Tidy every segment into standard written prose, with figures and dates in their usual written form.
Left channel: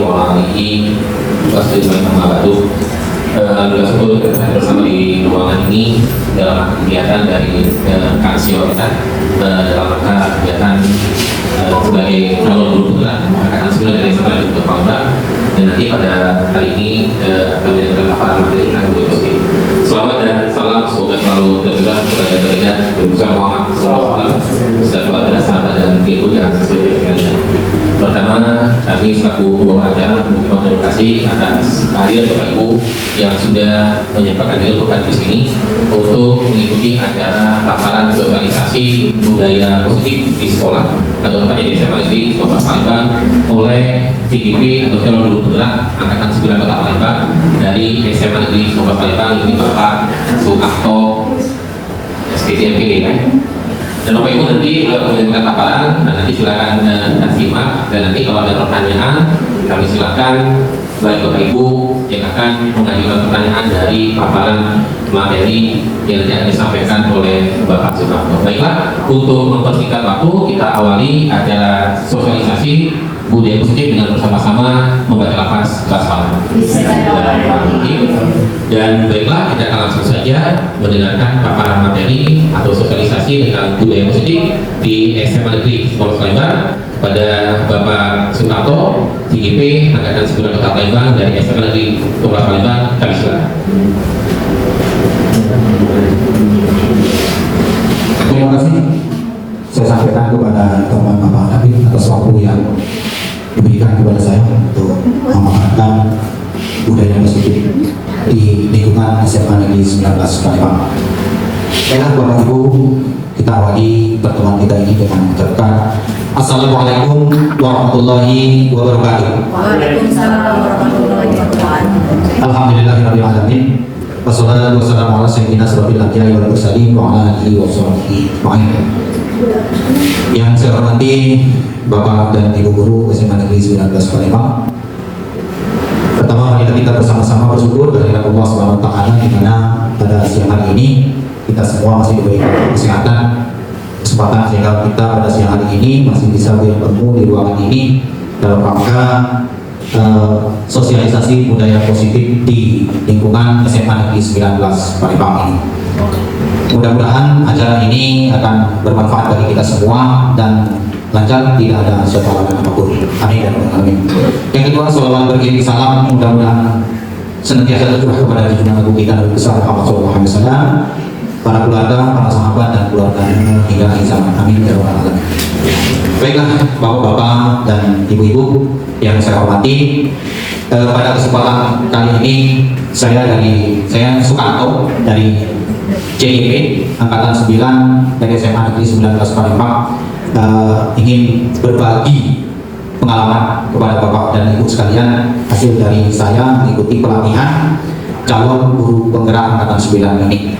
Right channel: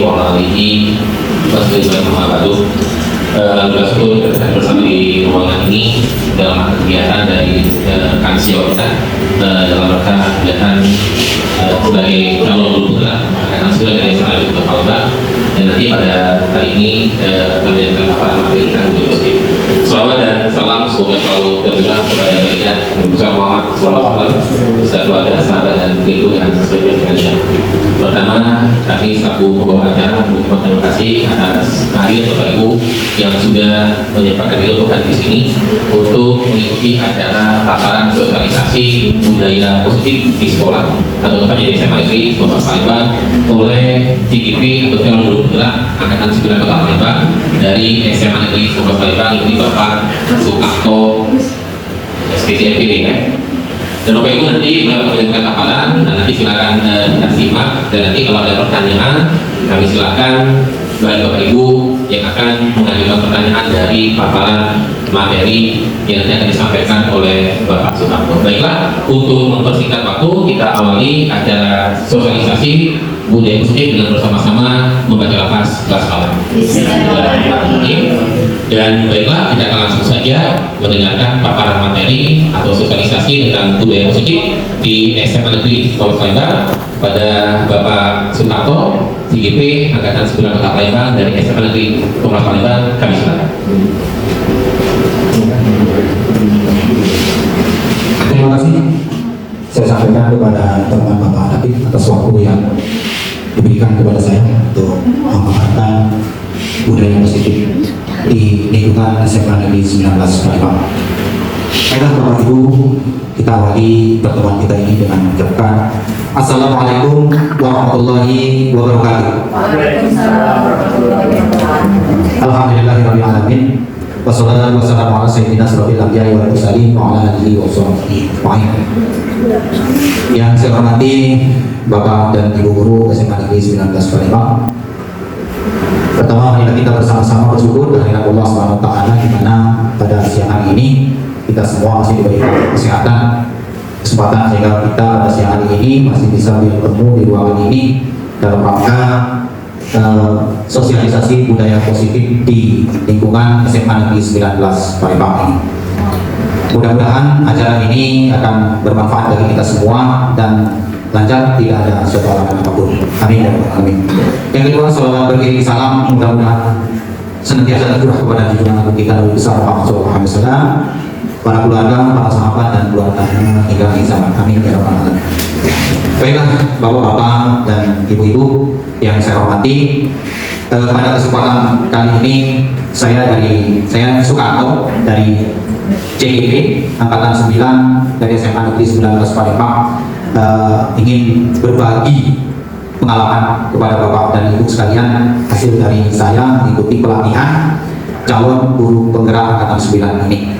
wa ala alihi wasallam. Alhamdulillah syukur kita bersama di ruangan ini dalam kegiatan dari kansio kita dalam rangka kegiatan sebagai calon putra mengadakan sila dari sekolah di Kota dan nanti pada hari ini kami akan paparan materi tentang musik. Selawat dan salam semoga selalu tercurah kepada baginda Nabi Muhammad SAW beserta keluarga, sahabat dan ibu dan seluruh kalian. Pertama, kami selaku pembawa acara mengucapkan terima kasih atas kehadiran Bapak Ibu yang sudah menyempatkan diri untuk hadir di sini untuk mengikuti acara paparan sosialisasi budaya positif di sekolah atau tepatnya di SMA Negeri Kota Palembang oleh CGP atau calon guru penggerak Angkatan 9 Kota Palembang dari SMA Negeri Kota Palembang ini Bapak Sukarto SPTMPD ya. Dan Bapak Ibu nanti mendengarkan paparan dan nanti silakan kita simak dan nanti kalau ada pertanyaan kami silakan bagi Bapak Ibu yang akan mengajukan pertanyaan dari paparan materi yang nanti akan disampaikan oleh Bapak Sukarto. Baiklah, untuk mempersingkat waktu kita awali acara sosialisasi budaya positif dengan bersama-sama membaca lafaz basmalah. Dan baiklah, kita akan langsung saja mendengarkan paparan materi atau sosialisasi tentang budaya positif di SMA Negeri Kota Palembang pada Bapak Sukarto, CGP Angkatan 9 Kota Palembang dari SMA Negeri Kota Palembang. Kami silakan. Terima kasih. Saya sampaikan kepada teman-teman Bapak Habib atas waktu yang diberikan kepada saya untuk memaparkan budaya positif di lingkungan SMA Negeri 19 Palembang. Baiklah Bapak Ibu, kita awali pertemuan kita ini dengan mengucapkan Assalamualaikum warahmatullahi wabarakatuh. Waalaikumsalam warahmatullahi wabarakatuh. Alhamdulillahirabbil alamin. Wassalatu wassalamu ala sayyidina asyrofil anbiya'i wal mursalin wa ala alihi wa sahbihi ajma'in. Yang saya hormati Bapak dan Ibu Guru SMA Negeri 19 Palembang. Pertama, marilah kita bersama-sama bersyukur kehadirat Allah Subhanahu wa taala di mana pada siang hari ini kita semua masih diberikan kesehatan, kesempatan sehingga kita pada siang hari ini masih bisa bertemu di ruangan ini dalam rangka sosialisasi budaya positif di lingkungan SMA Negeri 19 Palembang ini. Mudah-mudahan acara ini akan bermanfaat bagi kita semua dan lancar, tidak ada suatu apapun. Amin ya rabbal alamin. Yang kedua, salawat beriring salam mudah-mudahan senantiasa tercurah kepada junjungan agung kita Nabi besar Muhammad SAW, para keluarga, para sahabat dan keluarganya hingga akhir zaman. Amin ya rabbal alamin. Baiklah Bapak-bapak dan Ibu-ibu yang saya hormati, pada kesempatan kali ini saya Sukarto dari CGP Angkatan 9 dari SMA Negeri 19 Palembang ingin berbagi pengalaman kepada Bapak dan Ibu sekalian hasil dari saya mengikuti pelatihan calon guru penggerak Angkatan 9 ini.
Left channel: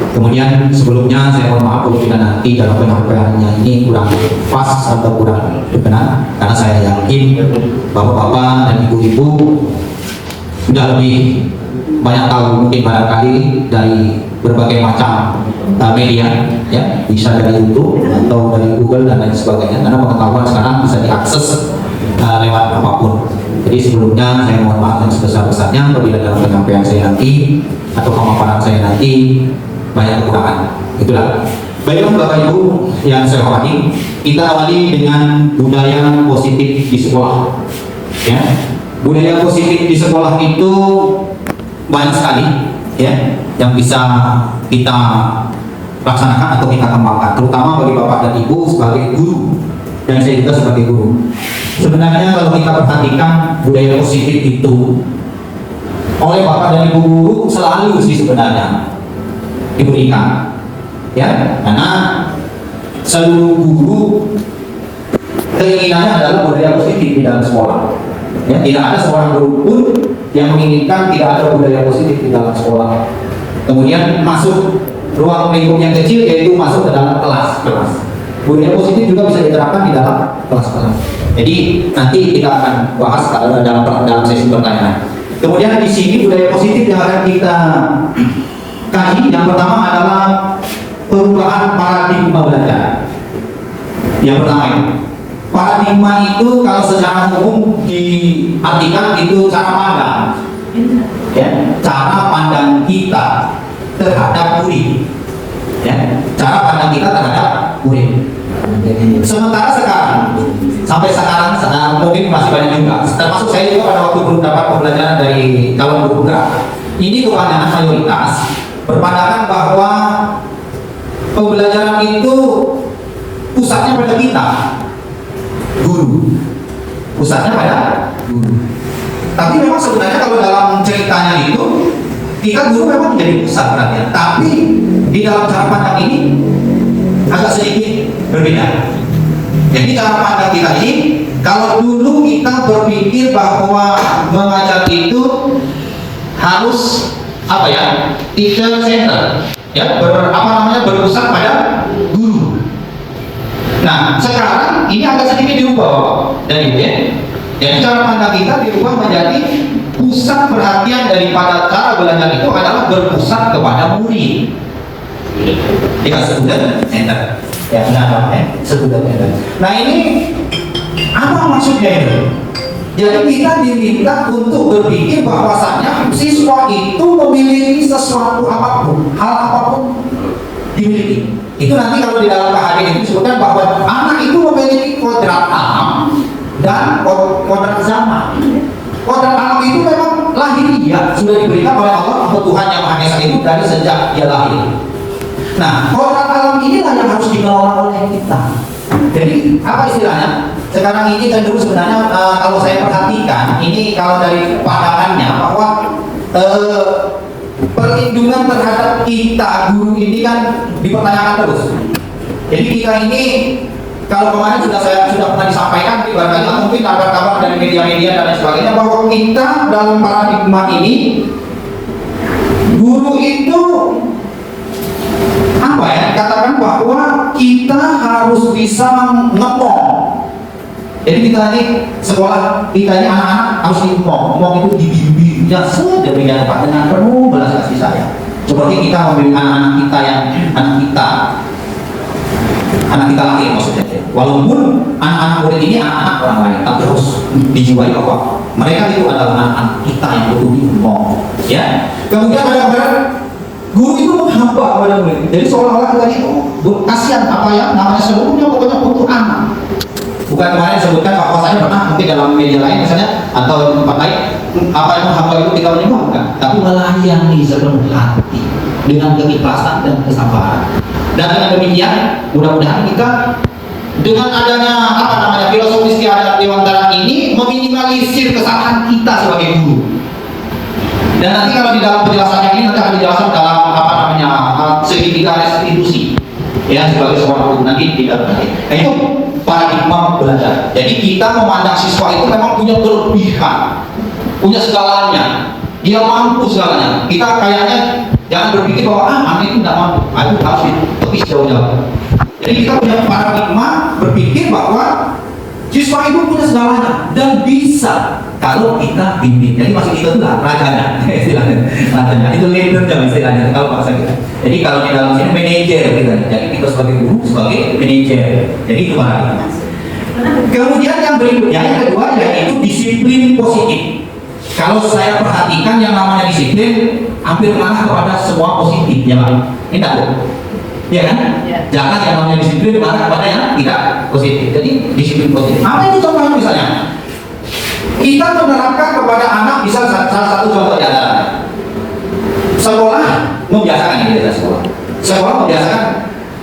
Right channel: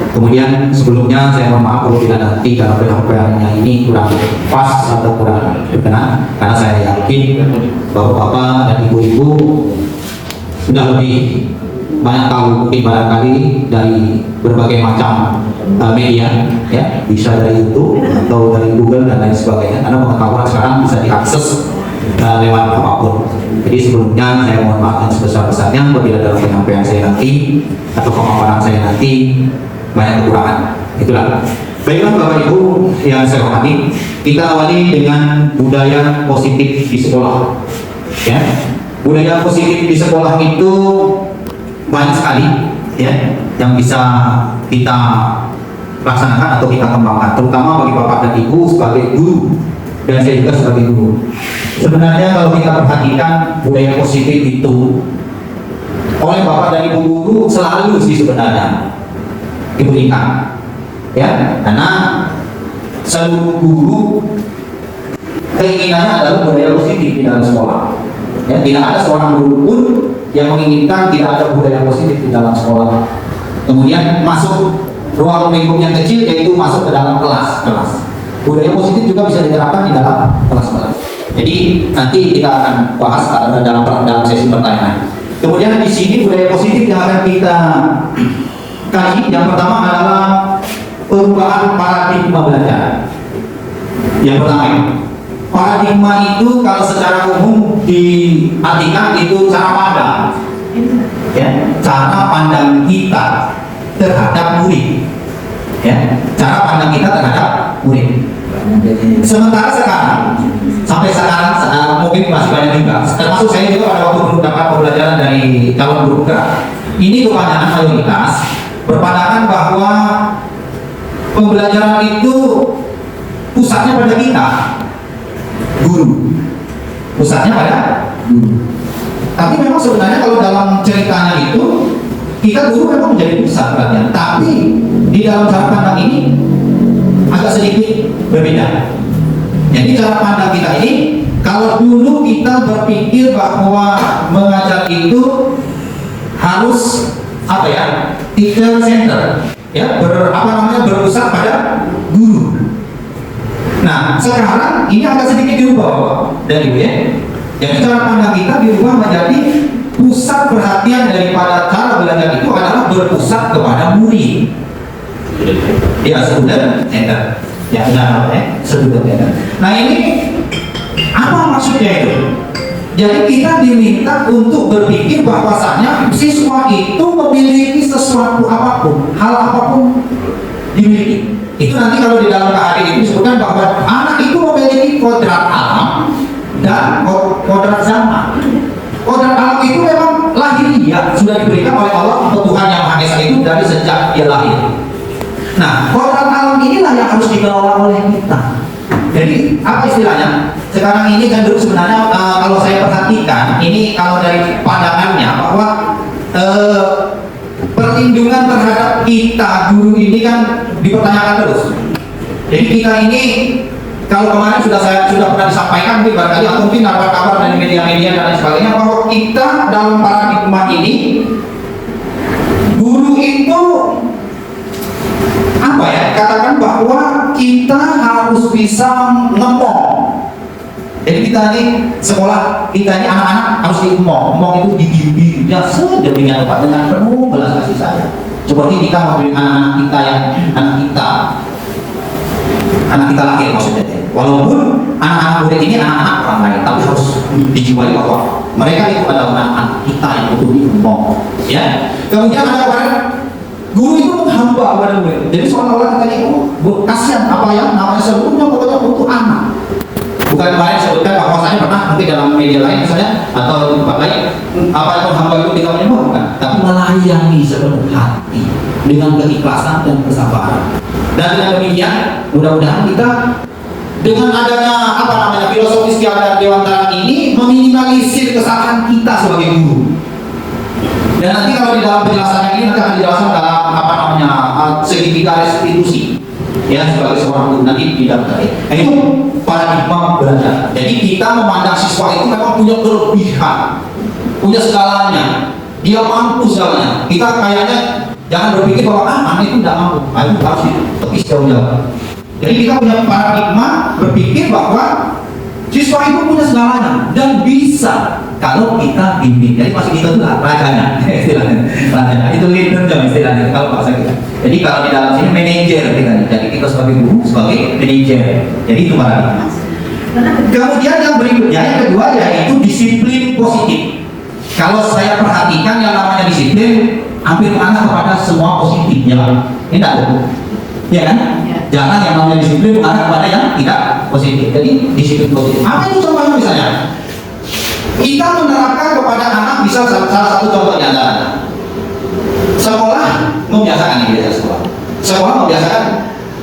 Kemudian sebelumnya saya mohon maaf bila nanti dalam penyampaiannya ini kurang pas atau kurang berkenan, karena saya yakin bahwa Bapak dan Ibu-ibu sudah lebih banyak tahu mungkin barangkali dari berbagai macam media ya, bisa dari YouTube atau dari Google dan lain sebagainya, karena pengetahuan sekarang bisa diakses lewat apapun. Jadi sebelumnya saya mohon maaf yang sebesar-besarnya apabila dalam penyampaian saya nanti atau pemaparan saya nanti banyak kekurangan. Itulah. Baiklah Bapak Ibu yang saya hormati, kita awali dengan budaya positif di sekolah. Ya, budaya positif di sekolah itu banyak sekali ya yang bisa kita laksanakan atau kita kembangkan, terutama bagi Bapak dan Ibu sebagai guru dan saya juga sebagai guru. Sebenarnya kalau kita perhatikan budaya positif itu oleh Bapak dan Ibu guru selalu sih sebenarnya diberikan ya, karena seluruh guru keinginannya adalah budaya positif di dalam sekolah ya. Tidak ada seorang guru pun yang menginginkan tidak ada budaya positif di dalam sekolah. Kemudian masuk ruang lingkup yang kecil, yaitu masuk ke dalam kelas. Budaya positif juga bisa diterapkan di dalam kelas-kelas. Jadi nanti kita akan bahas dalam sesi pertanyaan. Kemudian di sini budaya positif yang akan kita kaji, yang pertama adalah perubahan paradigma belajar. Yang pertama ini Paradigma itu kalau secara umum diartikan itu cara pandang, ya, cara pandang kita terhadap murid, ya, cara pandang kita terhadap murid. Sementara sekarang, sampai sekarang mungkin masih banyak juga, termasuk saya juga pada waktu belum dapat pembelajaran dari calon guru gerak. Ini kebanyakan mayoritas berpandangan bahwa pembelajaran itu pusatnya pada kita, guru, pusatnya pada guru. Tapi memang sebenarnya kalau dalam ceritanya itu kita guru memang menjadi pusat perhatian, tapi di dalam cara pandang ini agak sedikit berbeda. Jadi cara pandang kita ini, kalau dulu kita berpikir bahwa mengajar itu harus apa ya, teacher center, ya, berpusat pada guru. Nah, sekarang ini agak sedikit diubah dari ya. Jadi cara pandang kita diubah menjadi pusat perhatian daripada cara belajar itu adalah berpusat kepada murid. Ya, student center. Ya, student center. Nah, ini apa maksudnya itu? Jadi kita diminta untuk berpikir bahwasanya siswa itu memiliki sesuatu apapun, hal apapun dimiliki. Itu nanti kalau di dalam KHD itu disebutkan bahwa anak itu memiliki kodrat alam dan kodrat zaman. Kodrat alam itu memang lahiriah, sudah diberikan oleh Allah Tuhan Yang Maha Esa itu dari sejak dia lahir. Nah, kodrat alam inilah yang harus dikelola oleh kita. Jadi apa istilahnya? Sekarang ini cenderung sebenarnya kalau saya perhatikan, ini kalau dari pandangannya bahwa perlindungan terhadap kita guru ini kan dipertanyakan terus. Jadi kita ini kalau kemarin sudah pernah disampaikan, tapi barangkali mungkin kabar-kabar dari media-media dan lain sebagainya bahwa kita dalam paradigma ini guru itu apa ya, katakan bahwa kita harus bisa ngepong. Jadi kita ini sekolah, kita ini anak-anak harus diemong. Emong itu dibimbing ya sedemikian rupa dengan penuh belas kasih sayang. Seperti kita memberi anak-anak kita yang anak kita lahir maksudnya. Walaupun anak-anak murid ini anak-anak orang lain, tapi harus dijiwai bahwa mereka itu adalah anak-anak kita yang betul diemong. Ya. Kemudian ada guru itu menghamba pada murid. Jadi seolah-olah kita ini kasihan apa yang namanya seluruhnya pokoknya untuk anak. Bukan kemarin sebutkan bahwasanya pernah nanti dalam media lain misalnya atau tempat lain apa yang menghamba itu kita menyembah, bukan, tapi melayani sepenuh hati dengan keikhlasan dan kesabaran. Dan dengan demikian mudah-mudahan kita dengan adanya filosofi istiadat dewantara ini meminimalisir kesalahan kita sebagai guru. Dan nanti kalau di dalam penjelasannya ini nanti akan dijelaskan dalam segitiga restitusi, ya, sebagai seorang guru nanti di dalam tadi. Nah, itu paradigma belajar. Jadi kita memandang siswa itu memang punya kelebihan, punya segalanya, dia mampu segalanya. Kita kayaknya jangan berpikir bahwa anak itu tidak mampu, itu harus ditepis jauh-jauh. Jadi kita punya paradigma berpikir bahwa siswa itu punya segalanya dan bisa kalau kita bimbing. Jadi maksud kita itu rajanya, istilahnya rajanya. Itu leadernya istilahnya kalau bahasa kita. Jadi kalau di dalam sini manajer kita. Jadi kita sebagai guru sebagai manajer. Jadi itu paradigma. Kemudian yang berikutnya yang kedua yaitu disiplin positif. Kalau saya perhatikan yang namanya disiplin hampir mengarah kepada semua positif, ya kan? Ini enggak ada. Ya kan? Jangan yang namanya disiplin mengarah kepada yang tidak positif. Jadi disiplin positif. Apa itu contohnya misalnya? Kita menerapkan kepada anak, bisa salah satu contoh di antara sekolah membiasakan ini biasa sekolah membiasakan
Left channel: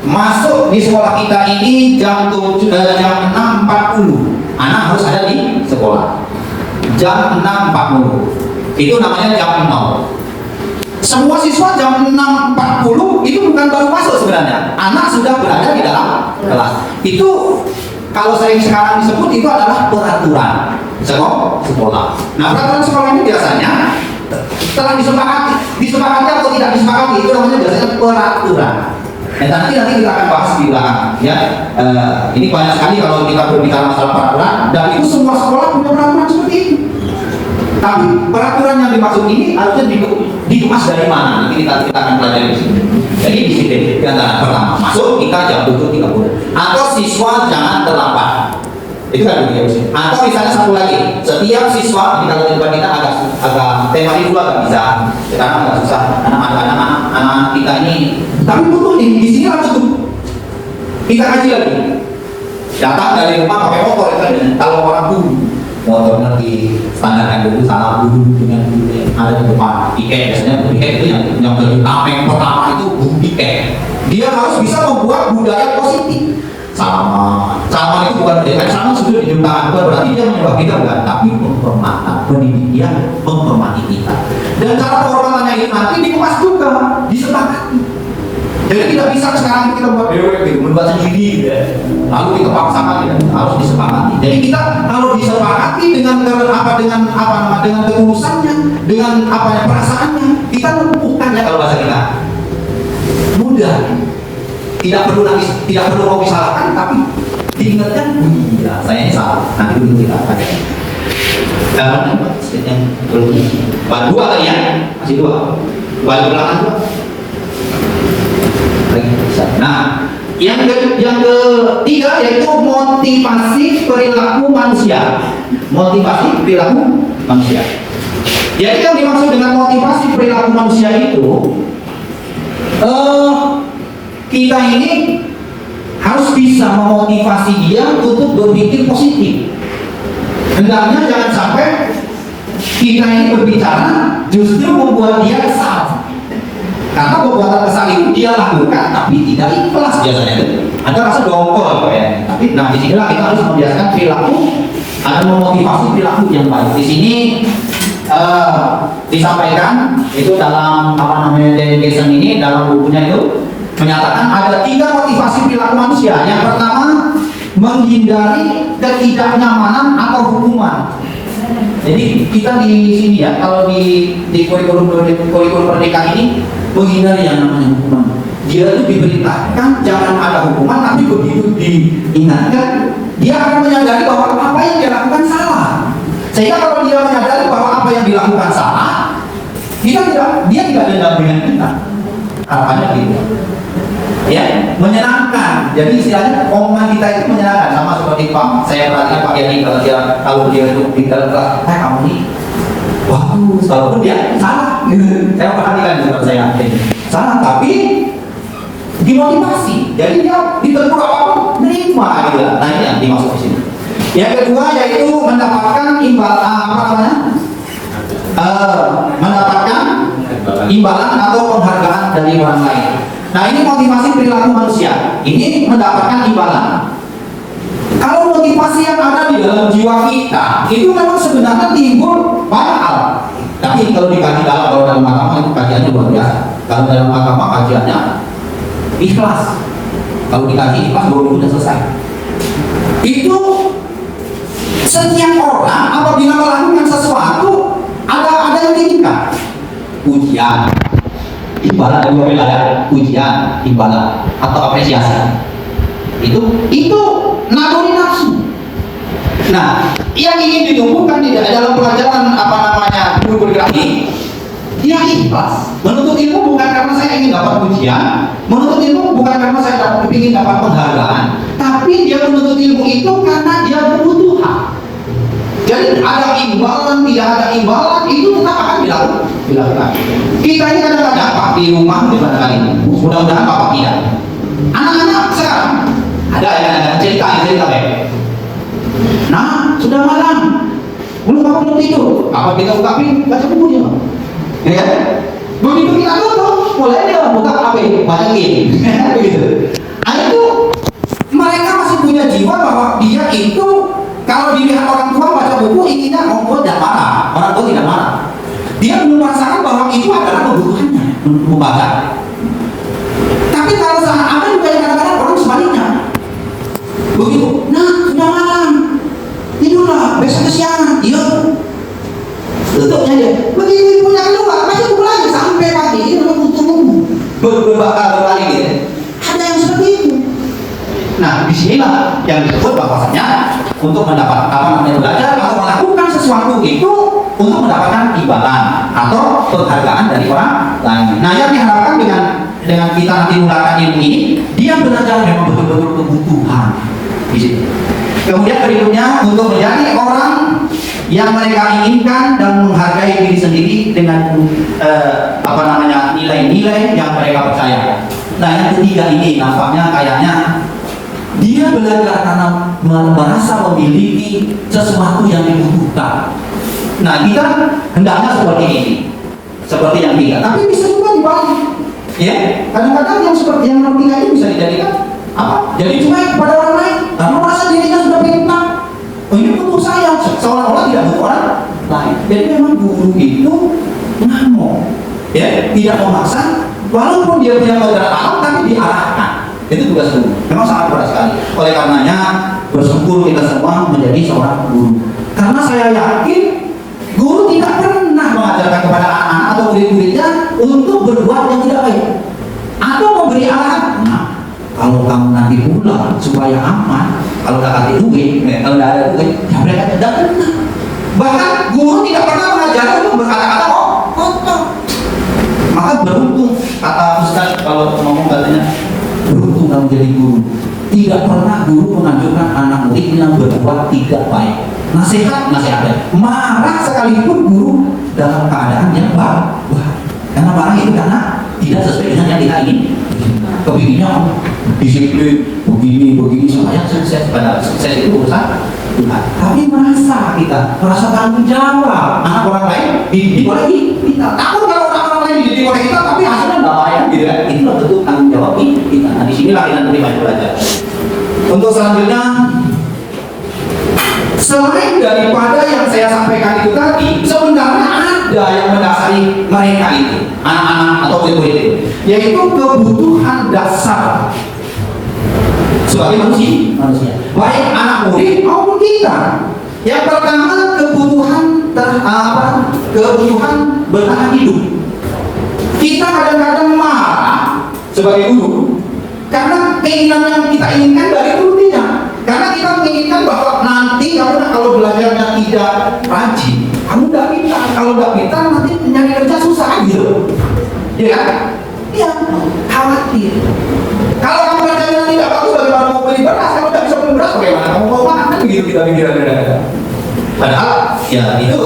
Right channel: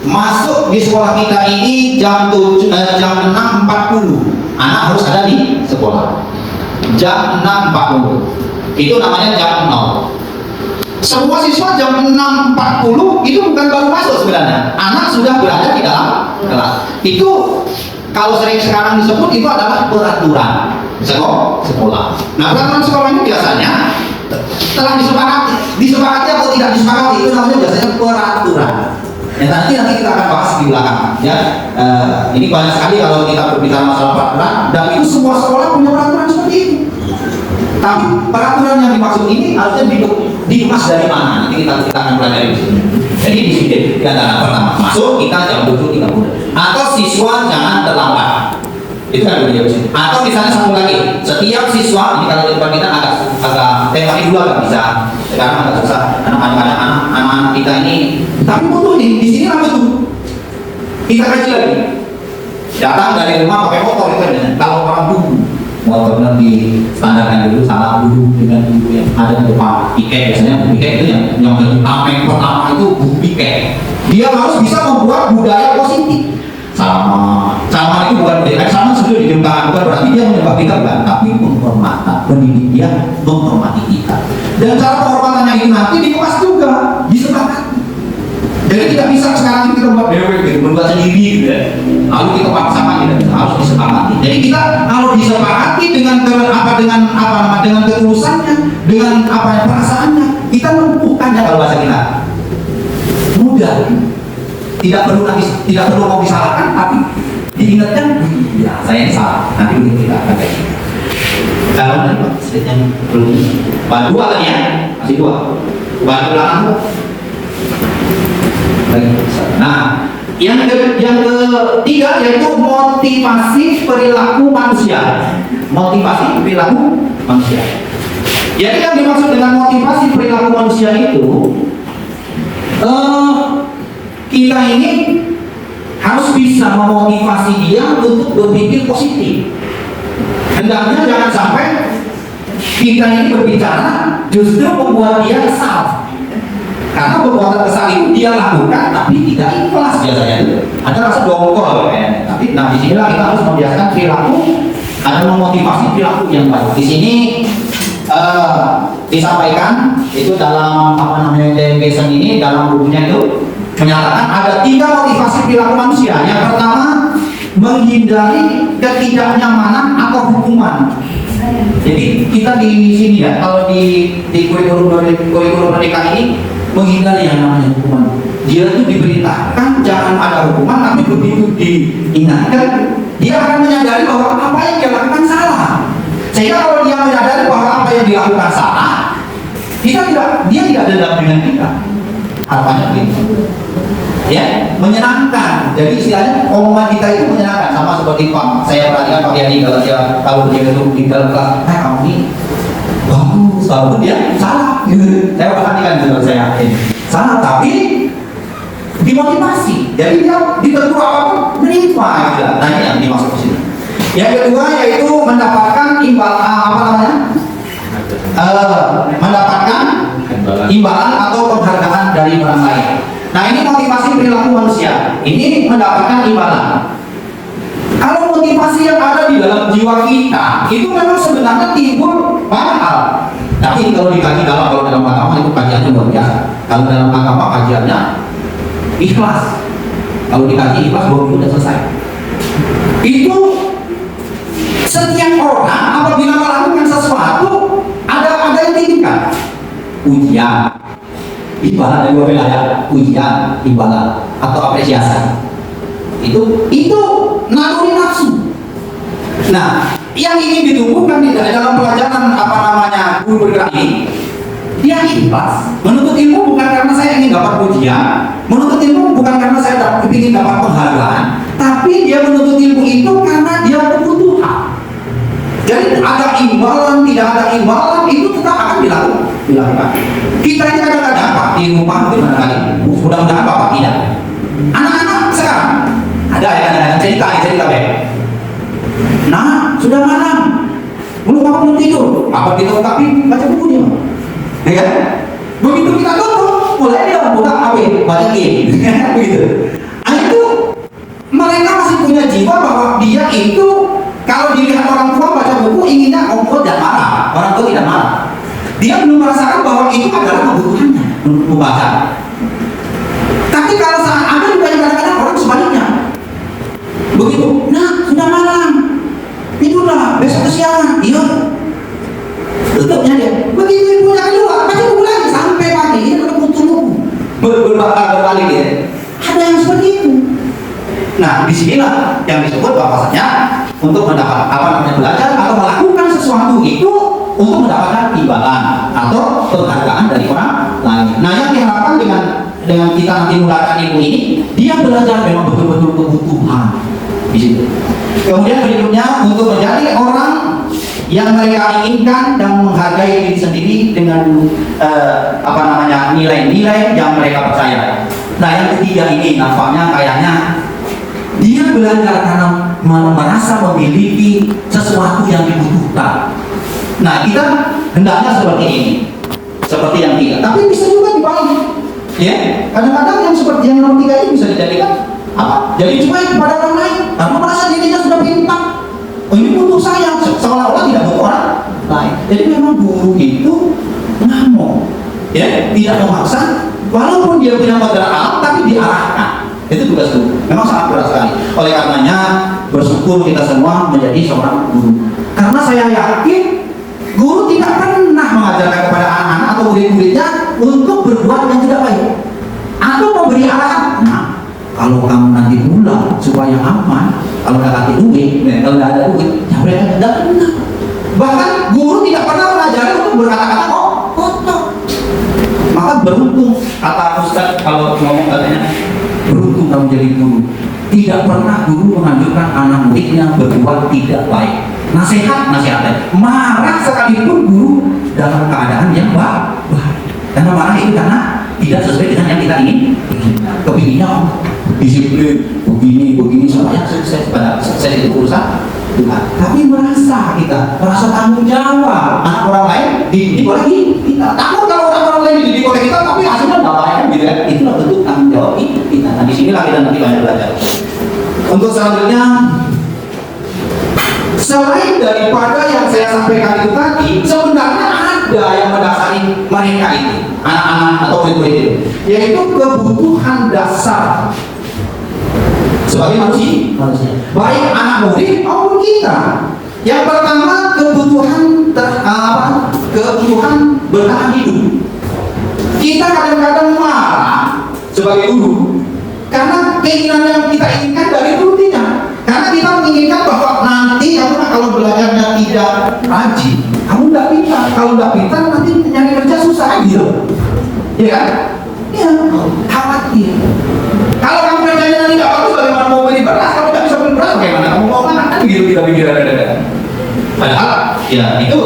masuk di sekolah kita ini jam 6.40 anak harus ada di sekolah jam 6.40 itu namanya jam 0. Semua siswa jam 6.40 itu bukan baru masuk sebenarnya, anak sudah berada di dalam kelas. Itu kalau sering sekarang disebut itu adalah peraturan sekolah. Nah, peraturan sekolah ini biasanya setelah disepakati atau tidak disepakati itu namanya biasanya peraturan. Dan nanti kita akan bahas di belakang. Ya, ini banyak sekali kalau kita berbicara masalah peraturan dan itu semua sekolah punya peraturan seperti itu. Tapi peraturan yang dimaksud ini harusnya dibahas dari mana? Nanti kita akan pelajari di sini. Jadi di sini yang pertama masuk kita jam 7.30 atau siswa jangan terlambat. Itu kan dunia positif. Atau misalnya satu lagi, setiap siswa ini kalau di depan kita agak tema itu agak bisa, karena agak susah. Anak-anak kita ini, tapi betul nih di sini langsung kita kaji lagi. Datang dari rumah pakai motor itu kan, kalau orang dulu motornya di standarkan dulu salah dulu dengan dulu yang ada di depan piket, biasanya piket itu yang tameng pertama itu piket. Dia harus bisa membuat budaya positif. Sama itu bukan budaya sama sudah di tangan, bukan berarti dia menyembah kita, bukan, tapi penghormatan, pendidik dia menghormati kita. Dan cara penghormatannya itu nanti di kelas juga disepakati. Jadi tidak bisa sekarang kita buat membuat sendiri gitu ya. Lalu kita paksakan, harus disepakati. Jadi kita kalau disepakati dengan ketulusannya, dengan perasaannya, kita lumpuhkan ya kalau bahasa kita. Mudah. Tidak perlu kopi salahkan, tapi diingatkan, ya saya yang salah. Nanti begitu kita pakai. Karena yang belum bahan dua tadi ya, masih dua. Bahan belakang dua. Nah, yang ketiga yaitu motivasi perilaku manusia. Motivasi perilaku manusia. Jadi yang dimaksud dengan motivasi perilaku manusia itu, kita ini harus bisa memotivasi dia untuk berpikir positif. Hendaknya jangan sampai kita ini berbicara justru membuat dia kesal. Karena perbuatan kesal itu dia lakukan tapi tidak ikhlas biasanya. Ada rasa dongkol ya. Tapi nah disinilah kita harus membiasakan perilaku, ada memotivasi perilaku yang baik. Di sini disampaikan itu dalam dedication ini, dalam bukunya itu menyatakan ada 3 motivasi perilaku manusia. Yang pertama, menghindari ketidaknyamanan atau hukuman. Jadi kita di sini ya, kalau di kurikulum pendidikan ini menghindari yang namanya hukuman. Dia itu diberitakan jangan ada hukuman, tapi begitu diingatkan, dia akan menyadari bahwa apa yang dia lakukan salah. Sehingga kalau dia menyadari bahwa apa yang dilakukan salah, dia tidak dendam dengan kita. Harapannya begitu. Ya, menyenangkan. Jadi istilahnya omongan kita itu menyenangkan, sama seperti Pak. Saya perhatikan Pak Yani kalau dia itu di dalam kelas, kamu ini bagus, walaupun dia salah. Saya perhatikan juga, saya yakin salah, tapi dimotivasi. Jadi dia ditegur apapun terima gitu. Nah ini yang dimaksud di sini. Yang kedua yaitu mendapatkan mendapatkan imbalan atau penghargaan dari orang lain. Nah ini motivasi perilaku manusia. Ini mendapatkan imbalan. Kalau motivasi yang ada di dalam jiwa kita itu memang sebenarnya timbul banyak hal. Tapi kalau dikaji kalau dalam agama itu kajiannya luar biasa. Kalau dalam agama kajiannya ikhlas. Kalau dikaji ikhlas baru sudah selesai. Itu setiap orang apabila melakukan sesuatu ada yang diinginkan. Ujian, imbalan dari wilayah, ujian, imbalan atau apresiasi. Itu naluri nafsu. Nah, yang ingin ditumbuhkan di dalam pelajaran kurikulum ini, dia ikhlas. Menuntut ilmu bukan karena saya ingin dapat ujian, menuntut ilmu bukan karena saya ingin dapat penghargaan, tapi dia menuntut ilmu itu karena dia kebutuhan. Jadi ada imbalan, tidak ada imbalan, itu tetap akan dilakukan. Kita ini kadang-kadang Pak di rumah di mana kali, mudah-mudahan Bapak tidak. Anak-anak sekarang ada ya kadang-kadang cerita ya. Nah, sudah malam, belum tidur. Apa kita ungkapin? Baca buku dia. Ya kan? Begitu kita tutup, mulai dia buka HP, baca game. Begitu. Nah itu mereka masih punya jiwa bahwa dia itu kalau dilihat orang tua baca buku inginnya orang tua tidak marah, orang tua tidak marah. Dia belum merasakan bahwa itu adalah kebutuhannya membaca. Tapi kalau saat ada juga kadang-kadang orang sebaliknya. Begitu, nah sudah malam, tidurlah, besok kesiangan, iya. Tutupnya dia. Begitu ibunya kedua, masih buku lagi sampai pagi, dia belum butuh berbalik dia. Ada yang seperti itu. Nah, disinilah yang disebut bahwasanya untuk mendapat belajar atau melakukan sesuatu itu untuk mendapatkan imbalan atau penghargaan dari orang lain. Nah, yang diharapkan dengan kita nanti menggunakan ilmu ini, dia belajar memang betul-betul kebutuhan di situ. Kemudian berikutnya untuk menjadi orang yang mereka inginkan dan menghargai diri sendiri dengan nilai-nilai yang mereka percaya. Nah yang ketiga ini nampaknya kayaknya dia belajar karena merasa memiliki sesuatu yang dibutuhkan. Nah kita hendaknya seperti ini, seperti yang tiga. Tapi bisa juga dibalik. Ya, kadang-kadang yang seperti yang nomor tiga itu bisa dijadikan apa? Jadi cuma kepada orang lain. Karena merasa dirinya sudah pintar. Oh ini butuh saya, seolah-olah tidak butuh orang lain. Jadi memang guru itu ngamuk, ya, tidak memaksa. Walaupun dia punya pelajaran alam, tapi diarahkan. Itu tugas guru. Memang sangat berat sekali. Oleh karenanya bersyukur kita semua menjadi seorang guru. Karena saya yakin guru tidak pernah mengajarkan kepada anak-anak atau murid-muridnya untuk berbuat yang tidak baik atau memberi arahan. Nah, kalau kamu nanti pulang supaya aman, kalau nggak kasih duit, kalau nggak ada duit, ya mereka tidak pernah. Bahkan guru tidak pernah mengajari untuk berkata-kata kotor. Maka beruntung kata Ustaz kalau ngomong katanya beruntung kamu jadi guru. Tidak pernah guru menganjurkan anak muridnya berbuat tidak baik. Nasihat, marah sekalipun guru dalam keadaan yang baik. Karena marah itu karena tidak sesuai dengan yang kita ingin. Kepinginnya disiplin begini supaya sukses. Pada sukses itu urusan Tuhan. Tapi merasa tanggung jawab. Anak orang lain dididik oleh kita. Takut kalau orang lain dididik oleh kita, tapi hasilnya nggak baik. Itu tentu tanggung jawab kita. Nah disinilah kita nanti akan belajar. Untuk selanjutnya, selain daripada yang saya sampaikan itu tadi, sebenarnya ada yang mendasari mereka itu, anak-anak atau murid itu, yaitu kebutuhan dasar sebagai manusia, baik anak murid maupun kita. Yang pertama kebutuhan bertahan hidup. Kita kadang-kadang marah sebagai guru karena keinginan yang kita inginkan dari guru tidak. Karena kita menginginkan bahwa nanti kalau belajarnya tidak rajin, kamu tidak pintar. Kalau tidak pintar nanti nyari kerja susah gitu. Ya kan? Iya, khawatir. Kalau kamu kerjanya nanti tidak bagus, bagaimana mau beli beras? Kalau tidak bisa beli beras, bagaimana kamu mau makan? Kan gitu kita pikir. Padahal ya itu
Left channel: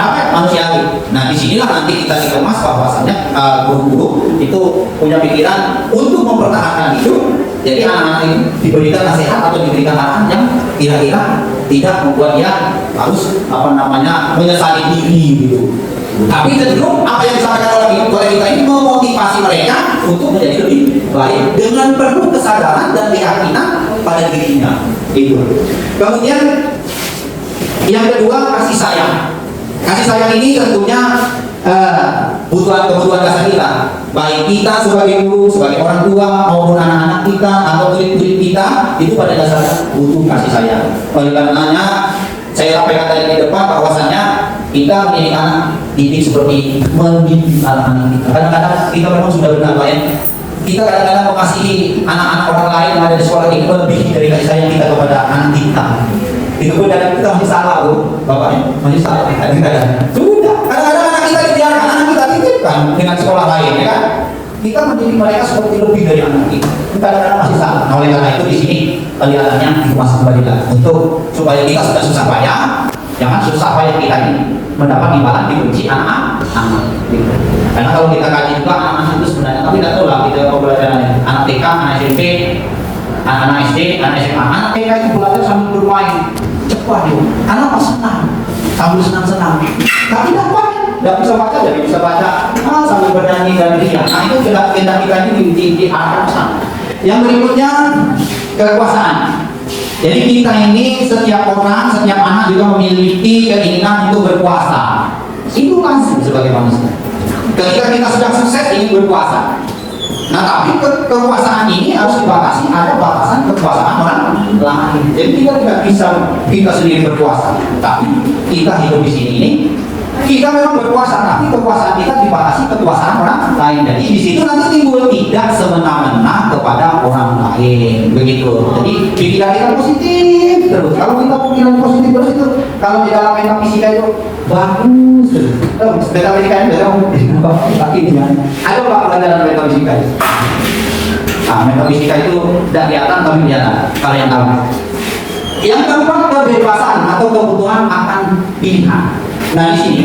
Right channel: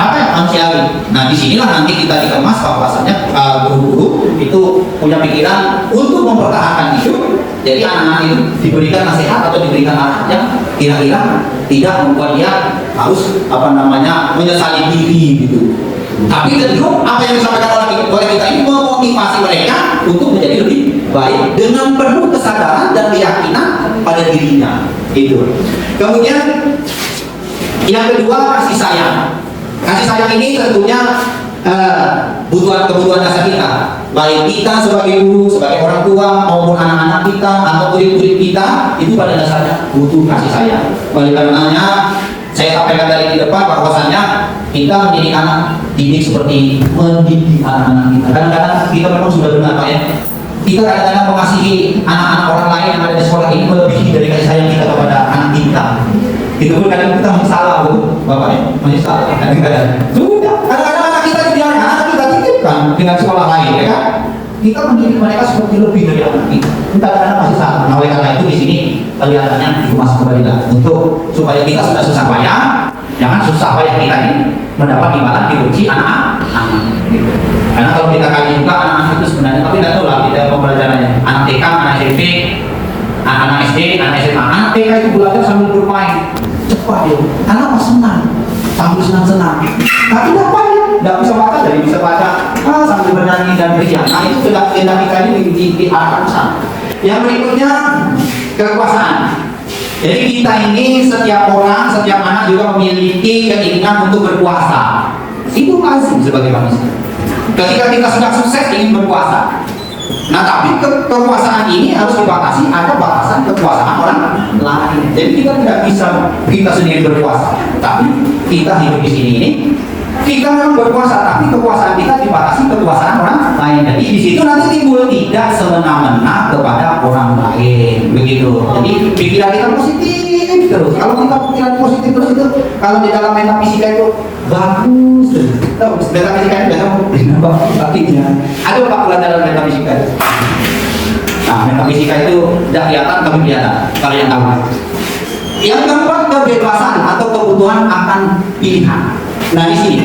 apa ya, manusiawi. Nah disinilah nanti kita dikemas bahwasannya guru-guru itu punya pikiran untuk mempertahankan hidup. Jadi anak-anak itu diberikan nasihat atau diberikan arahan yang kira-kira tidak membuat dia harus menyesali diri gitu. Tapi tentu apa yang disampaikan oleh kita ini memotivasi mereka untuk menjadi lebih baik dengan penuh kesadaran dan keyakinan pada dirinya. Gitu. Kemudian yang kedua kasih sayang. Kasih sayang ini tentunya kebutuhan dasar kita. Baik kita sebagai guru, sebagai orang tua maupun anak-anak kita atau murid-murid kita itu pada dasarnya butuh kasih sayang. Oleh karenanya saya sampaikan tadi di depan bahwasannya kita menjadi anak didik seperti mendidik anak-anak kita. Kadang-kadang kita memang sudah benar Pak ya. Kita kadang-kadang mengasihi anak-anak orang lain yang ada di sekolah ini lebih dari kasih sayang kita kepada anak kita. Itu pun kadang kita masih salah Bu, Bapak ya, masih salah kadang-kadang. Sudah, kadang-kadang anak kita dibiarkan, anak kita titipkan dengan sekolah lain ya kan. Kita mendidik mereka seperti lebih dari anak kita. Kita kadang-kadang masih salah. Nah, oleh karena itu di sini kelihatannya dikemas kembali untuk supaya kita sudah susah payah, jangan susah payah kita ini mendapat imbalan diuji anak-anak. Karena kalau kita kaji juga anak-anak itu sebenarnya kami tidak tahu lah kita pembelajarannya. Anak TK, anak SMP, anak-anak SD, anak SMA, anak TK itu belajar sambil bermain cepat ya. Anak pas senang, sambil senang-senang. Tapi dapat tidak bisa baca, jadi bisa baca sambil bernyanyi dan ria. Nah itu tidak kita ini di arah sana. Yang berikutnya kekuasaan. Jadi kita ini setiap orang, setiap anak juga memiliki keinginan untuk berkuasa. Itu lazim sebagai manusia. Ketika kita sudah sukses ingin berkuasa. Nah tapi kekuasaan ini harus dibatasi, ada batasan kekuasaan orang lain. Jadi kita tidak bisa kita sendiri berkuasa. Tapi kita hidup di sini ini kita memang berkuasa, tapi kekuasaan kita dibatasi kekuasaan orang lain. Jadi di situ nanti timbul tidak semena-mena kepada orang lain, begitu. Jadi pikiran kita positif terus. Kalau kita pikiran positif terus itu, kalau di dalam metafisika itu bagus terus. Metafisika itu bagus, tapi ada pak pelajaran metafisika itu. Nah, metafisika itu tidak kelihatan tapi kelihatan. Kalau yang tahu. Yang keempat, kebebasan atau kebutuhan akan pilihan. Nah di sini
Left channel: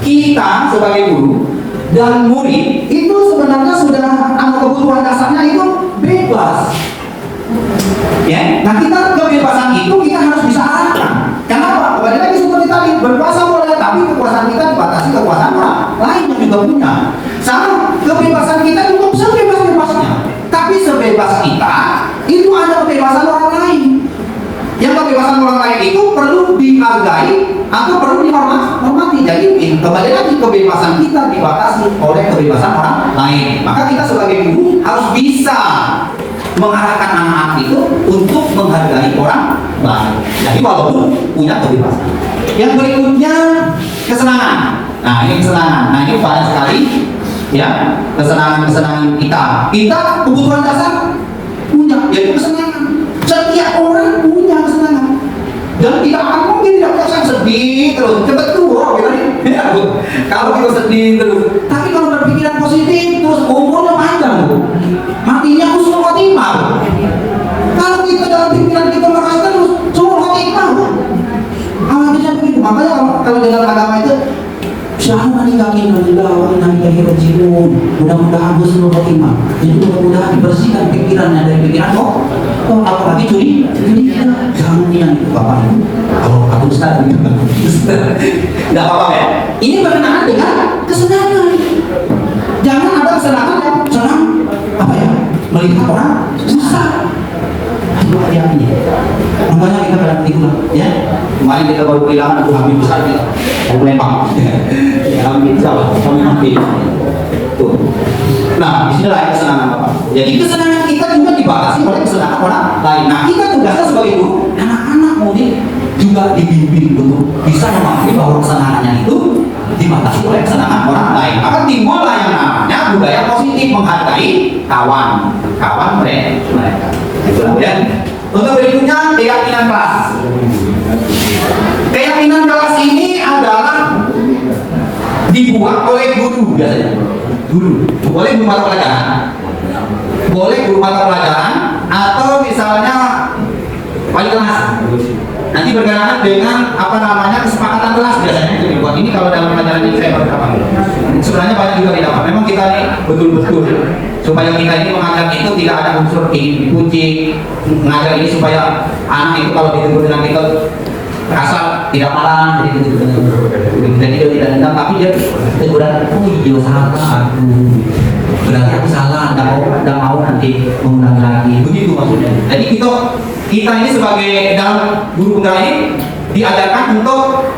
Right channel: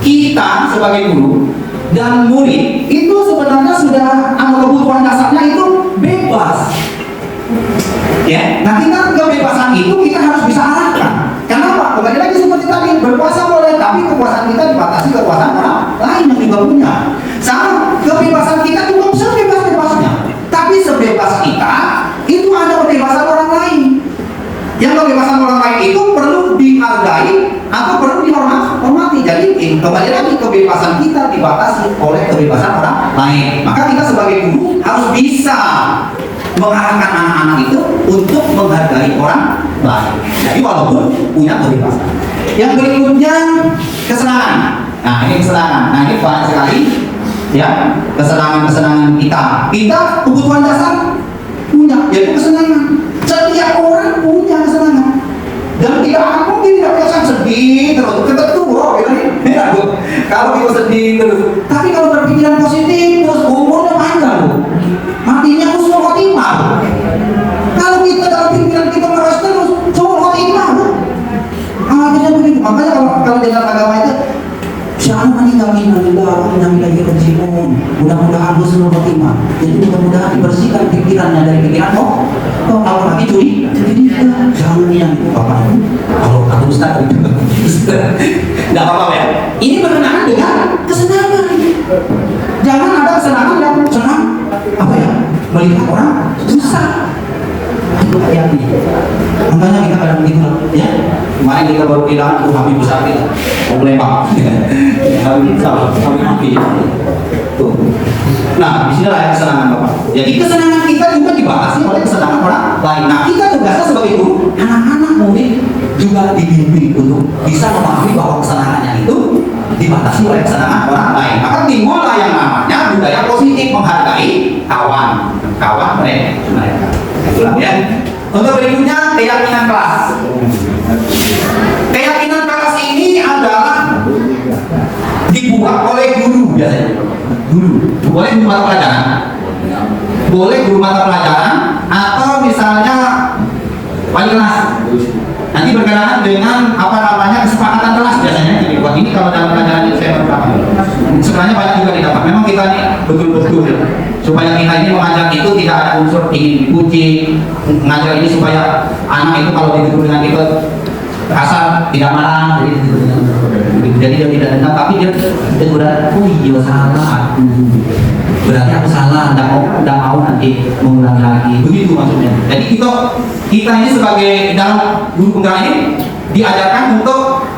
kita sebagai guru dan murid itu sebenarnya sudah kebutuhan dasarnya itu bebas. Ya, nah kita kebebasan itu kita harus bisa arahkan. Kenapa? Kembali lagi seperti tadi, berkuasa boleh, tapi kekuasaan kita dibatasi kekuasaan orang lain yang juga punya. Sama, kebebasan kita juga sebebas-bebasnya, tapi sebebas kita itu ada kebebasan orang lain. Yang kebebasan orang lain itu perlu dihargai atau perlu dihormati. Jadi kembali lagi kebebasan kita dibatasi oleh kebebasan orang lain. Maka kita sebagai guru harus bisa mengarahkan anak-anak itu untuk menghargai orang lain. Jadi walaupun punya kebebasan. Yang berikutnya kesenangan. Nah ini kesenangan. Nah ini banyak sekali ya kesenangan kita. Kita kebutuhan dasar punya, yaitu kesenangan. Setiap orang punya kesenangan. Dan kita akan mungkin tidak punya yang sedih terus. Betul, kita nih. Ya, kalau kita sedih terus. Tapi kalau berpikiran positif terus umurnya panjang, Bu. Matinya husnul khotimah. Kalau kita dalam pikiran kita merasa terus husnul khotimah, Bu. Amalnya begitu. Makanya kalau dalam agama itu siapa meninggalin dari kejimun, mudah-mudahan husnul khotimah. Jadi mudah-mudahan dibersihkan pikirannya dari pikiran kalau lagi curi, jangan yang itu apa itu? Kalau aku besar gitu, tidak apa-apa ya. Ini berkenaan dengan kesenangan. Jangan ada kesenangan yang senang apa ya? Melihat orang susah. Itu hati-hati. Makanya kita kadang tidur, ya. Kemarin kita baru bilang itu kami besar kita, Lembang. Kami bisa, kami mati. Tuh. Nah, disinilah yang kesenangan Bapak. Jadi kesenangan kita juga dibatasi oleh kesenangan orang lain. Nah, kita tugasnya sebagai guru, anak-anak murid juga dibimbing untuk bisa memahami bahwa kesenangannya itu dibatasi oleh kesenangan orang lain. Maka timbullah yang namanya budaya positif, menghargai kawan mereka. Itulah ya. Untuk berikutnya keyakinan kelas. Keyakinan kelas ini adalah dibuat oleh guru biasanya. Boleh guru mata pelajaran, boleh guru mata pelajaran, atau misalnya wali kelas. Nanti berkenaan dengan apa namanya kesepakatan kelas biasanya dibuat. Ini kalau dalam pelajaran ini saya dapat. Sebenarnya banyak juga didapat. Memang kita ini betul-betul supaya kita ini mengajar itu tidak ada unsur ingin dipuji. Mengajar ini supaya anak itu kalau ditegur dengan kita kasar tidak marah, jadi dia tidak dendam, tapi dia teguran, oh iya salah aku, berarti aku salah, tidak mau nanti mengulangi lagi, begitu maksudnya. Jadi kita ini sebagai dalam guru penggerak ini diajarkan untuk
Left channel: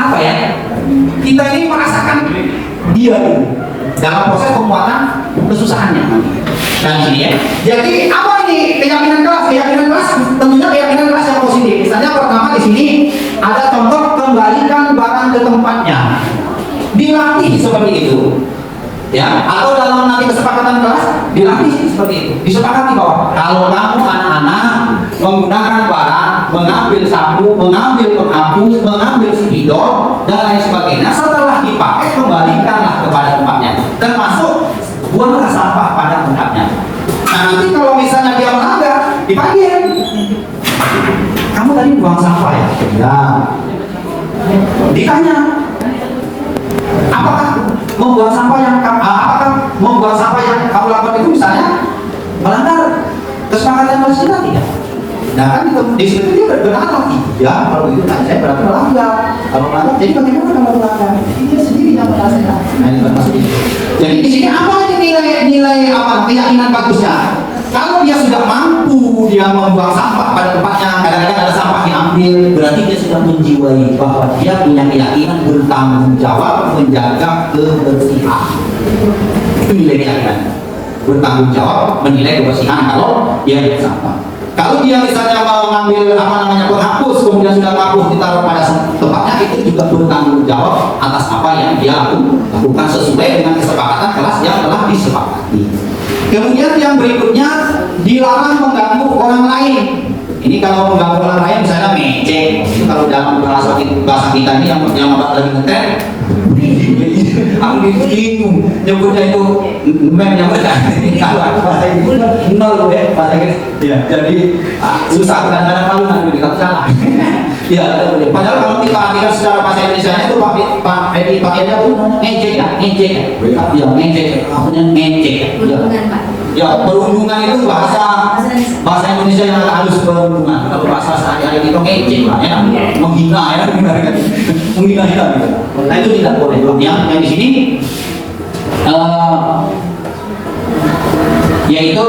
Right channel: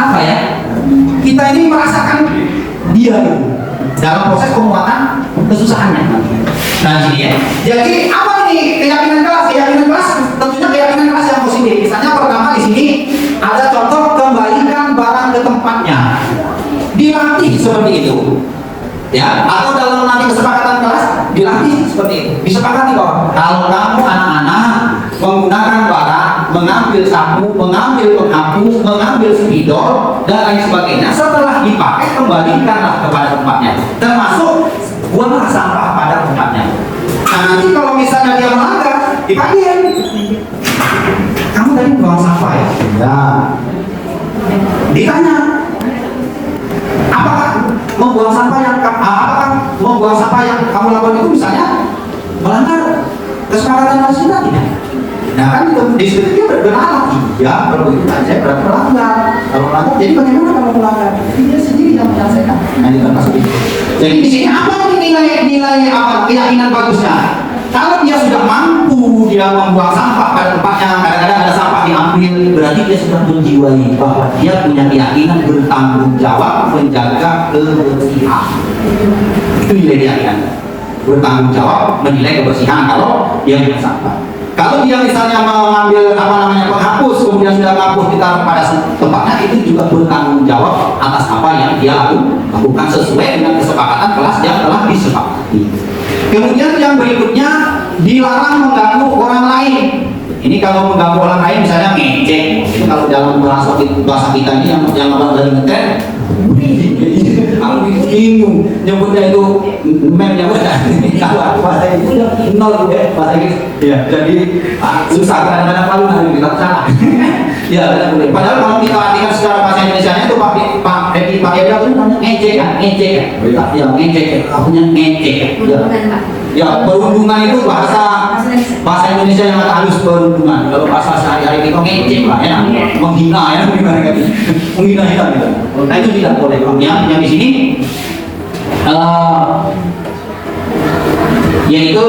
apa ya? Kita ini merasakan dia dalam proses penguatan kesusahannya. Nah di sini ya. Jadi apa ini keyakinan kelas? Keyakinan kelas tentunya keyakinan kelas yang positif. Misalnya pertama di sini ada contoh kembalikan barang ke tempatnya. Dilatih seperti itu. Ya, atau dalam nanti kesepakatan kelas dilatih seperti itu. Disepakati bahwa kalau kamu anak-anak menggunakan barang, mengambil sapu, mengambil pengapu, mengambil spidol dan lain sebagainya, setelah dipakai kembalikanlah kepada tempatnya. Termasuk buanglah sampah pada tempatnya. Nah nanti kalau misalnya dia melanggar, dipanggil. Kamu tadi buang sampah ya? Ya. Ditanya, apakah membuang sampah yang kamu lakukan itu misalnya melanggar kesepakatan kelas kita tidak? Nah kan di situ dia berbenah. Ya kalau begitu saya berarti melanggar. Kalau melanggar, jadi bagaimana kalau melanggar? Dia sendiri yang menyelesaikan. Nah ini termasuk itu. Jadi di sini apa nilai apa keyakinan bagusnya? Kalau dia sudah mampu dia membuang sampah pada tempatnya, kadang-kadang ada sampah diambil, berarti dia sudah menjiwai bahwa dia punya keyakinan bertanggung jawab menjaga kebersihan. Itu nilai keyakinan. Bertanggung jawab menilai kebersihan kalau dia punya sampah. Kalau dia misalnya mengambil penghapus, kemudian sudah mampu ditaruh pada tempatnya, itu juga bertanggung jawab atas apa yang dia lakukan sesuai dengan kesepakatan kelas yang telah disepakati. Kemudian yang berikutnya dilarang mengganggu orang lain. Ini kalau mengganggu orang lain misalnya ngecek, itu kalau dalam bahasa kita ini yang apa dari ngeter, kalau di bingung nyebutnya itu mem yang benar. Kalau bahasa Inggris nol ya bahasa Inggris. Ya, jadi susah kadang-kadang malu nanti kita salah. Ya, padahal kalau kita artikan secara bahasa Indonesia itu Pak Edi apa namanya ngejek ya, ya ngejek, artinya ngejek. Ya, perundungan itu bahasa Indonesia yang halus perundungan. Kalau bahasa sehari-hari itu ngejek lah ya, menghina ya, menghina kita gitu. Nah itu tidak boleh. Yang di sini yaitu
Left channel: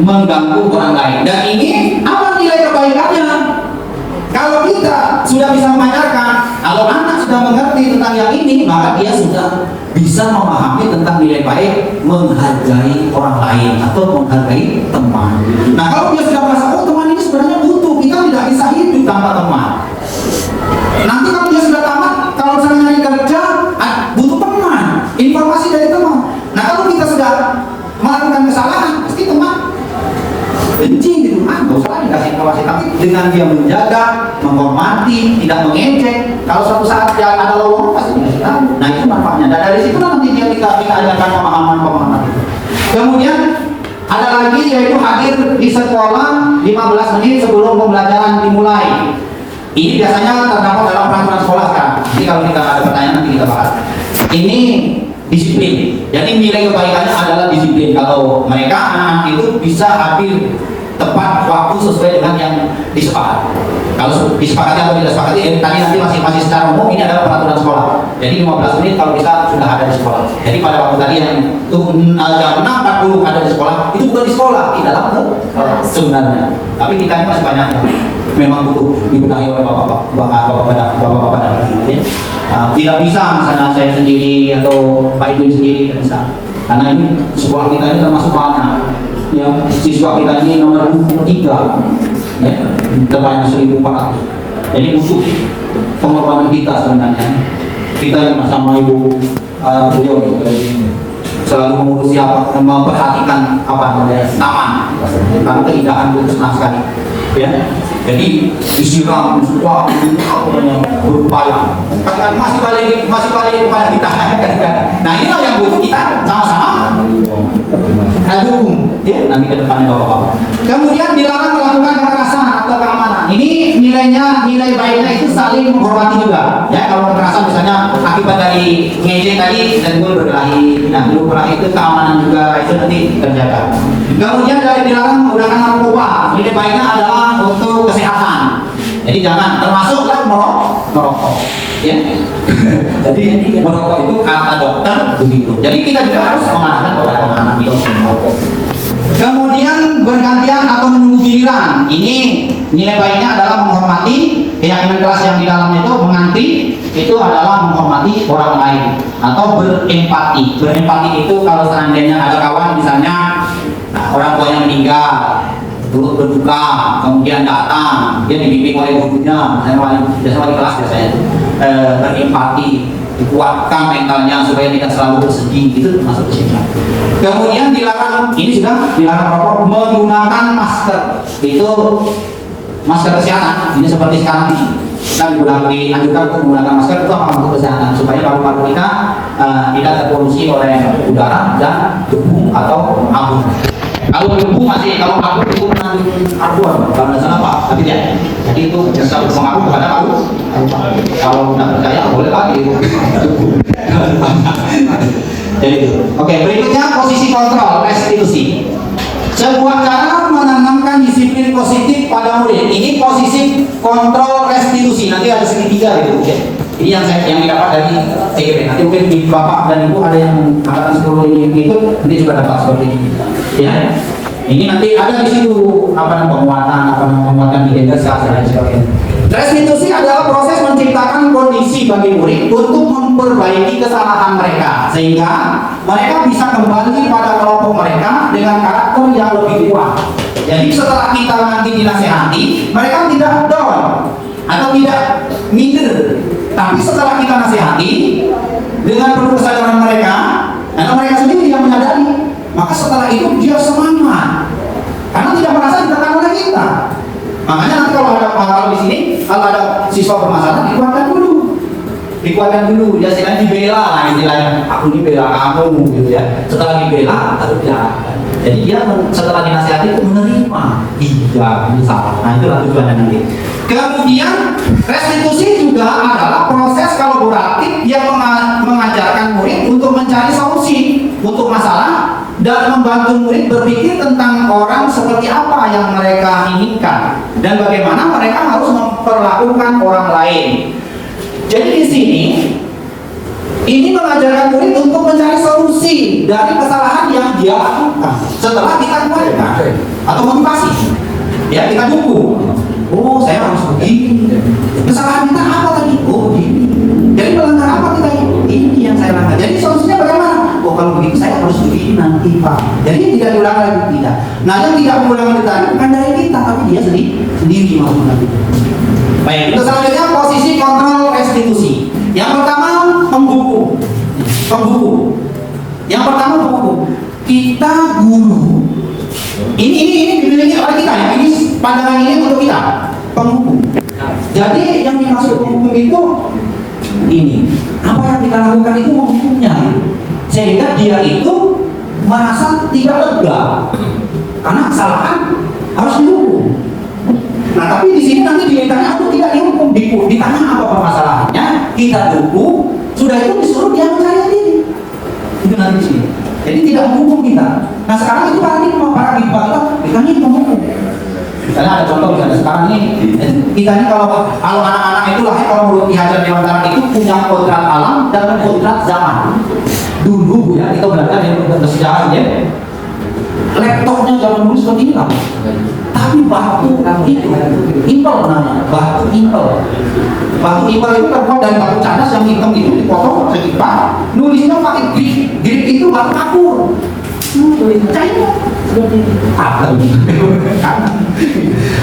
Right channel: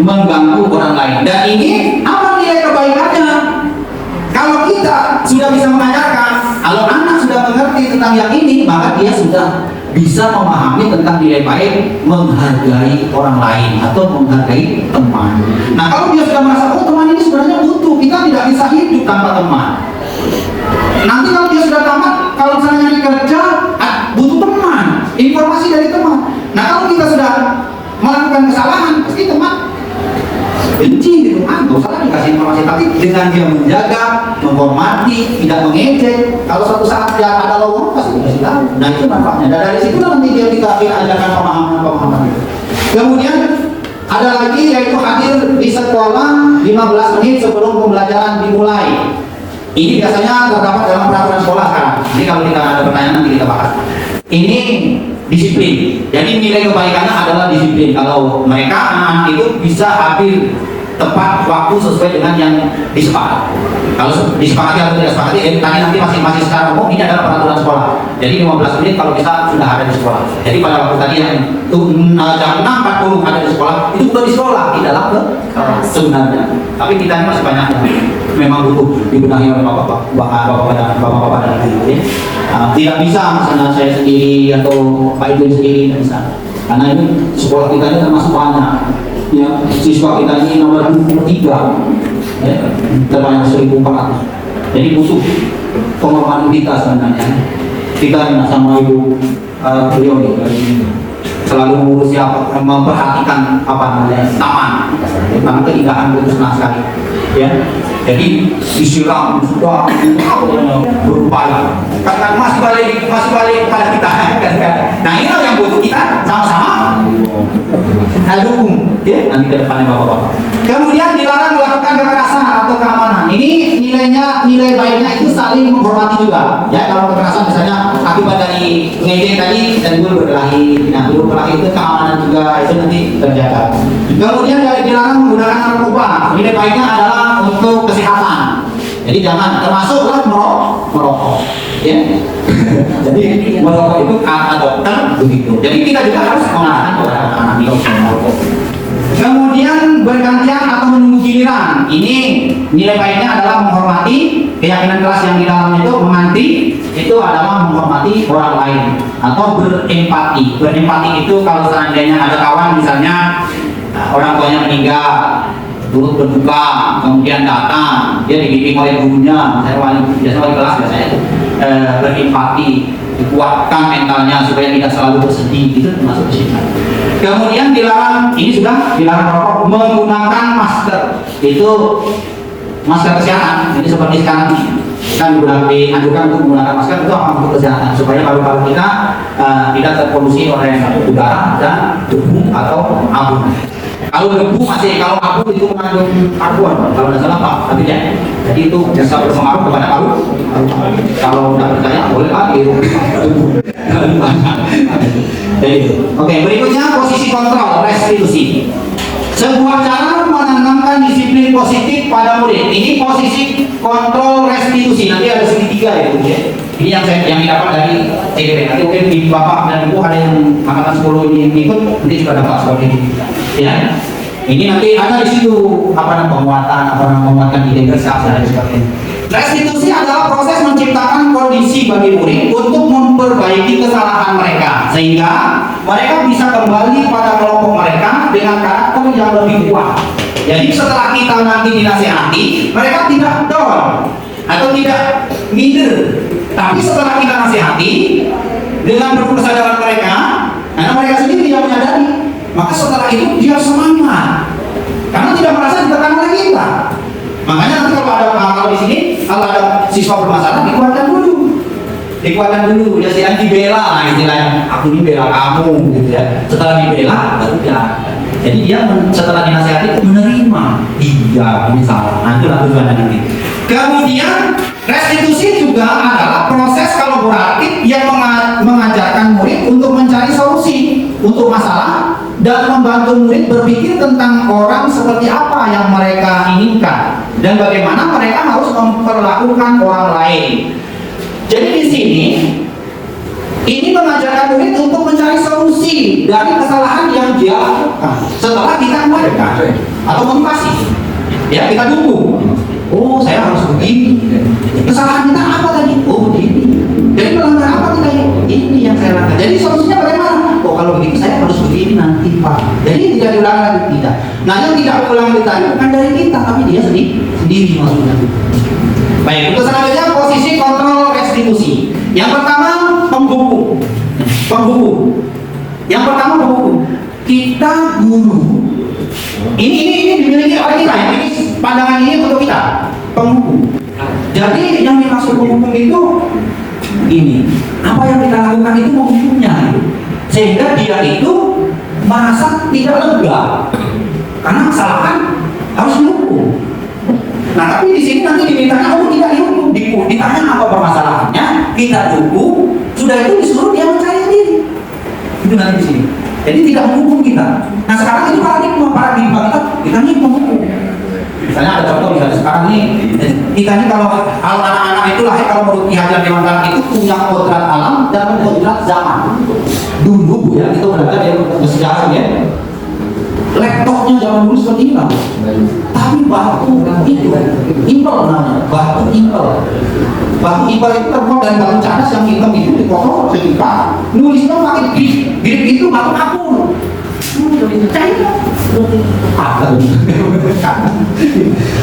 mengganggu orang lain. Dan ini apa nilai kebaikannya? Kalau kita sudah bisa mengajarkan, kalau anak sudah mengerti tentang yang ini, maka dia sudah bisa memahami tentang nilai baik, menghargai orang lain atau menghargai teman. Nah kalau dia sudah merasa, oh teman ini sebenarnya butuh, kita tidak bisa hidup tanpa teman. Nanti kalau dia sudah tamat, kalau misalnya dia kerja, butuh teman, informasi dari teman. Nah kalau kita sudah melakukan kesalahan, pasti teman benci gitu, gak usah dikasih informasi. Tapi dengan dia menjaga, menghormati, tidak mengejek, kalau suatu saat dia ada lowongan pasti dikasih tahu. Nah itu manfaatnya. Dan dari situ nanti dia kita ajarkan pemahaman itu. Kemudian ada lagi yaitu hadir di sekolah 15 menit sebelum pembelajaran dimulai. Ini biasanya terdapat dalam peraturan sekolah kan. Jadi kalau kita ada pertanyaan nanti kita bahas. Ini disiplin. Jadi nilai kebaikannya adalah disiplin. Kalau mereka anak itu bisa hadir tepat waktu sesuai dengan yang disepakati. Kalau disepakati atau tidak disepakati, tadi nanti masih secara umum ini adalah peraturan sekolah. Jadi 15 menit kalau kita sudah ada di sekolah. Jadi pada waktu tadi yang itu jam 6.40 ada di sekolah, itu bukan di sekolah, di dalam sebenarnya. Tapi kita ini masih banyak yang memang butuh dibenahi oleh bapak-bapak dan ibu ya. Tidak bisa misalnya saya sendiri atau Pak Idun sendiri bisa. Karena ini sekolah kita ini termasuk banyak. Ya, siswa kita ini nomor 23 ya, terbanyak 1.400. Jadi butuh pengorbanan kita sebenarnya. Kita sama ibu beliau selalu mengurusi memperhatikan namanya taman, karena keindahan itu senang sekali ya. Jadi disiram sudah berupaya karena masih balik pada kita kan. Nah inilah yang butuh kita sama-sama dukung ya nanti ke depannya bapak-bapak. Kemudian dilarang melakukan kekerasan atau keamanan. Ini nilai baiknya itu saling menghormati juga ya. Kalau kekerasan misalnya akibat dari ngejek tadi dan dulu berkelahi, nah dulu berkelahi itu keamanan juga itu nanti terjaga. Kemudian dilarang menggunakan narkoba. Nilai baiknya adalah untuk kesehatan. Jadi jangan termasuklah merokok ya. Jadi merokok itu kata dokter begitu. Jadi kita juga harus mengarahkan kepada anak-anak itu merokok. Kemudian bergantian atau menunggu giliran. Ini nilai baiknya adalah menghormati keyakinan kelas yang di dalamnya itu menganti itu adalah menghormati orang lain atau berempati. Berempati itu kalau seandainya ada kawan misalnya orang tuanya meninggal, turut berduka, kemudian datang, dia dibimbing oleh gurunya, biasanya wali kelas biasanya itu berempati, dikuatkan mentalnya supaya tidak selalu bersedih, itu termasuk di sini. Kemudian dilarang, ini sudah dilarang merokok, menggunakan masker, itu masker kesehatan, ini seperti sekarang ini. Kan dianjurkan untuk menggunakan masker itu apa untuk kesehatan supaya paru-paru kita tidak terpolusi oleh udara dan debu atau abu. Kalau debu masih, kalau abu itu mengandung karbon, kalau tidak salah Pak, tapi ya. Jadi itu bisa berpengaruh kepada paru. Kalau tidak percaya boleh lagi. Oke, berikutnya posisi kontrol restitusi. Sebuah cara menanamkan disiplin positif pada murid. Ini posisi kontrol restitusi. Nanti ada segitiga itu ya. Ini yang didapat dari CGP. Nanti mungkin di Bapak dan Ibu ada yang angkatan 10 ini ikut, nanti juga dapat seperti ini. Ya. Ini nanti ada di situ penguatan identitas dan sebagainya. Restitusi adalah proses menciptakan kondisi bagi murid untuk memperbaiki kesalahan mereka sehingga mereka bisa kembali pada kelompok mereka dengan karakter yang lebih kuat. Jadi setelah kita nanti dinasihati, mereka tidak down atau tidak minder. Tapi setelah kita nasihati dengan penuh kesadaran mereka, karena mereka sendiri yang menyadari, maka setelah itu dia semangat karena tidak merasa ditekan oleh kita. Makanya nanti kalau di sini kalau ada siswa bermasalah dikeluarkan dulu. dikuatkan dulu, ya istilahnya dibela, istilahnya aku ini bela kamu gitu ya. Setelah dibela, baru ya. Jadi dia setelah dinasihati itu menerima, iya ini salah. Nah itulah tujuan ini. Kemudian restitusi juga adalah proses kolaboratif yang mengajarkan murid untuk mencari solusi untuk masalah dan membantu murid berpikir tentang orang seperti apa yang mereka inginkan dan bagaimana mereka harus memperlakukan orang lain. Jadi di sini ini mengajarkan murid untuk mencari solusi dari kesalahan yang dia lakukan setelah kita kembalikan atau motivasi. Ya kita dukung. Oh saya harus begini. Kesalahan kita apa tadi? Oh begini. Jadi melanggar apa kita ini yang saya langgar. Jadi solusinya bagaimana? Oh kalau begitu saya harus begini nanti Pak. Jadi tidak diulang lagi tidak. Nah yang tidak diulang lagi tadi bukan dari kita tapi dia sendiri maksudnya. Baik, untuk selanjutnya posisi kontrol restitusi. Yang pertama penghukum. Yang pertama penghukum. Kita guru. Ini dimiliki oleh kita ya. Ini pandangan ini untuk kita. Penghukum. Jadi yang dimaksud penghukum itu ini. Apa yang kita lakukan itu menghukumnya. Sehingga dia itu merasa tidak lega karena kesalahan harus dihukum. Nah tapi di sini nanti dimintanya untuk tidak dihukum, ditanya apa permasalahannya, kita hukum, sudah itu disuruh dia mencari sendiri. Itu nanti di sini. Jadi tidak menghukum kita. Nah sekarang itu paradigma kita ini menghukum. Misalnya ada contoh misalnya sekarang ini kita ini kalau anak-anak itu lahir kalau menurut Ki Hajar Dewantara itu punya kodrat alam dan kodrat zaman. Dulu ya kita belajar yang bersejarah ya. Laptopnya zaman dulu seperti ini lah. Tapi batu itu impel namanya, batu impel. Batu impel itu terbuat dari batu cadas yang hitam itu dipotong segipa. Nulisnya pakai grip itu batu kapur.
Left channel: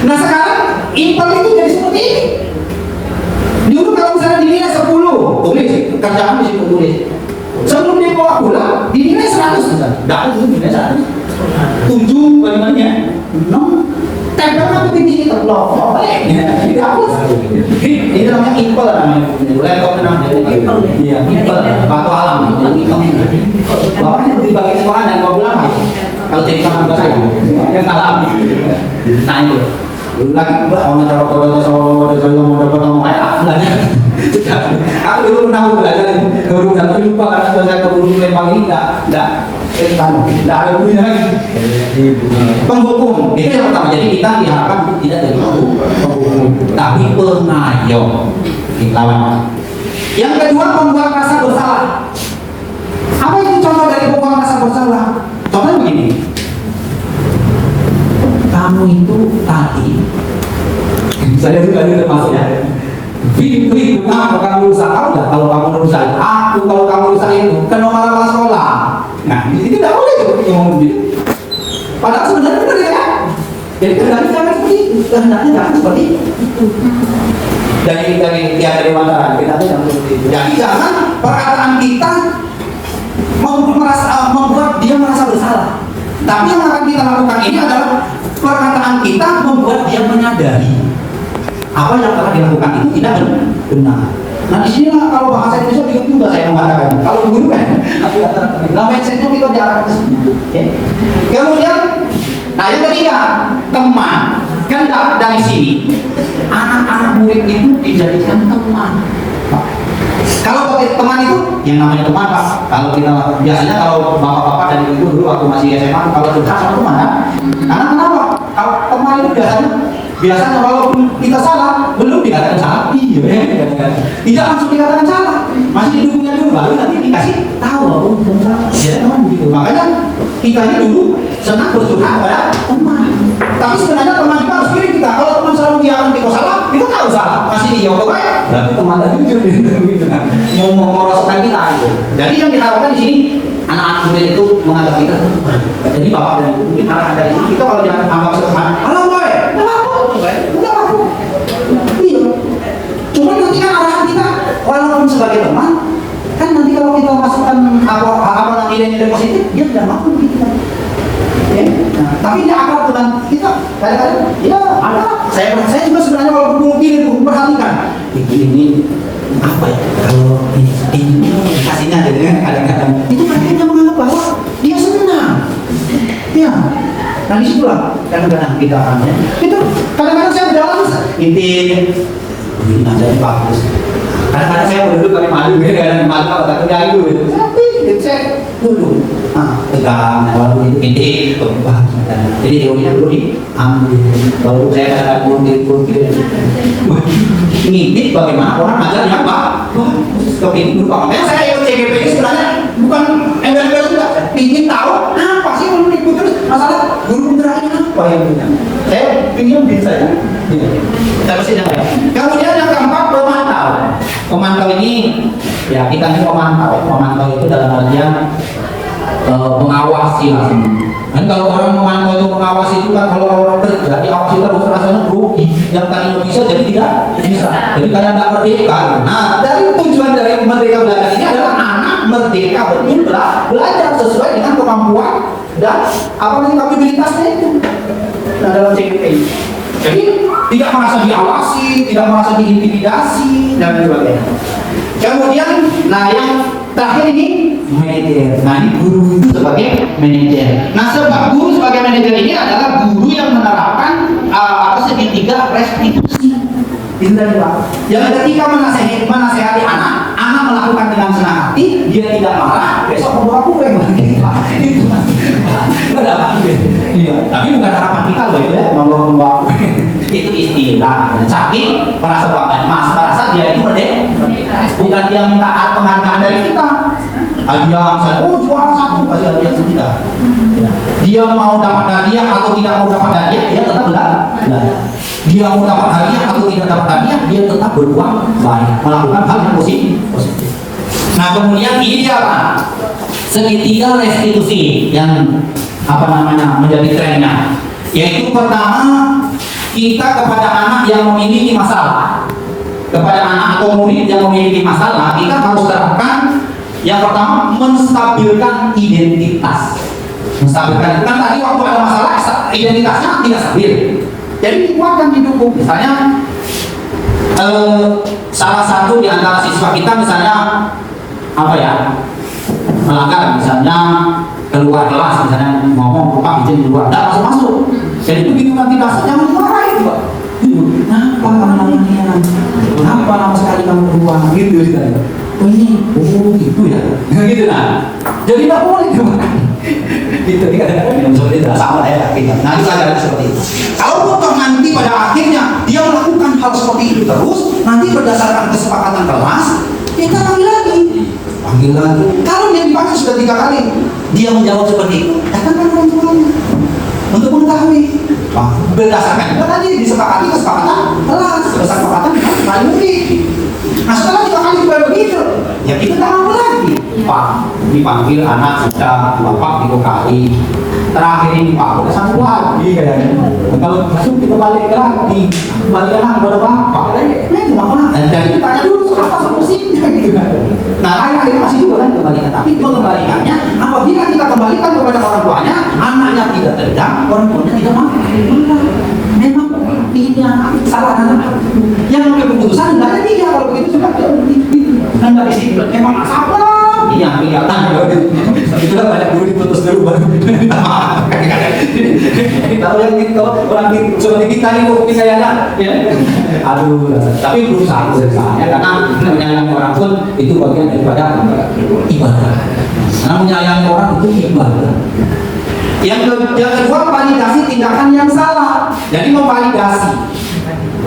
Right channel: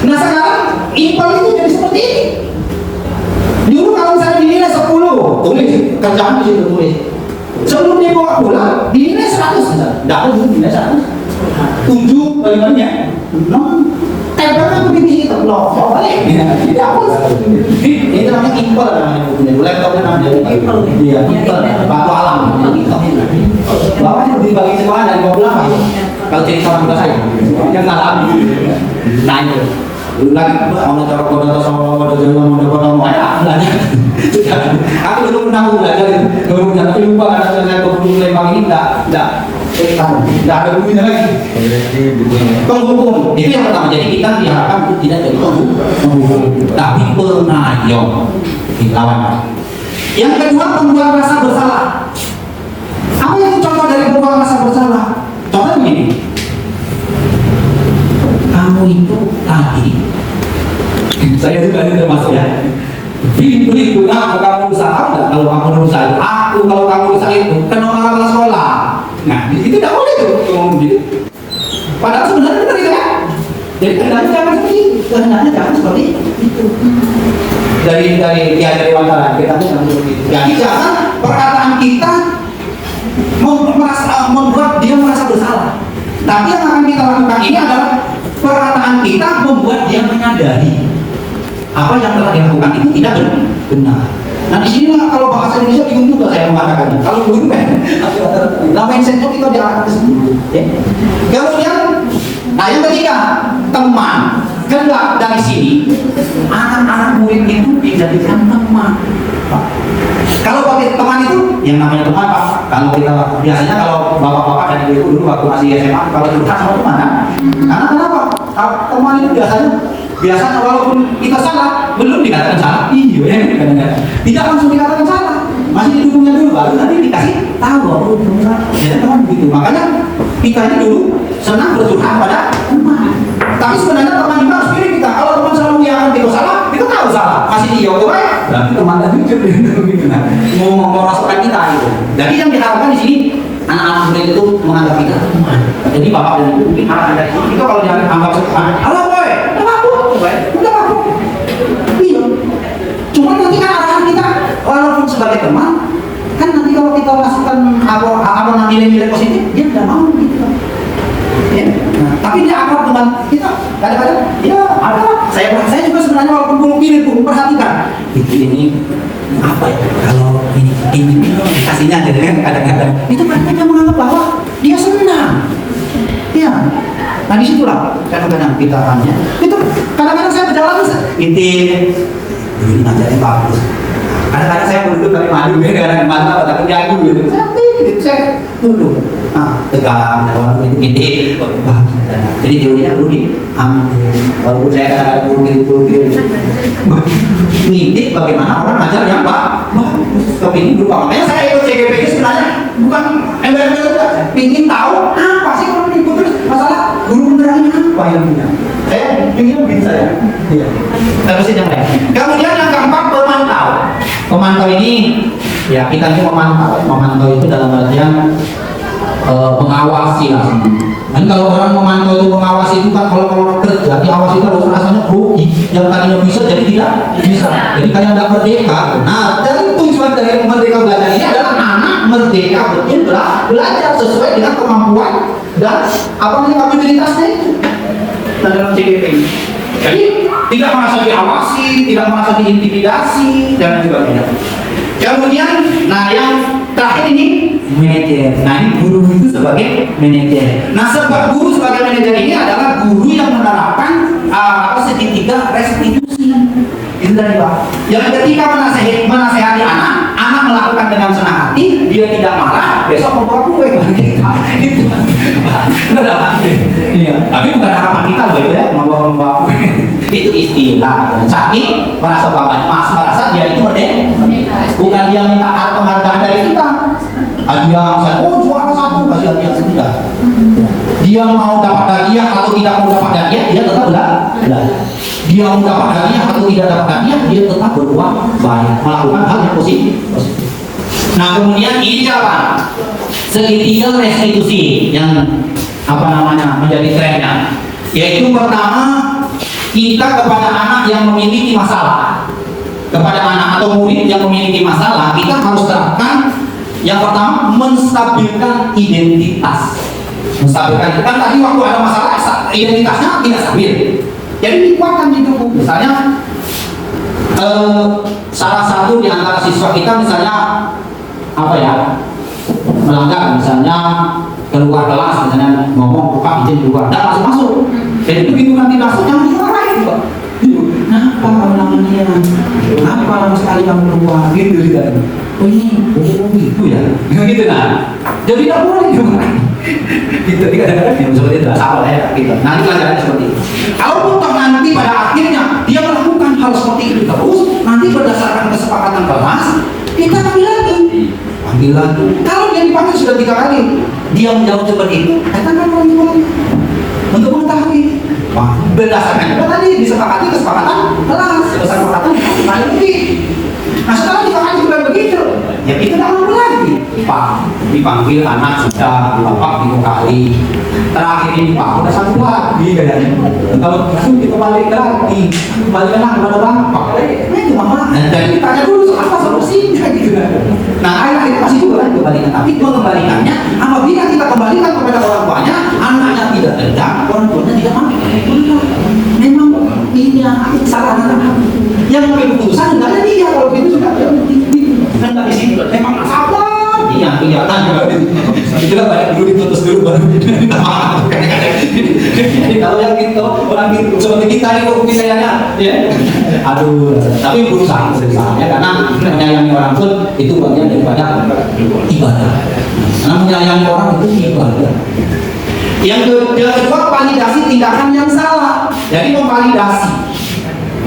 Nah sekarang impel itu jadi seperti ini. Dulu kalau misalnya dinilai 10, tulis kerjaan di situ tulis. Sebelum dibawa pulang dinilai 100, nggak ada dulu dinilai 100. 7 bagaimana? 6 tempelnya begini sini terblok. Tidak hapus. Ini namanya impel namanya. Laptop namanya impel. Iya, impel. Batu alam. Bapak yang dibagi sekolah dan bawa pulang apa? Kalau jadi orang tua saya, yang alami. Tanya. Lagi kalau cara pada soal mau aku dulu pernah belajar, tapi lupa karena saya keburu lempang ini nggak ada bunyinya lagi. Penghukum itu yang pertama. Jadi kita diharapkan untuk tidak jadi penghukum, tapi pengayom dilawan. Yang kedua membuang rasa bersalah. Apa itu contoh dari membuang rasa bersalah? Contohnya begini. Kamu itu tadi, saya juga ini termasuk ya. Beri guna kamu usaha enggak? Kalau kamu usaha aku, kalau kamu usaha itu kena marah sekolah. Nah itu tidak boleh tuh ngomong gitu. Padahal sebenarnya benar itu kan. Jadi kehendaknya jangan seperti itu. Kehendaknya jangan seperti itu. Dari Dewantara kita jangan seperti itu. Jadi jangan perkataan kita membuat dia merasa bersalah. Tapi yang akan kita lakukan ini adalah perkataan kita membuat dia menyadari apa yang telah dilakukan itu tidak benar. Nah di sini kalau bahasa Indonesia bingung juga saya mengatakan. Kalau guru kan, namanya sensor itu jangan kesini. Kemudian, nah yang ketiga teman. Kendak dari sini anak-anak murid itu dijadikan teman. Kalau pakai teman itu yang namanya teman Pak. Kalau kita biasanya kalau bapak-bapak dan ibu dulu waktu masih SMA kalau curhat sama teman kan? Karena kenapa? Kalau teman itu biasanya walaupun kita salah belum dikatakan salah, iya tidak langsung dikatakan salah, masih didukungnya dulu baru nanti dikasih tahu bahwa belum salah. Ya teman begitu. Makanya kita ini dulu senang bercurhat pada teman. Tapi sebenarnya teman kita harus pilih kita. Kalau teman selalu mengiyakan kita salah, kita tahu salah, masih diokok kan? Tapi teman tadi jujur mau masukkan kita itu. Jadi yang diharapkan di sini anak-anak murid itu menganggap kita teman. Jadi bapak dan ibu mungkin marah dari itu kalau jangan anggap seperti halo boy, udah aku. Iya. Cuma nanti kan arahan kita walaupun sebagai teman, kan nanti kalau kita masukkan apa nilai-nilai positif, dia tidak mau gitu kan. Ya. Nah, tapi dia akrab dengan kita. Kadang-kadang ya ada. Saya juga sebenarnya walaupun belum gini tuh perhatikan. Ini apa ya? Kalau kadang-kadang itu mereka yang menganggap bahwa dia senang. Ya, nah disitulah kadang-kadang kita tanya. Itu kadang-kadang saya berjalan ini aja bagus. Kadang-kadang saya berduduk kali malu, kadang-kadang malu, takut jago gitu. Saya duduk, tegang, kalau ini jadi teorinya dulu kalau saya kadang-kadang buruk ngintip bagaimana orang ngajar yang kepingin berupa. Makanya saya ikut CGPI sebenarnya bukan embel-embel juga, ingin tahu apa sih kalau ikut terus masalah guru beneran ini apa yang punya. Saya ingin bisa ya. Terus yang lain. Kemudian yang keempat, memantau. Memantau ini ya kita ini memantau itu dalam artian mengawasi lah. Dan kalau orang memantau itu mengawasi itu kan kalau orang kerja diawasi terus rasanya rugi. Yang tadinya bisa jadi tidak bisa. Jadi kayak tidak merdeka. Nah, dari tujuan dari merdeka belajar ini adalah anak merdeka betul belajar sesuai dengan kemampuan dan kapabilitasnya itu. Nah, dalam CGPI. Jadi tidak merasa diawasi, tidak merasa diintimidasi dan sebagainya. Kemudian, nah yang terakhir ini manajer. Nah ini guru itu sebagai manajer. Nah sebab guru sebagai manajer ini adalah guru yang menerapkan segitiga restitusi. Itu dari Pak. Yang ketika menasehati anak melakukan dengan senang hati, dia tidak marah, besok membawa kue. Itu. Tapi bukan harapan kita loh ya, membawa kue. Itu istilah. Tapi merasa dia itu merdeka. Bukan dia minta penghargaan dari kita. Dia saya juara satu kasih hadiah sudah. Dia mau dapat hadiah atau tidak mau dapat hadiah, dia tetap belajar. Dia mau dapat hadiah atau tidak dapat hadiah, dia tetap berbuat baik, melakukan hal yang positif. Nah kemudian ini apa? Segitiga restitusi yang menjadi trennya. Yaitu pertama, kita kepada anak yang memiliki masalah, kepada anak atau murid yang memiliki masalah, kita harus terapkan yang pertama menstabilkan identitas. Menstabilkan kan tadi waktu ada masalah identitasnya tidak stabil. Jadi dikuatkan didukung. Misalnya salah satu di antara siswa kita misalnya melanggar misalnya keluar kelas misalnya ngomong Pak izin keluar dan masuk. Jadi begitu nanti masuk jangan dimarahin Pak. Kenapa kamu namanya? Kenapa lama sekali kamu keluar? Gitu gitu. Oh gitu ya. Gitu nah. Jadi tak boleh dimarahin. Itu kadang-kadang yang seperti itu sama ya kita. Nanti pelajaran seperti itu. Kalau toh nanti pada akhirnya dia melakukan hal seperti itu terus, nanti berdasarkan kesepakatan kelas kita panggil lagi. Kalau dia dipanggil sudah 3 kali, dia menjawab seperti itu, katakan orang tuanya untuk mengetahui. Berdasarkan itu tadi disepakati kesepakatan kelas, kesepakatan yang mungkin. Nah setelah 3 kali sudah begitu, ya kita tak mau lagi. Pak, dipanggil anak sudah, bapak 3 kali. Terakhir ini Pak, udah 1 lagi kayaknya. Kalau masih kita balik lagi, balik lagi kepada bapak. Ini cuma dan dari kita tanya dulu apa solusinya gitu. Nah akhirnya masih juga kan kembalikan. Tapi mengembalikannya, apabila kita kembalikan kepada orang tuanya, anaknya tidak dendam, orang tuanya tidak marah. Memang ini yang salah anak. Yang mengambil keputusan hendaknya dia kalau itu sudah dan dari sini memang masalah. Ini yang kelihatan itu kan banyak dulu ditutus dulu baru kalau yang gitu orang gitu seperti kita nih kok kayaknya ya aduh tapi berusaha ya, karena menyayangi orang pun itu bagian daripada ibadah. Karena menyayangi orang itu ibadah. Yang kedua validasi tindakan yang salah. Jadi memvalidasi,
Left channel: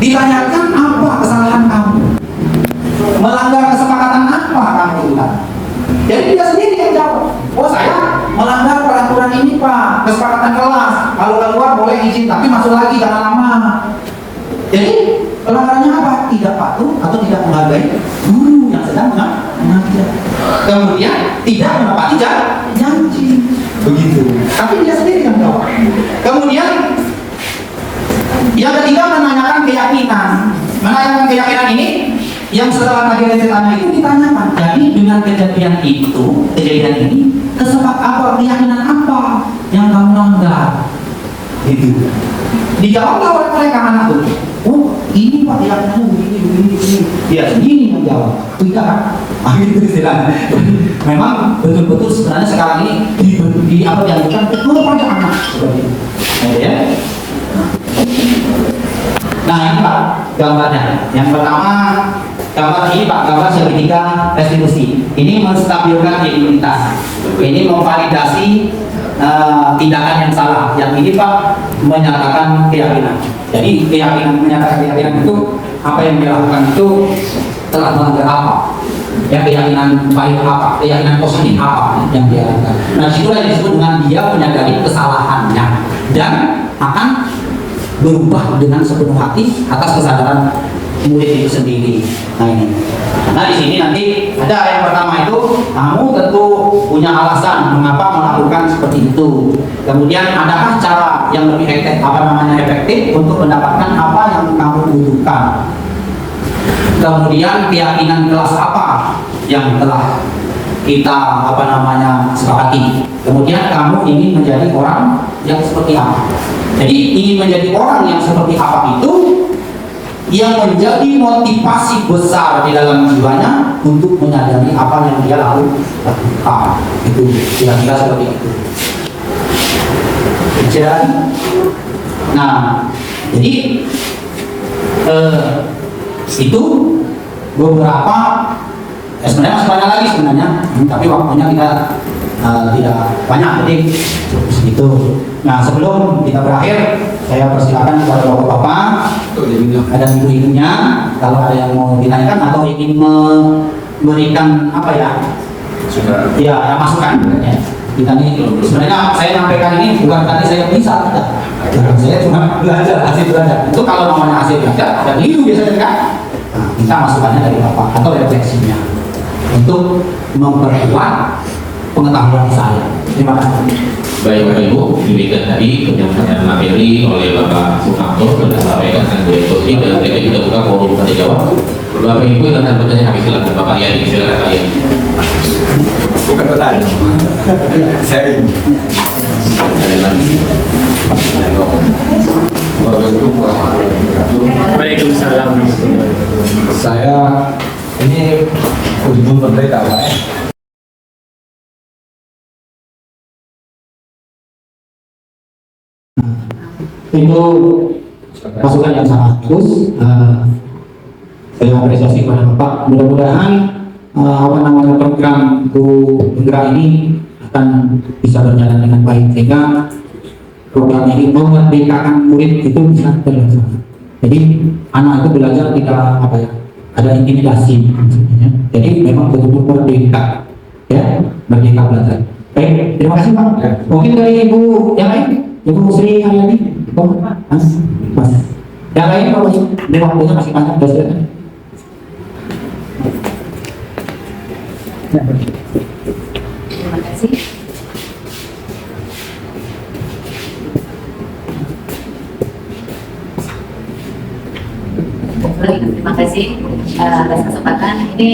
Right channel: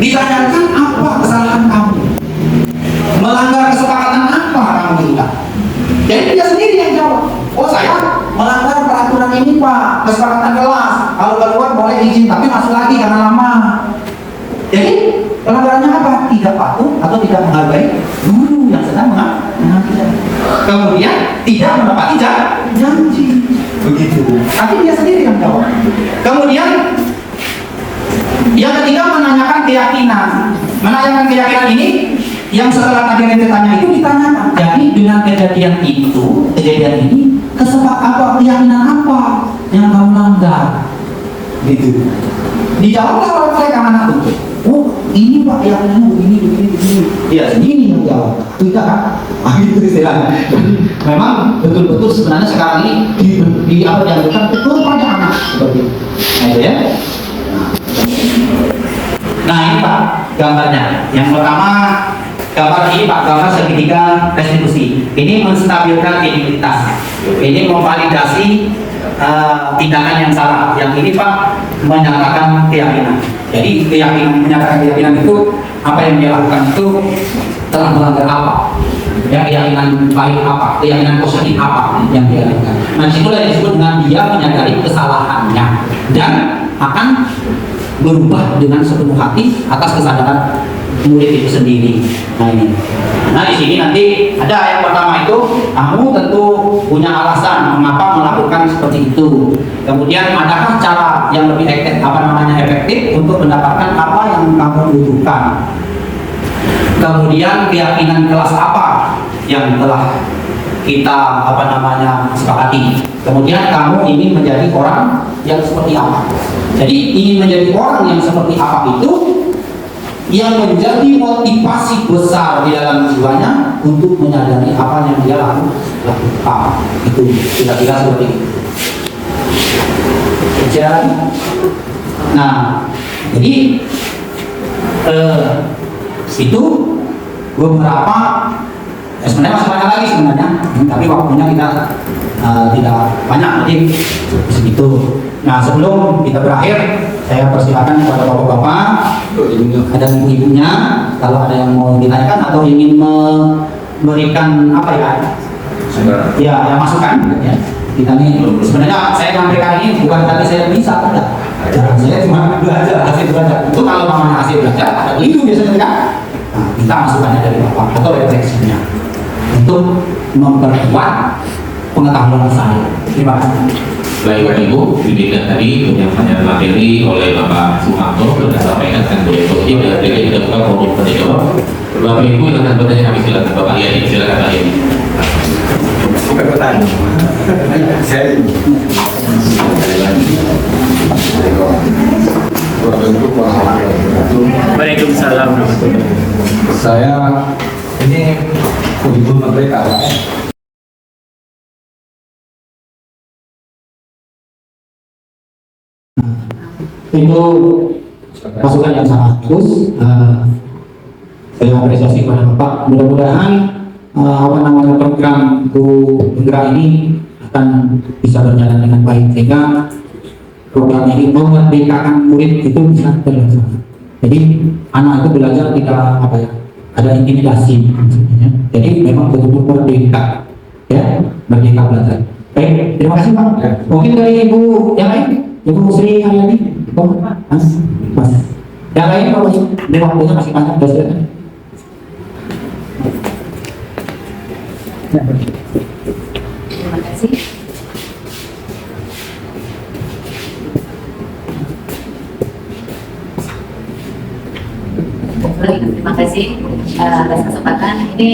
ditanyakan apa kesalahan kamu, melanggar kesepakatan apa kamu tidak. Jadi dia sendiri yang jawab. Oh saya melanggar peraturan ini Pak, kesepakatan kelas. Kalau keluar boleh izin, tapi masuk lagi jangan lama. Jadi pelanggarannya apa? Tidak patuh atau tidak menghargai guru yang sedang mengajar. Kemudian tidak menepati janji. Begitu. Tapi dia sendiri yang jawab. Kemudian yang ketiga menanyakan keyakinan. Menanyakan keyakinan ini yang setelah tadi yang ditanya itu ditanyakan. Jadi dengan kejadian ini keyakinan apa yang kamu langgar? Gitu. Dijawablah oleh mereka anak itu. Oh ini Pak keyakinannya begini. Ya sendiri yang jawab. Tidak kan? Gitu istilahnya. Memang betul-betul sebenarnya sekarang ini di apa yang bukan betul banyak anak seperti itu. Nah, itu ya. Nah ini Pak gambarnya. Yang pertama gambar ini Pak, gambar segitiga restitusi. Ini menstabilkan imunitas. Ini memvalidasi tindakan yang salah. Yang ini Pak menyatakan keyakinan. Jadi keyakinan, menyatakan keyakinan itu apa yang dia lakukan itu telah melanggar apa? Ya, keyakinan baik apa? Keyakinan positif apa yang dia lakukan? Nah, itulah yang disebut dengan dia menyadari kesalahannya dan akan berubah dengan sepenuh hati atas kesadaran murid itu sendiri. Nah ini. Nah di sini nanti ada yang pertama itu kamu tentu punya alasan mengapa melakukan seperti itu. Kemudian adakah cara yang lebih efektif untuk mendapatkan apa yang kamu butuhkan. Kemudian keyakinan kelas apa yang telah kita sepakati. Kemudian kamu ingin menjadi orang yang seperti apa. Jadi ingin menjadi orang yang seperti apa itu yang menjadi motivasi besar di dalam jiwanya untuk menyadari apa yang dia lakukan. Itu kira-kira seperti itu. Nah, jadi itu beberapa sebenarnya masih banyak lagi sebenarnya, tapi waktunya kita tidak banyak, jadi segitu. Nah sebelum kita berakhir, saya persilakan kepada bapak-bapak dan ibu-ibunya kalau ada yang mau ditanyakan atau ingin memberikan apa ya, ya masukan. Ya. Kita ini sebenarnya saya menyampaikan ini bukan tadi saya bisa, ya. Saya cuma belajar hasil belajar. Itu kalau namanya hasil belajar ada keliru biasanya kan. Nah, kita masukannya dari bapak atau refleksinya untuk memperkuat pengetahuan saya. Terima kasih. Baik Bapak Ibu, demikian tadi penyampaian materi oleh Bapak Sumarto sudah disampaikan dan beliau coaching dan kita juga buka forum tanya jawab. Bapak Ibu yang akan bertanya kami silakan Bapak Yani, silakan Pak Yani. Bukan bertanya, saya Waalaikumsalam. Saya ini kunjung merdeka Pak. Itu masukan yang sangat bagus. Saya apresiasi kepada Bapak. Mudah-mudahan program Bu Penggerak ini akan bisa berjalan dengan baik sehingga program ini memerdekakan murid itu bisa terlaksana. Jadi anak itu belajar tidak ada intimidasi. Jadi memang betul-betul merdeka, ya, merdeka belajar. Baik, terima kasih Pak. Mungkin dari Ibu yang lain, Ibu Sri Haryani, Mas. Yang lain kalau ini waktunya masih banyak, silakan. Terima kasih. Terima kasih atas kesempatan. Ini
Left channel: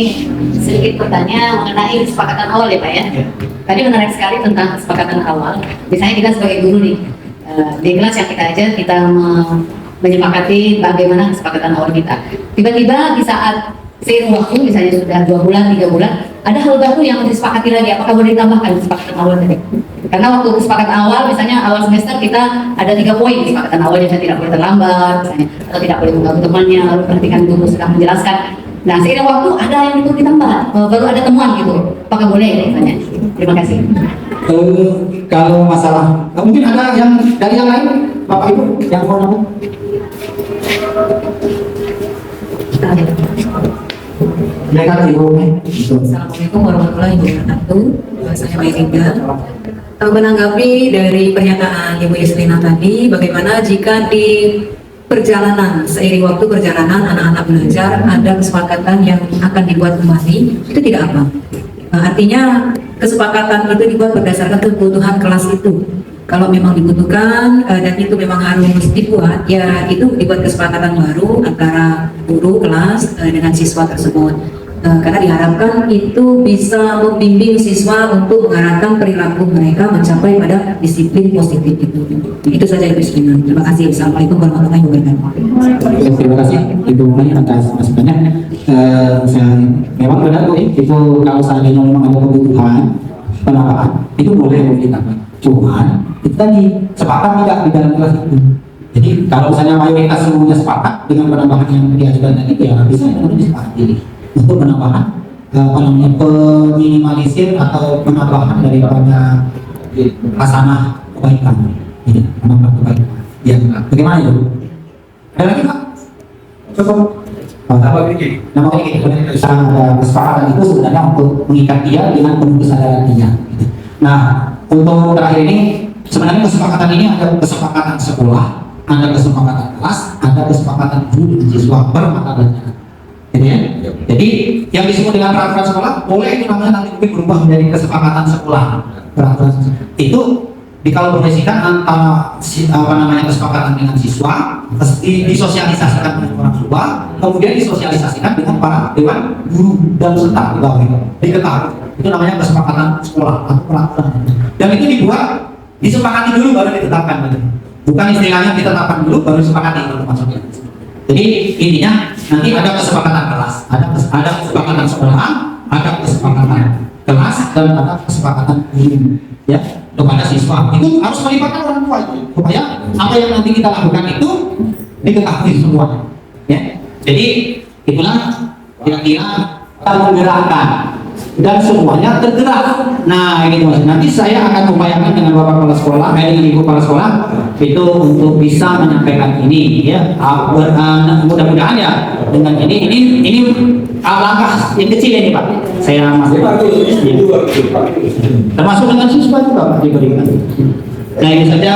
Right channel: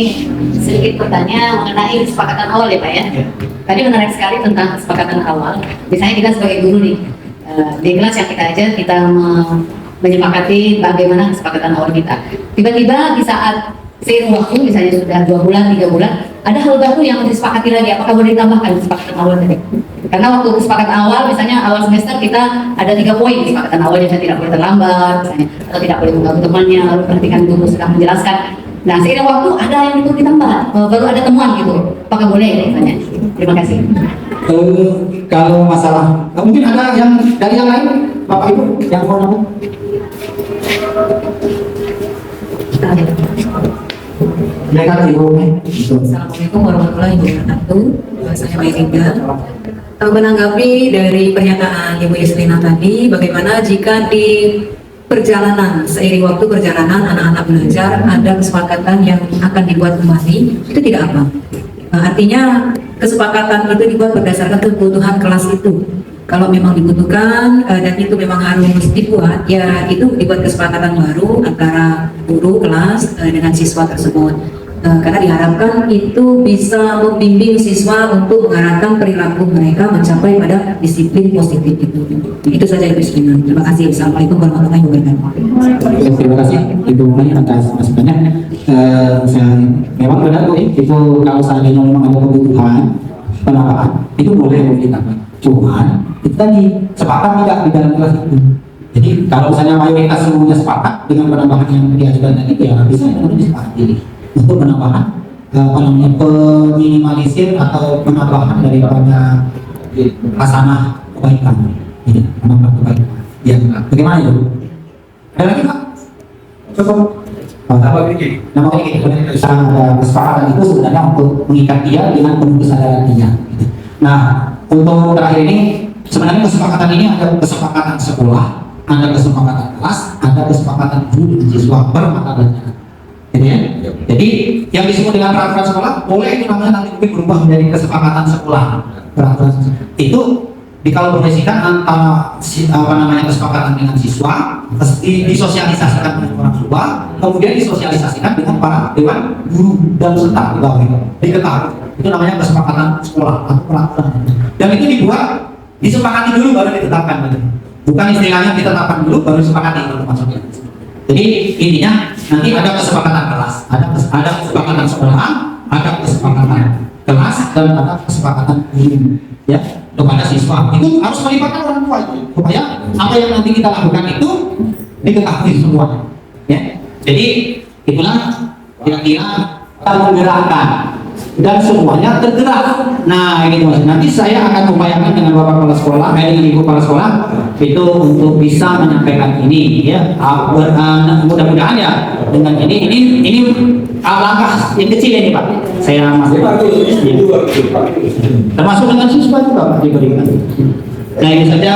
sedikit bertanya mengenai kesepakatan awal ya Pak ya. Tadi menarik sekali tentang kesepakatan awal. Misalnya kita sebagai guru nih, di kelas yang kita ajar kita menyepakati bagaimana kesepakatan awal kita. Tiba-tiba di saat seiring waktu, misalnya sudah 2 bulan, 3 bulan, ada hal baru yang disepakati lagi. Apakah boleh ditambahkan kesepakatan awal tadi? Karena waktu kesepakatan awal, misalnya awal semester kita ada 3 poin kesepakatan awal, yang tidak boleh terlambat, misalnya, atau tidak boleh mengganggu temannya, lalu perhatikan guru sedang menjelaskan. Nah, seiring waktu ada yang itu ditambah, baru ada temuan gitu. Apakah boleh misalnya? Terima kasih. Kalau masalah, mungkin ada yang dari yang lain, Bapak Ibu yang mau nambah? Assalamualaikum warahmatullahi wabarakatuh. Saya Mairinda. Menanggapi dari pernyataan Ibu Yuslina tadi, bagaimana jika di perjalanan, seiring waktu perjalanan anak-anak belajar ada kesepakatan yang akan dibuat kembali, itu tidak apa? Artinya kesepakatan itu dibuat berdasarkan kebutuhan kelas itu. Kalau memang dibutuhkan dan itu memang harus dibuat, ya itu dibuat kesepakatan baru antara guru kelas dengan siswa tersebut. karena diharapkan itu bisa membimbing siswa untuk mengarahkan perilaku mereka mencapai pada disiplin positif itu. Itu saja Ibu Sri. Terima kasih. Assalamualaikum warahmatullahi wabarakatuh. Terima kasih Ibu Mai atas masukannya. Memang benar Bu, itu kalau seandainya memang ada kebutuhan penambahan itu boleh ditambah. Cuman itu tadi sepakat tidak di dalam kelas itu. Jadi kalau misalnya mayoritas semuanya sepakat dengan penambahan yang diajukan tadi, ya bisa kemudian disepakati untuk penambahan peminimalisir atau penambahan daripada hasanah kebaikan. Ini penambahan kebaikan. Ya, bagaimana itu? Ada lagi Pak? Cukup. Nama ini. Nama ini kita ada kesepakatan itu sebenarnya untuk mengikat dia dengan penuh kesadaran dia. Nah, untuk terakhir ini sebenarnya kesepakatan ini ada kesepakatan sekolah, ada kesepakatan kelas, ada kesepakatan guru dan siswa per mata pelajaran. Gitu ya? Jadi yang disebut dengan peraturan sekolah boleh itu namanya nanti mungkin berubah menjadi kesepakatan sekolah. Peraturan itu dikolaborasikan antara kesepakatan dengan siswa, disosialisasikan dengan orang tua, kemudian disosialisasikan dengan para dewan guru dan peserta di bawah itu diketahui. Itu namanya kesepakatan sekolah atau peraturan. Dan itu dibuat disepakati dulu baru ditetapkan. Bukan istilahnya ditetapkan dulu baru disepakati kalau maksudnya. Jadi intinya nanti ada kesepakatan kelas, ada kesepakatan sekolah, ada kesepakatan kelas dan ada kesepakatan guru ya kepada siswa. Itu harus melibatkan orang tua itu supaya apa yang nanti kita lakukan itu diketahui semua. Ya. Jadi itulah kira-kira kita menggerakkan dan semuanya tergerak. Nah ini Mas, nanti saya akan upayakan dengan Bapak Kepala Sekolah, dengan Ibu Kepala Sekolah itu untuk bisa menyampaikan ini ya. Mudah-mudahan ya dengan ini langkah yang kecil ini Pak. Saya masih termasuk dengan siswa juga Pak diberikan. Nah ini saja,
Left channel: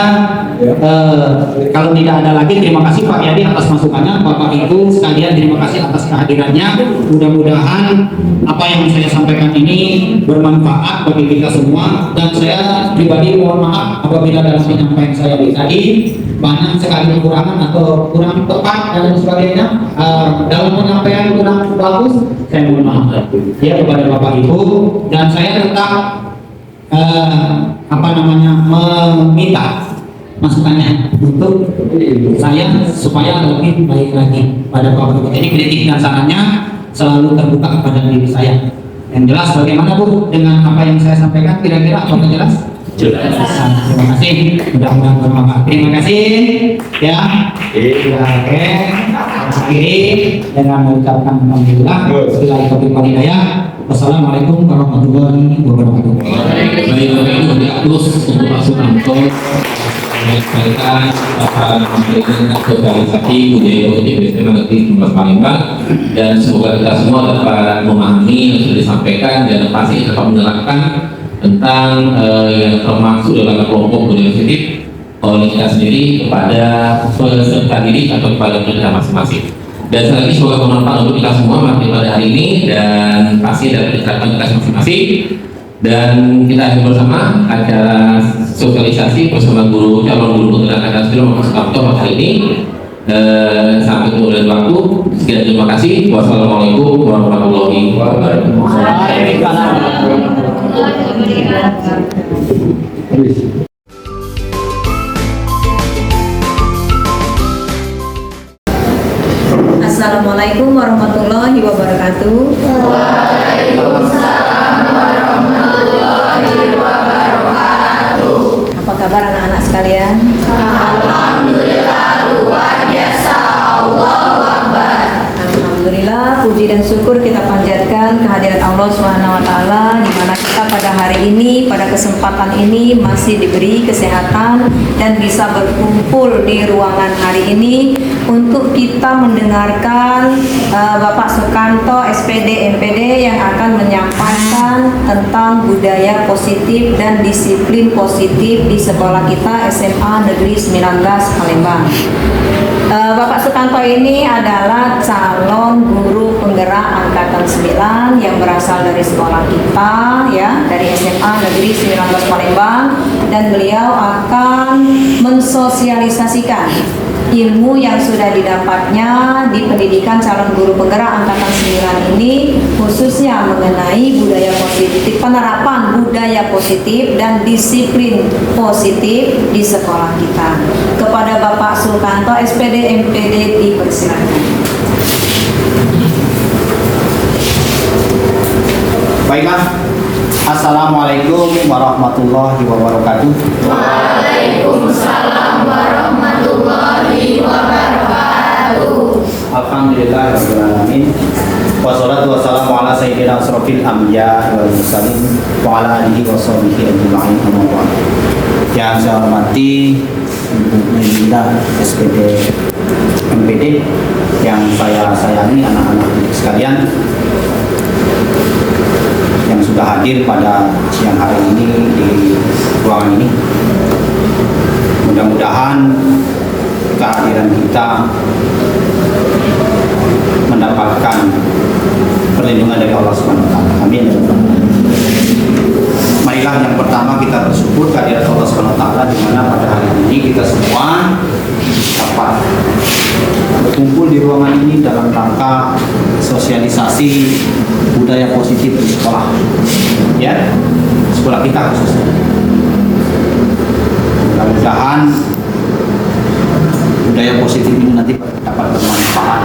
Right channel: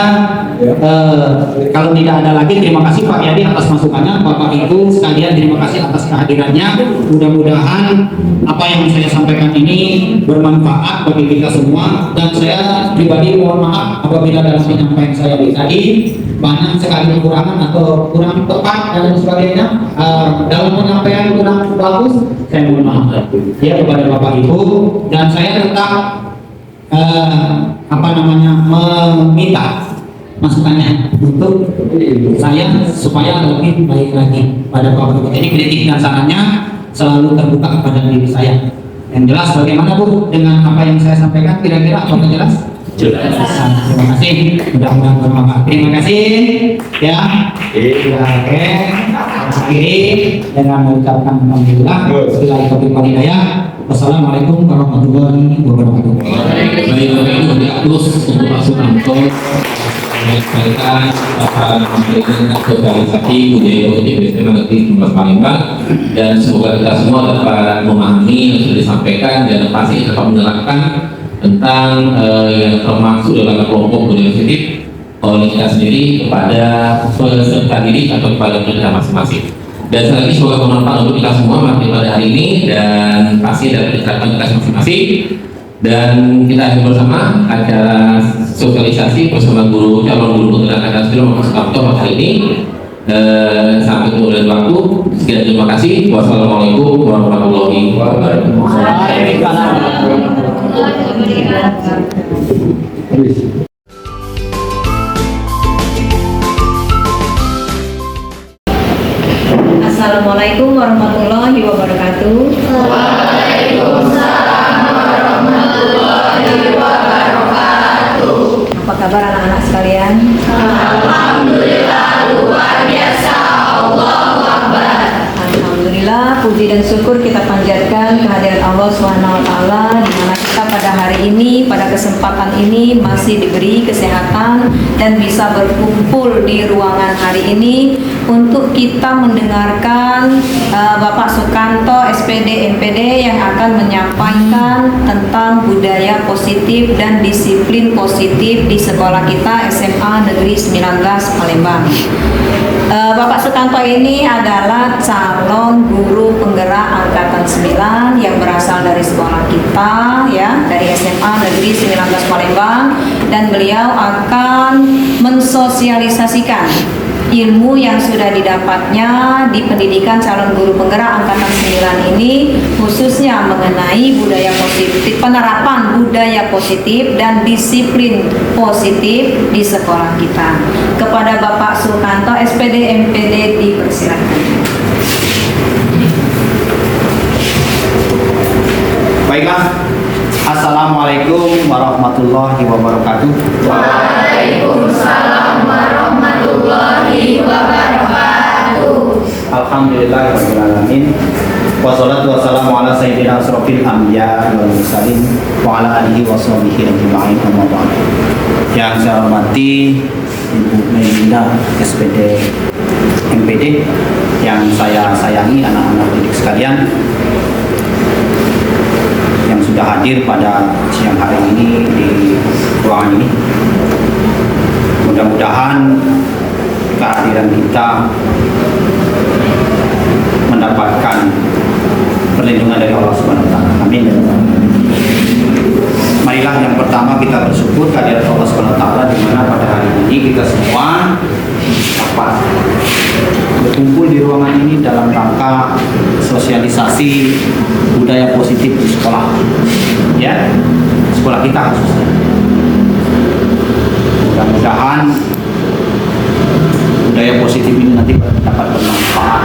kalau tidak ada lagi, terima kasih Pak Yadi atas masukannya. Bapak Ibu sekalian terima kasih atas kehadirannya. Mudah-mudahan apa yang saya sampaikan ini bermanfaat bagi kita semua. Dan saya pribadi mohon maaf apabila dalam penyampaian saya tadi banyak sekali kekurangan atau kurang tepat dan sebagainya, dalam penyampaian kurang bagus, saya mohon maaf ya kepada Bapak Ibu. Dan saya tetap meminta masukannya untuk saya supaya lebih baik lagi pada Bapak Ibu. Jadi kritik dan sarannya selalu terbuka kepada diri saya. Yang jelas bagaimana Bu dengan apa yang saya sampaikan, kira-kira apakah jelas? Jelas. Terima kasih. Mudah-mudahan bermanfaat. Terima kasih. Ya. Oke. Akhiri dengan mengucapkan alhamdulillah. Wassalamualaikum warahmatullahi wabarakatuh. Baik, terus untuk Pak Sunanto menyampaikan sosialisasi budaya positif SMA Negeri 19 Palembang, dan semoga kita semua dapat memahami yang sudah disampaikan dan pasti dapat menerapkan tentang yang termasuk dalam kelompok budaya positif oleh kita sendiri kepada peserta didik atau kepada mereka masing-masing. Dan sekali lagi semoga bermanfaat untuk kita semua pada hari ini, dan pasti dapat diterapkan kita masing-masing. Dan kita akan bersama acara sosialisasi bersama guru calon guru penggerak Pancasila Mas Kapto hari ini. Sampai ketemu dan waktu. Sekian, terima kasih. Wassalamualaikum warahmatullahi wabarakatuh. Assalamualaikum warahmatullahi wabarakatuh. Waalaikumsalam warahmatullahi wabarakatuh. Apa kabar anak-anak sekalian? Alhamdulillah luar biasa. Allahu Akbar. Alhamdulillah, puji dan syukur kita panjatkan kehadirat Allah SWT, di mana kita pada hari ini, pada kesempatan ini masih diberi kesehatan dan bisa berkumpul di ruangan hari ini untuk kita mendengarkan Bapak Sukanto SPD MPD yang akan menyampaikan tentang budaya positif dan disiplin positif di sekolah kita SMA Negeri 19 Palembang. Bapak Sukanto ini adalah calon guru penggerak angkatan 9 yang berasal dari sekolah kita ya, dari SMA Negeri 19 Palembang, dan beliau akan mensosialisasikan ilmu yang sudah didapatnya di pendidikan calon guru penggerak angkatan 9 ini, khususnya mengenai budaya positif, penerapan budaya positif dan disiplin positif di sekolah kita. Kepada Bapak Sukanto, SPD MPD, dipersilakan. Baiklah, Assalamualaikum warahmatullahi wabarakatuh. Waalaikumsalam warahmatullahi wabarakatuh. Alhamdulillahirrahmanirrahim. Wassalatu wassalamu ala sayyidina asrofil anbiya wal mursalin wa ala alihi wa sahbihi ajma'in, amma ba'd. Yang saya hormati Ibu Melinda SPD MPD, yang saya sayangi anak-anak didik sekalian yang sudah hadir pada siang hari ini di ruangan ini. Mudah-mudahan kehadiran kita mendapatkan perlindungan dari Allah Subhanahu wa taala. Amin ya rabbal alamin. Marilah yang pertama kita bersyukur kehadirat Allah Subhanahu wa taala, di mana pada hari ini kita semua dapat berkumpul di ruangan ini dalam rangka sosialisasi budaya positif di sekolah, ya, sekolah kita khususnya. Mudah-mudahan budaya positif ini nanti dapat bermanfaat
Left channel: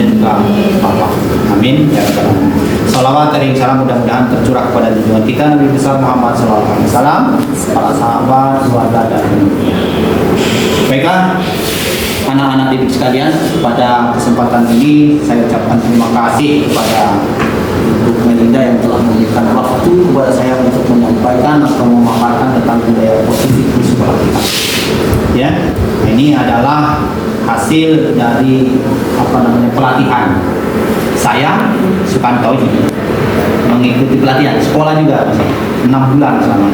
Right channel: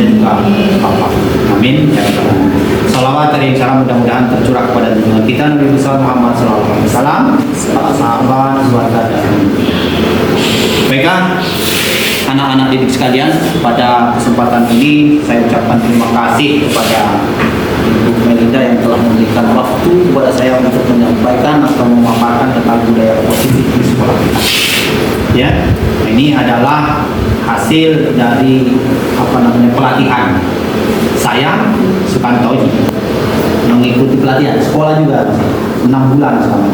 dan juga Bapak. Amin ya rabbal alamin. Salawat dan salam mudah-mudahan tercurah kepada junjungan kita Nabi besar Muhammad SAW, para sahabat, keluarga dan dunia. Baiklah, anak-anak didik sekalian, pada kesempatan ini saya ucapkan terima kasih kepada Ibu Melinda yang telah memberikan waktu kepada saya untuk menyampaikan atau memaparkan tentang budaya positif di sekolah kita. Ya, ini adalah hasil dari pelatihan saya Sukanto ini, mengikuti pelatihan sekolah juga masih 6 bulan selama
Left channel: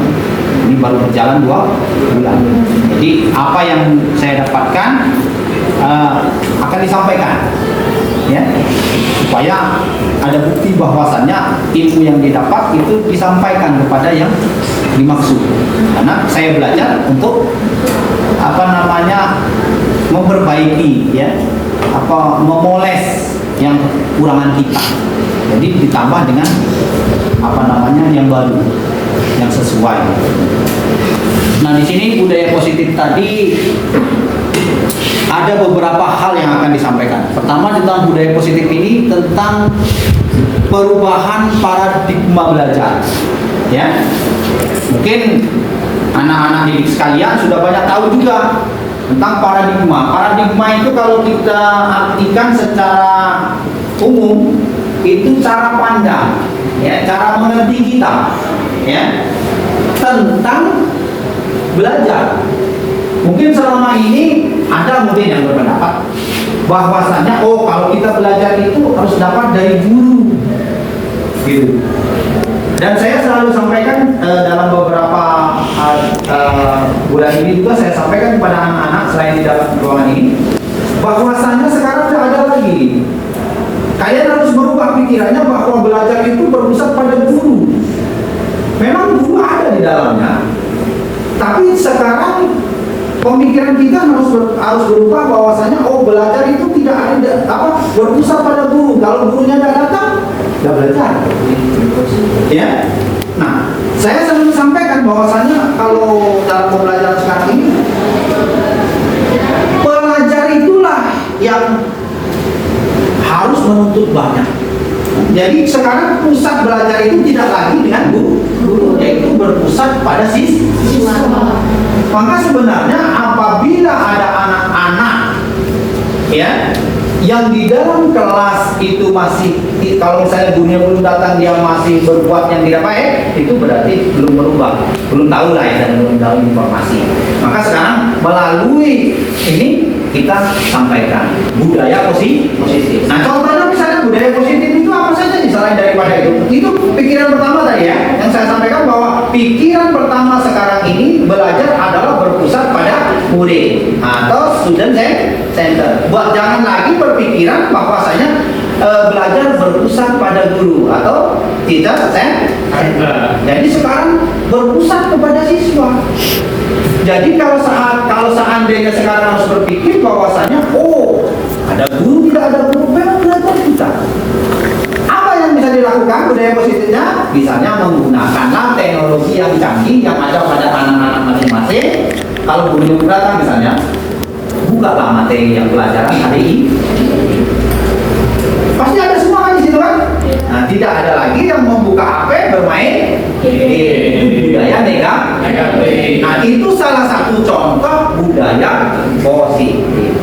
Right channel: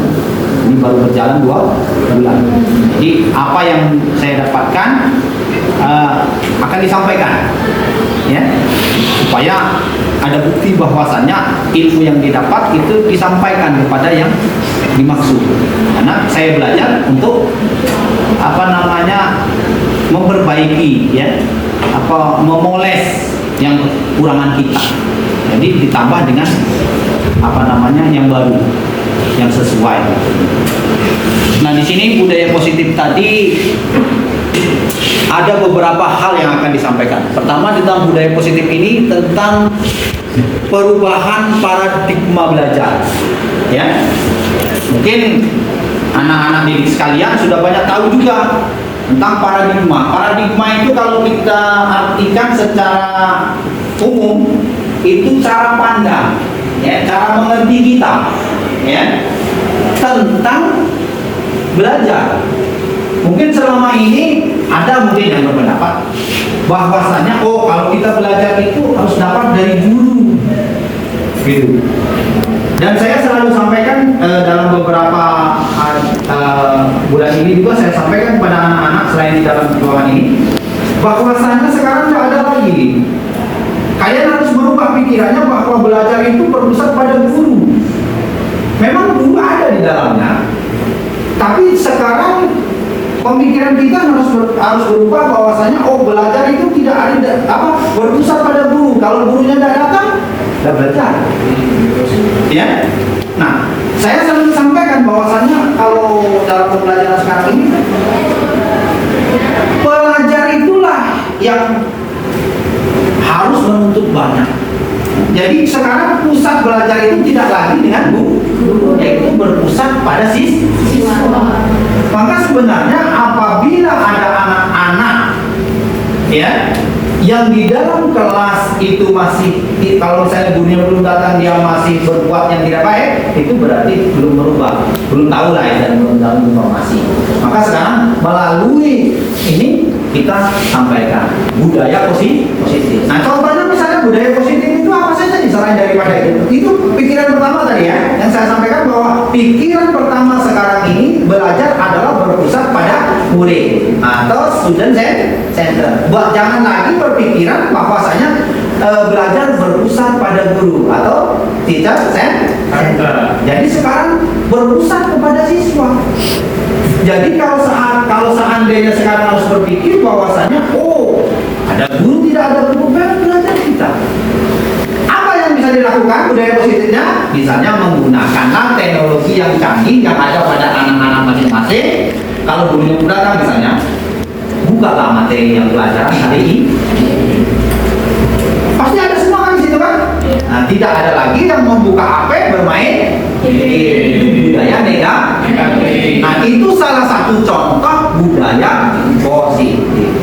ini, baru berjalan 2 bulan. Jadi apa yang saya dapatkan akan disampaikan, ya, supaya ada bukti bahwasannya ilmu yang didapat itu disampaikan kepada yang dimaksud. Karena saya belajar untuk memperbaiki, ya, memoles yang kekurangan kita. Jadi ditambah dengan yang baru, yang sesuai. Nah, di sini budaya positif tadi ada beberapa hal yang akan disampaikan. Pertama, tentang budaya positif ini tentang perubahan paradigma belajar. Ya, mungkin anak-anak didik sekalian sudah banyak tahu juga tentang paradigma. Paradigma itu kalau kita artikan secara umum itu cara pandang, ya, cara mengerti kita, ya, tentang belajar. Mungkin selama ini ada mungkin yang berpendapat bahwasanya kalau kita belajar itu harus dapat dari guru, gitu. Dan saya selalu sampaikan dalam beberapa bulan ini juga saya sampaikan kepada anak-anak selain di dalam ruangan ini, bahwasanya sekarang tidak ada lagi. Kalian harus merubah pikirannya bahwa belajar itu berpusat pada guru. Memang guru ada di dalamnya, tapi sekarang pemikiran kita harus berubah bahwasanya belajar itu tidak ada berpusat pada guru. Kalau gurunya tidak datang, tidak belajar. Ya. Nah, saya selalu sampaikan bahwasanya kalau dalam pembelajaran sekarang ini, pelajar itulah yang harus menuntut banyak. Jadi sekarang pusat belajar itu tidak lagi dengan guru, yaitu berpusat pada siswa. Maka sebenarnya apabila ada anak-anak, ya, yang di dalam kelas itu masih, kalau misalnya dunia belum datang, dia masih berbuat yang tidak baik, itu berarti belum berubah, belum tahu lah, ya, dan belum tahu informasi. Maka sekarang melalui ini kita sampaikan budaya positif. Nah, contohnya misalnya budaya positif itu apa saja nih selain daripada itu? Itu pikiran pertama tadi, ya, yang saya sampaikan bahwa pikiran pertama sekarang ini belajar adalah berpusat pada murid atau student center. Buat jangan lagi berpikiran bahwasanya belajar berpusat pada guru atau teacher center. Jadi sekarang berpusat kepada siswa. Jadi kalau seandainya sekarang harus berpikir bahwasanya ada guru, tidak ada guru, belajar kita. Apa yang bisa dilakukan budaya positifnya? Misalnya menggunakanlah teknologi yang canggih yang ada pada anak-anak masing-masing. Kalau guru datang misalnya, bukalah materi yang pelajaran hari ini. Pasti ada semua kan di situ kan? Nah, tidak ada lagi yang membuka HP bermain. Itu budaya negatif. Nah, itu salah satu contoh budaya positif.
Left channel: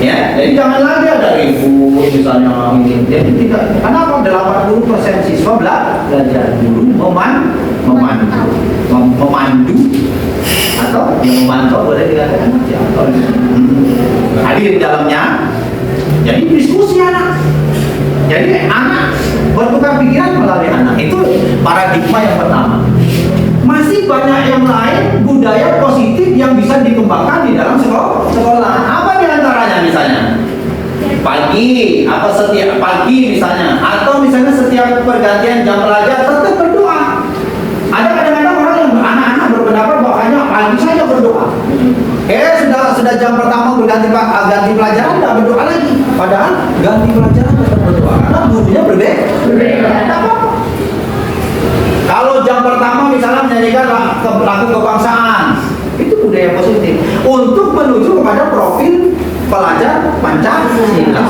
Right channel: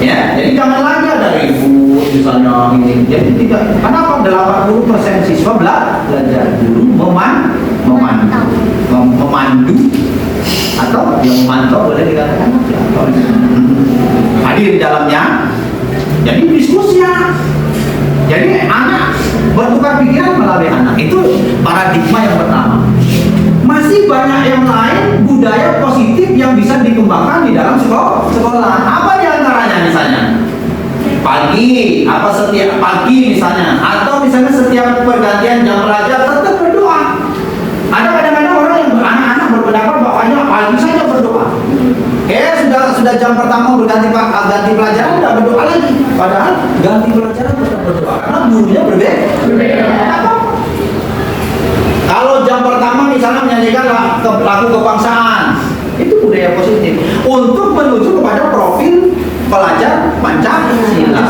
Ya, jadi jangan lagi ada ribut misalnya ini. Jadi tidak. Kenapa 80% siswa belajar dulu memandu atau yang memantau boleh dikatakan hadir di dalamnya. Jadi diskusi ya. Jadi anak bertukar pikiran melalui anak, itu paradigma yang pertama. Masih banyak yang lain budaya positif yang bisa dikembangkan di dalam sekolah. Apa di antaranya misalnya? Pagi atau setiap pagi misalnya, atau misalnya setiap pergantian jam pelajaran tetap berdoa. Ada kadang-kadang orang yang anak-anak berpendapat bahwanya pagi saja berdoa. Sudah jam pertama berganti pelajaran tidak berdoa lagi. Padahal ganti pelajaran tetap berdoa karena gurunya berbeda. Kalau jam pertama misalnya menyanyikan lagu kebangsaan, itu budaya positif untuk menuju kepada profil pelajar Pancasila.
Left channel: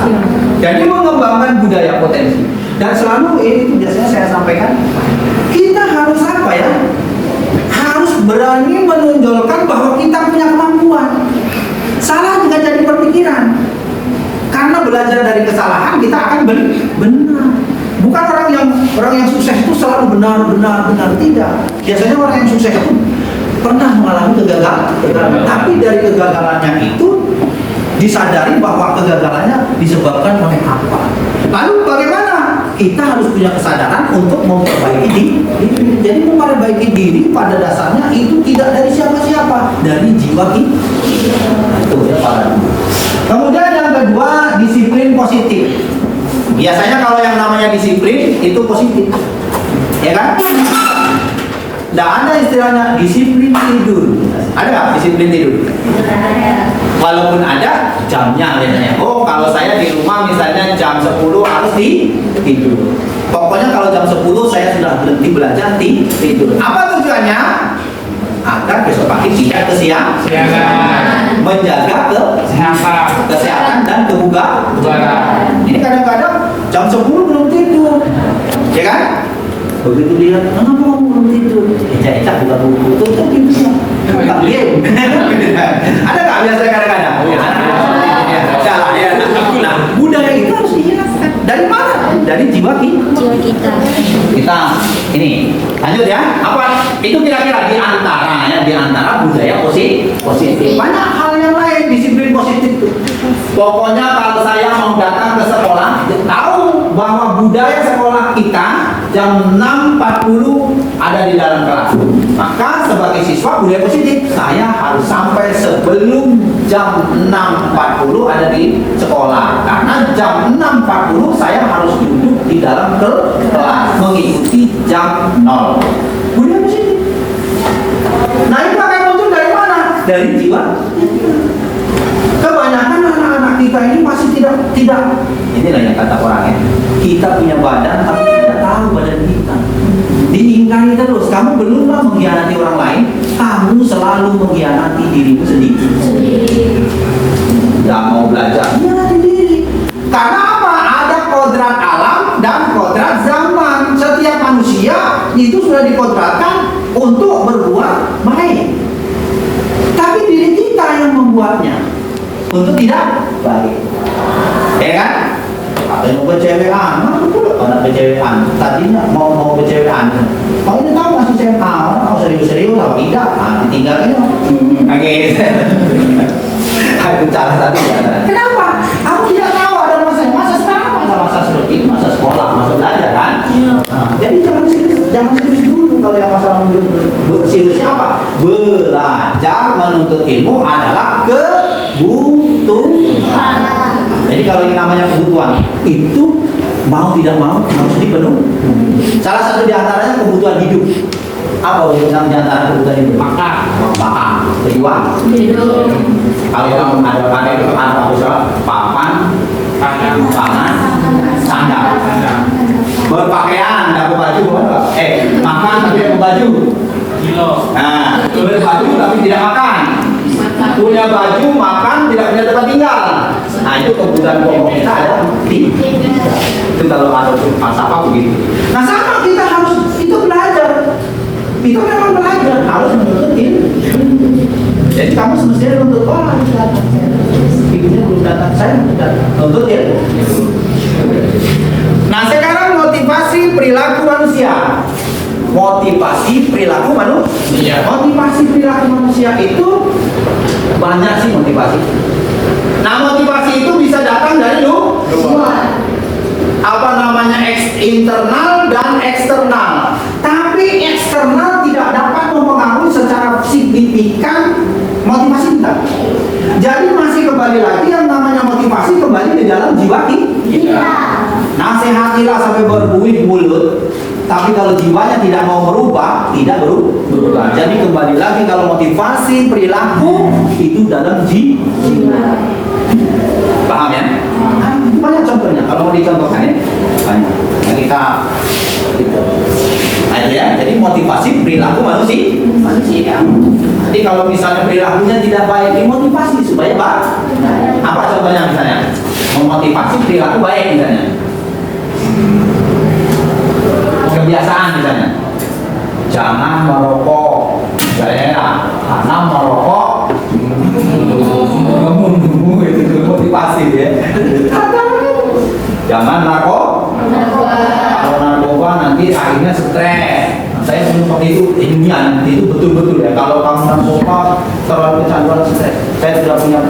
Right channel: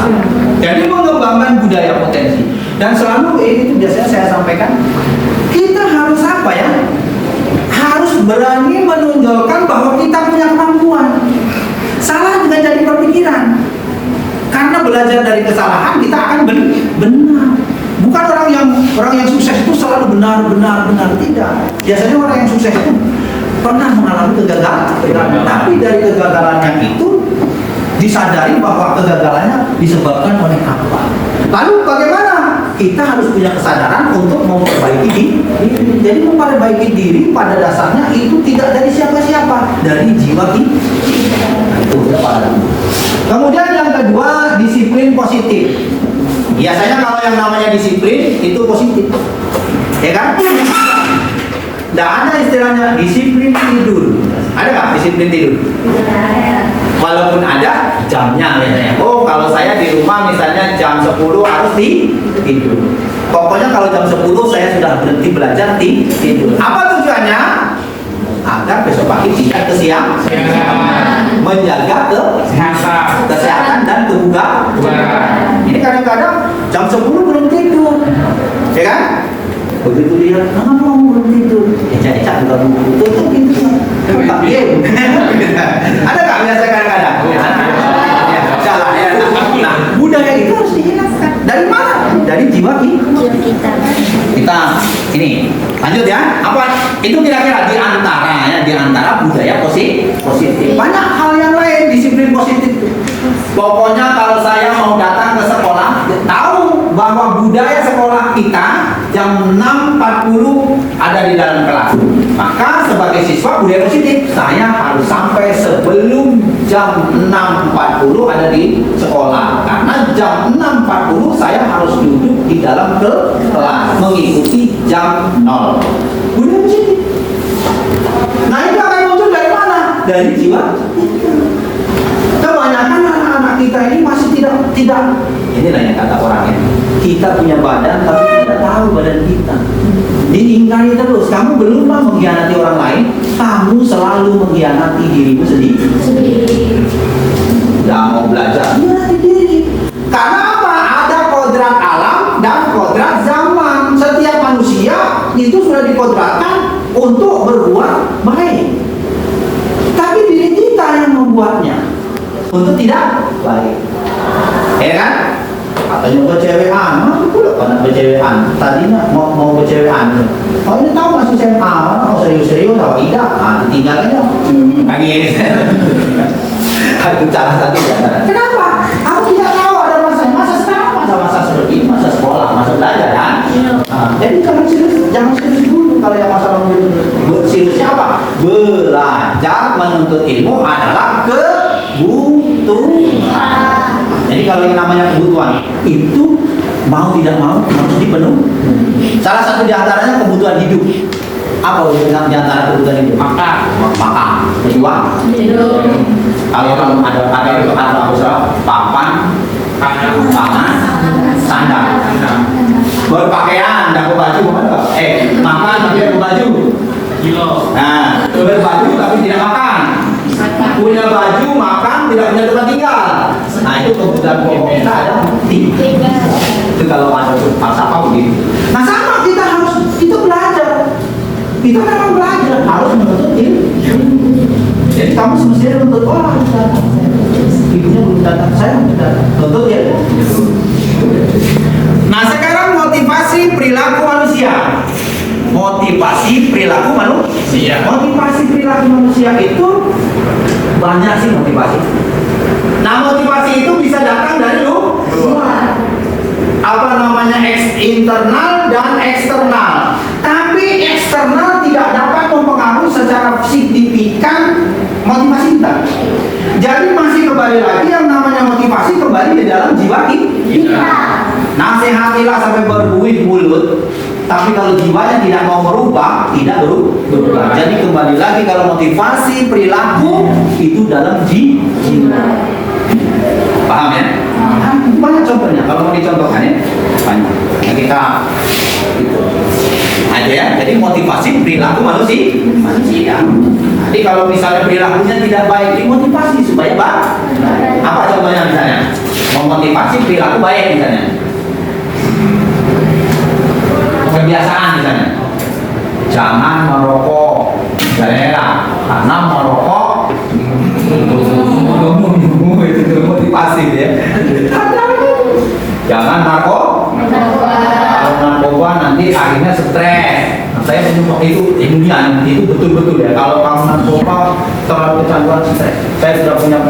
Jadi mengembangkan budaya potensi. Dan selalu itu biasanya saya sampaikan, kita harus apa ya? Harus berani menonjolkan bahwa kita punya kemampuan. Salah juga jadi berpikiran. Karena belajar dari kesalahan kita akan benar. Bukan orang yang sukses itu selalu benar tidak. Biasanya orang yang sukses itu pernah mengalami kegagalan. Tapi dari kegagalannya itu disadari bahwa kegagalannya disebabkan oleh apa. Lalu bagaimana? Kita harus punya kesadaran untuk memperbaiki diri. Jadi memperbaiki diri pada dasarnya itu tidak dari siapa-siapa, dari jiwa kita. Nah, itu ya Pak. Kemudian yang kedua, disiplin positif. Biasanya kalau yang namanya disiplin itu positif, ya kan? Tidak ada istilahnya disiplin tidur. Ada nggak disiplin tidur? Walaupun ada jamnya biasanya. Kalau saya di rumah misalnya jam 10 harus tidur. Pokoknya kalau jam 10 saya sudah berhenti belajar tidur. Apa tujuannya? Agar besok pagi tidak kesiangan. Menjaga kesehatan dan kebugaran. Ini kadang-kadang jam 10 belum tidur, ya kan? Begitu dia, kenapa kamu belum tidur? Ecak-ecak buka buku, tutup pintunya. Tak game. Ada nggak biasa kadang-kadang? Ya, salah ya. Nah, budaya itu harus dihilangkan. Dari mana? Dari jiwa kita. Kita ini lanjut ya. Apa itu kira-kira di antara budaya positif. Banyak hal yang lain disiplin positif. Pokoknya kalau saya mau datang ke sekolah, tahu bahwa budaya sekolah kita jam 6.40 ada di dalam kelas. Maka sebagai siswa budaya positif, saya harus sampai sebelum jam 6.40 ada di sekolah. Karena jam 6.40 saya harus duduk di dalam kelas mengikuti jam 0. Budaya positif. Nah, itu akan muncul dari mana? Dari jiwa. Kebanyakan anak-anak kita ini masih tidak. Inilah yang kata orangnya. Kita punya badan tapi tidak tahu badan kita. Diingkari terus. Kamu belumlah mengkhianati orang lain, kamu selalu mengkhianati dirimu sendiri. Tidak mau belajar, mengkhianati diri. Karena apa? Ada kodrat alam dan kodrat zaman. Setiap manusia itu sudah dikodratkan untuk berbuat baik. Tapi diri kita yang membuatnya untuk tidak baik, ya kan? Katanya bercewekan, mana pula pada bercewekan? Tadinya mau bercewekan. Oh ini tahu masih SMA, mau serius-serius atau tidak? Nah, tinggal aja. Nangis. Itu cara satu ya. Kenapa? Aku tidak tahu ada masa sekarang, masa seperti ini, masa sekolah, masa belajar kan? Nah, jadi jangan serius dulu kalau yang masalah seriusnya apa? Belajar menuntut ilmu adalah kebutuhan. Jadi kalau yang namanya kebutuhan itu mau tidak mau harus dipenuhi. Salah satu di antaranya kebutuhan hidup. Apa kebutuhan di antara kebutuhan hidup? Makan, berjuang. Kalau ada usaha papan, pangan, sandal, berpakaian, dapat baju, makan tapi dapat baju. Nah, berbaju tapi tidak makan. Punya baju, makan, tidak punya tempat tinggal. Nah, itu kebutuhan pokok kita ada. Itu kalau ada falsafah begitu. Nah, sama kita harus itu belajar. Itu memang belajar, harus menuntut ilmu. Jadi kamu semestinya menuntut orang. Ibunya belum datang, saya belum datang. Menuntut ilmu. Nah, sekarang motivasi perilaku manusia. Motivasi perilaku manusia. Motivasi perilaku manusia itu banyak sih motivasi. Nah, motivasi itu bisa datang dari luar. Apa namanya internal dan eksternal. Tapi eksternal tidak dapat mempengaruhi secara signifikan motivasi kita. Jadi masih kembali lagi yang namanya motivasi kembali di dalam jiwa kita. Nasihatilah sampai berbuih-bulut. Tapi kalau jiwanya tidak mau merubah, tidak berubah. Jadi kembali lagi kalau motivasi perilaku itu dalam jiwa. Paham ya? Banyak contohnya. Kalau mau dicontohkan ya, banyak. Nah, kita itu. Nah, itu ya. Jadi motivasi perilaku manusia. Jadi kalau misalnya perilakunya tidak baik, dimotivasi supaya baik. Apa contohnya misalnya? Memotivasi perilaku baik misalnya. Kebiasaan misalnya, jangan merokok daerah karena merokok itu motivasi ya. Jangan kalau narkoba nanti akhirnya stres. Saya menyumpah itu ilmiah, itu betul-betul ya. Kalau kamu narkoba terlalu kecanduan stres. Saya sudah punya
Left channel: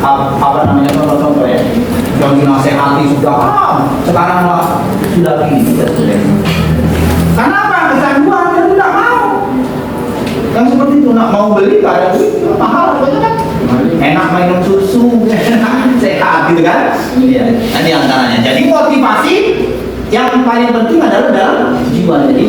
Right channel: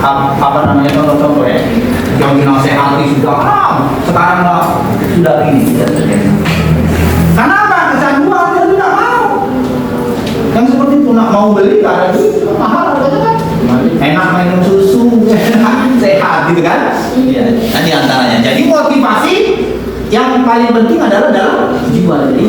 apa namanya contoh ya. Yang dinasehati sudah sekarang sudah begini. Karena apa? Kecanduan dia tidak mau. Yang seperti itu nak mau beli karena itu mahal kan? Enak minum susu, sehat gitu kan? Iya. Nah, di antaranya. Jadi motivasi yang paling penting adalah dalam jiwa. Jadi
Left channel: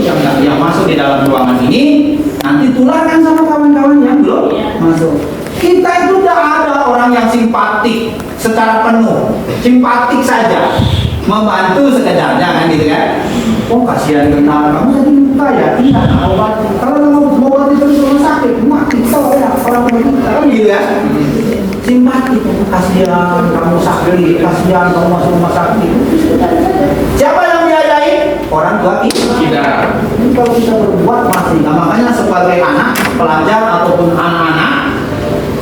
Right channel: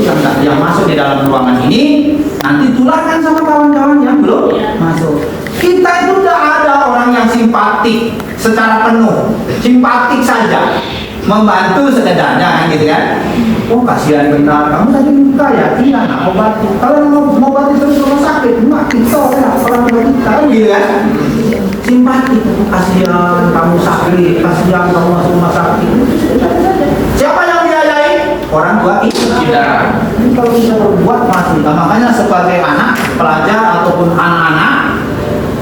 yang masuk di dalam ruangan ini nanti tularkan sama kawan-kawan yang belum masuk. Kita itu tidak ada orang yang simpatik secara penuh, simpatik saja, membantu sekedarnya kan gitu kan? Oh kasihan benar, kamu tadi minta ya, iya aku bantu. Kalau mau bantu terus rumah sakit, mati kau ya, orang tua kita gitu kan? Simpatik, kasihan kamu sakit, kasihan kamu masuk rumah sakit. Siapa yang biayai? Orang tua kita. Kalau kita berbuat masih, nah, makanya sebagai anak, pelajar ataupun anak-anak,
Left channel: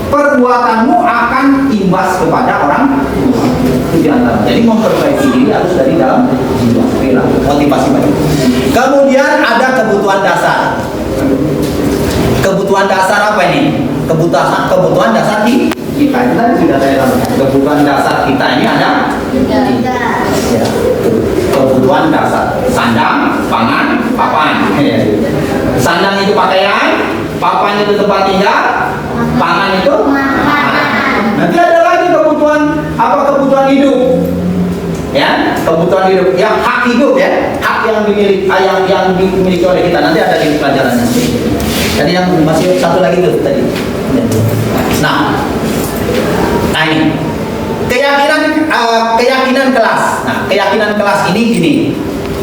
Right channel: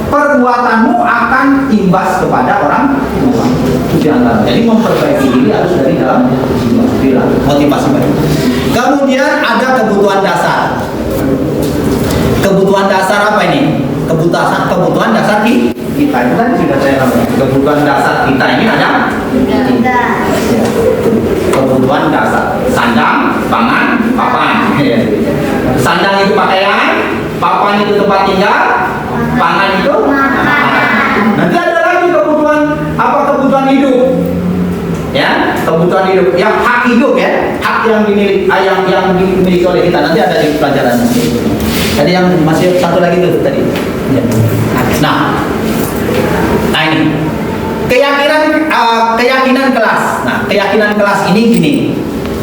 perbuatanmu akan imbas kepada orang tua. Itu di antara. Jadi memperbaiki diri harus dari dalam jiwa, perilaku, motivasi baik. Kemudian ada kebutuhan dasar. Kebutuhan dasar apa ini? Kebutuhan dasar kita. Itu tadi sudah saya sampaikan. Kebutuhan dasar kita ini ada kebutuhan dasar. Sandang, pangan, papan. Sandang itu pakaian, papan itu tempat tinggal, pangan itu nanti ada lagi kebutuhan hidup ya, kebutuhan hidup yang hak hidup ya, hak yang dimiliki oleh kita, nanti ada di pelajarannya. Tadi yang masih satu lagi tuh tadi. Nah ini keyakinan kelas. Nah, keyakinan kelas ini gini.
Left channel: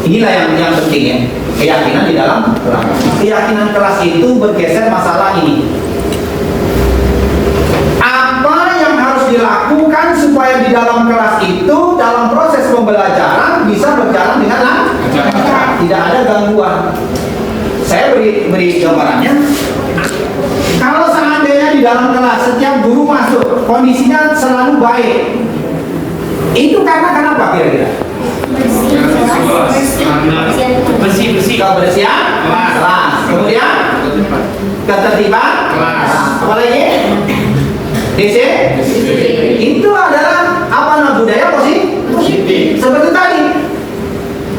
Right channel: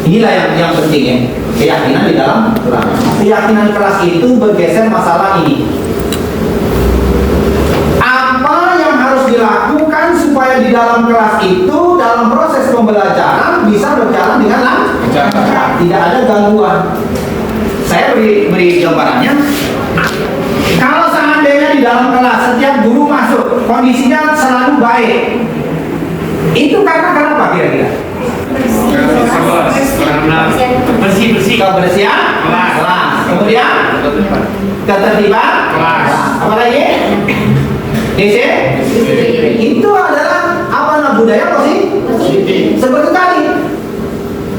Inilah yang penting ya. Keyakinan di dalam kelas. Keyakinan kelas itu bergeser masalah ini. Apa yang harus dilakukan supaya di dalam kelas itu dalam proses pembelajaran bisa berjalan dengan lancar, tidak ada gangguan. Saya beri gambarannya. Kalau seandainya di dalam kelas setiap guru masuk kondisinya selalu baik, itu karena kenapa kira-kira? Bersih kebersihan kelas, kemudian ketertiban kelas, apa lagi? Itu adalah apa budaya positif. Seperti tadi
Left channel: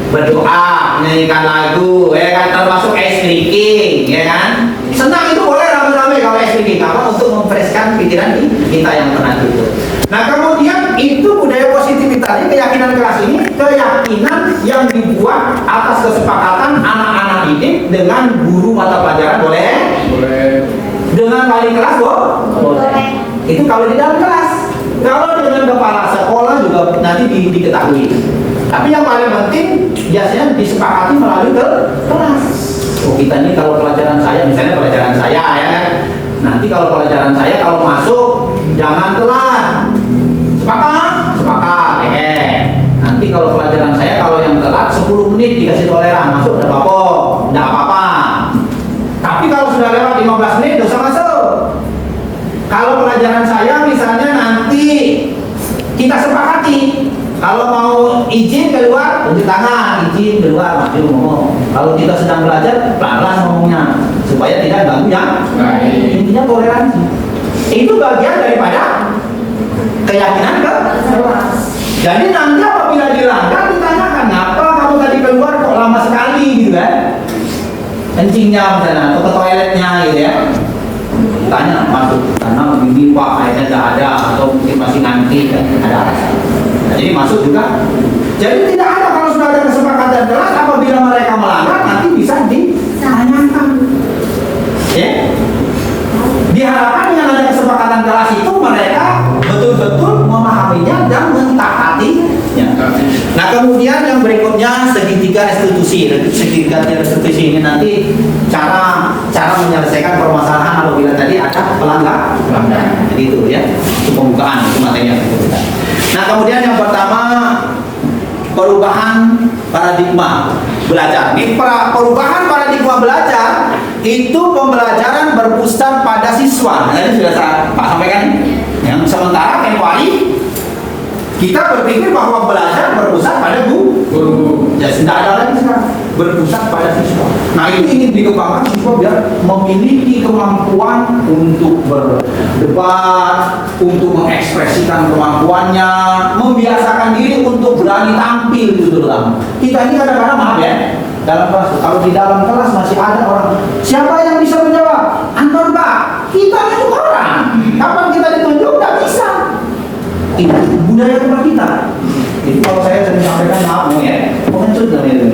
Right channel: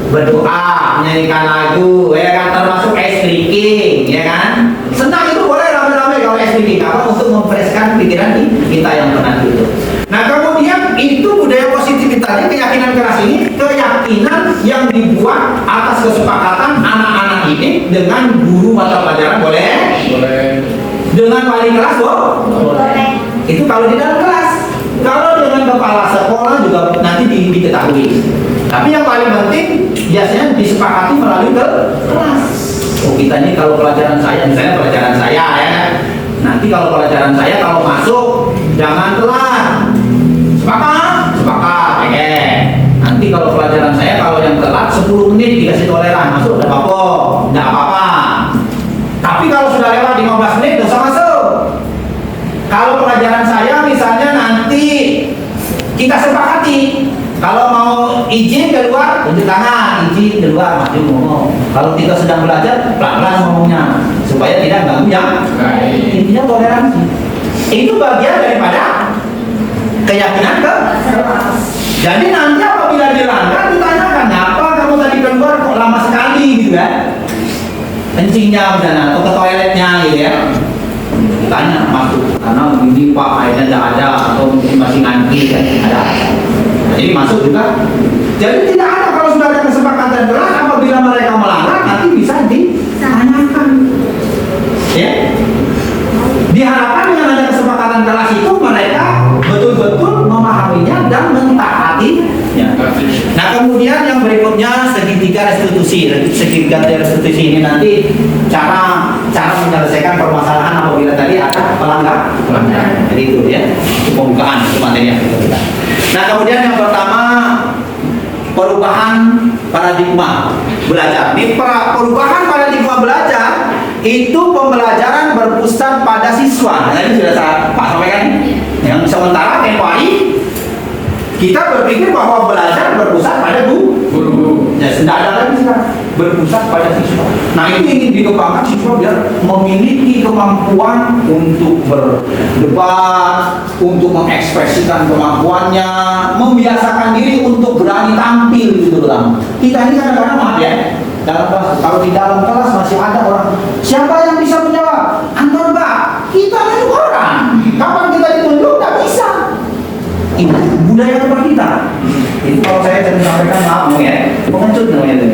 berdoa, menyanyikan lagu, ya kan, termasuk ice drinking, ya kan. Senang itu boleh rame-rame kalau ice drinking, apa untuk memfreshkan pikiran kita yang penat itu. Nah kemudian itu budaya positif keyakinan yang dibuat atas kesepakatan anak-anak ini dengan guru mata pelajaran boleh? Boleh. Dengan wali kelas boleh? Itu kalau di dalam kelas. Kalau dengan kepala sekolah juga nanti diketahui. Tapi yang paling penting biasanya disepakati melalui ke kelas. Oh, kita ini kalau pelajaran saya, misalnya pelajaran saya ya, nanti kalau pelajaran saya kalau masuk jangan telat. Sepakat? Sepakat. Nanti kalau pelajaran saya kalau yang telat 10 menit dikasih toleran masuk enggak apa-apa, enggak apa-apa. Tapi kalau sudah lewat 15 menit dosa masuk. Kalau pelajaran saya misalnya nanti kita sepakati kalau mau izin keluar tunjuk tangan, izin keluar maju ngomong. Kalau kita sedang belajar pelan-pelan ngomongnya supaya tidak ganggu yang lain. Intinya toleransi. Itu bagian daripada keyakinan ke kelas. Jadi nanti apabila dilanggar ditanyakan, apa kamu tadi keluar kok lama sekali gitu kan? Kencingnya misalnya atau ke toiletnya gitu ya. Tanya masuk karena ini Pak airnya tidak ada atau mungkin masih ngantri kan ada. Jadi masuk juga. Jadi tidak ada kalau sudah ada kesepakatan kelas apabila mereka melanggar nanti bisa ditanyakan. Ya. Diharapkan dengan ada kesepakatan kelas itu mereka betul-betul memahaminya dan mentaatinya. Nah kemudian yang berikutnya segitiga restitusi. Segitiga restitusi ini nanti cara menyelesaikan permasalahan apabila tadi ada pelanggaran. Jadi itu ya, itu pembukaan itu materi yang kita. Nah kemudian yang pertama perubahan paradigma belajar. Di perubahan paradigma belajar itu pembelajaran berpusat pada siswa. Nah, ini sudah Pak sampaikan. Yang sementara tempohari kita berpikir bahwa belajar berpusat pada guru. Ya tidak ada lagi sekarang berpusat pada siswa. Nah itu ingin dikembangkan siswa biar memiliki kemampuan untuk berdebat, untuk mengekspresikan kemampuannya, membiasakan diri untuk berani tampil itu terutama. Kita ini kadang-kadang maaf ya, dalam kelas kalau di dalam kelas masih ada orang siapa yang bisa menjawab? Anton Pak, kita kan orang. Kapan kita ditunjuk? Tidak bisa. Itu budaya tempat kita. Itu kalau saya sering sampaikan maaf ya, pengecut namanya itu.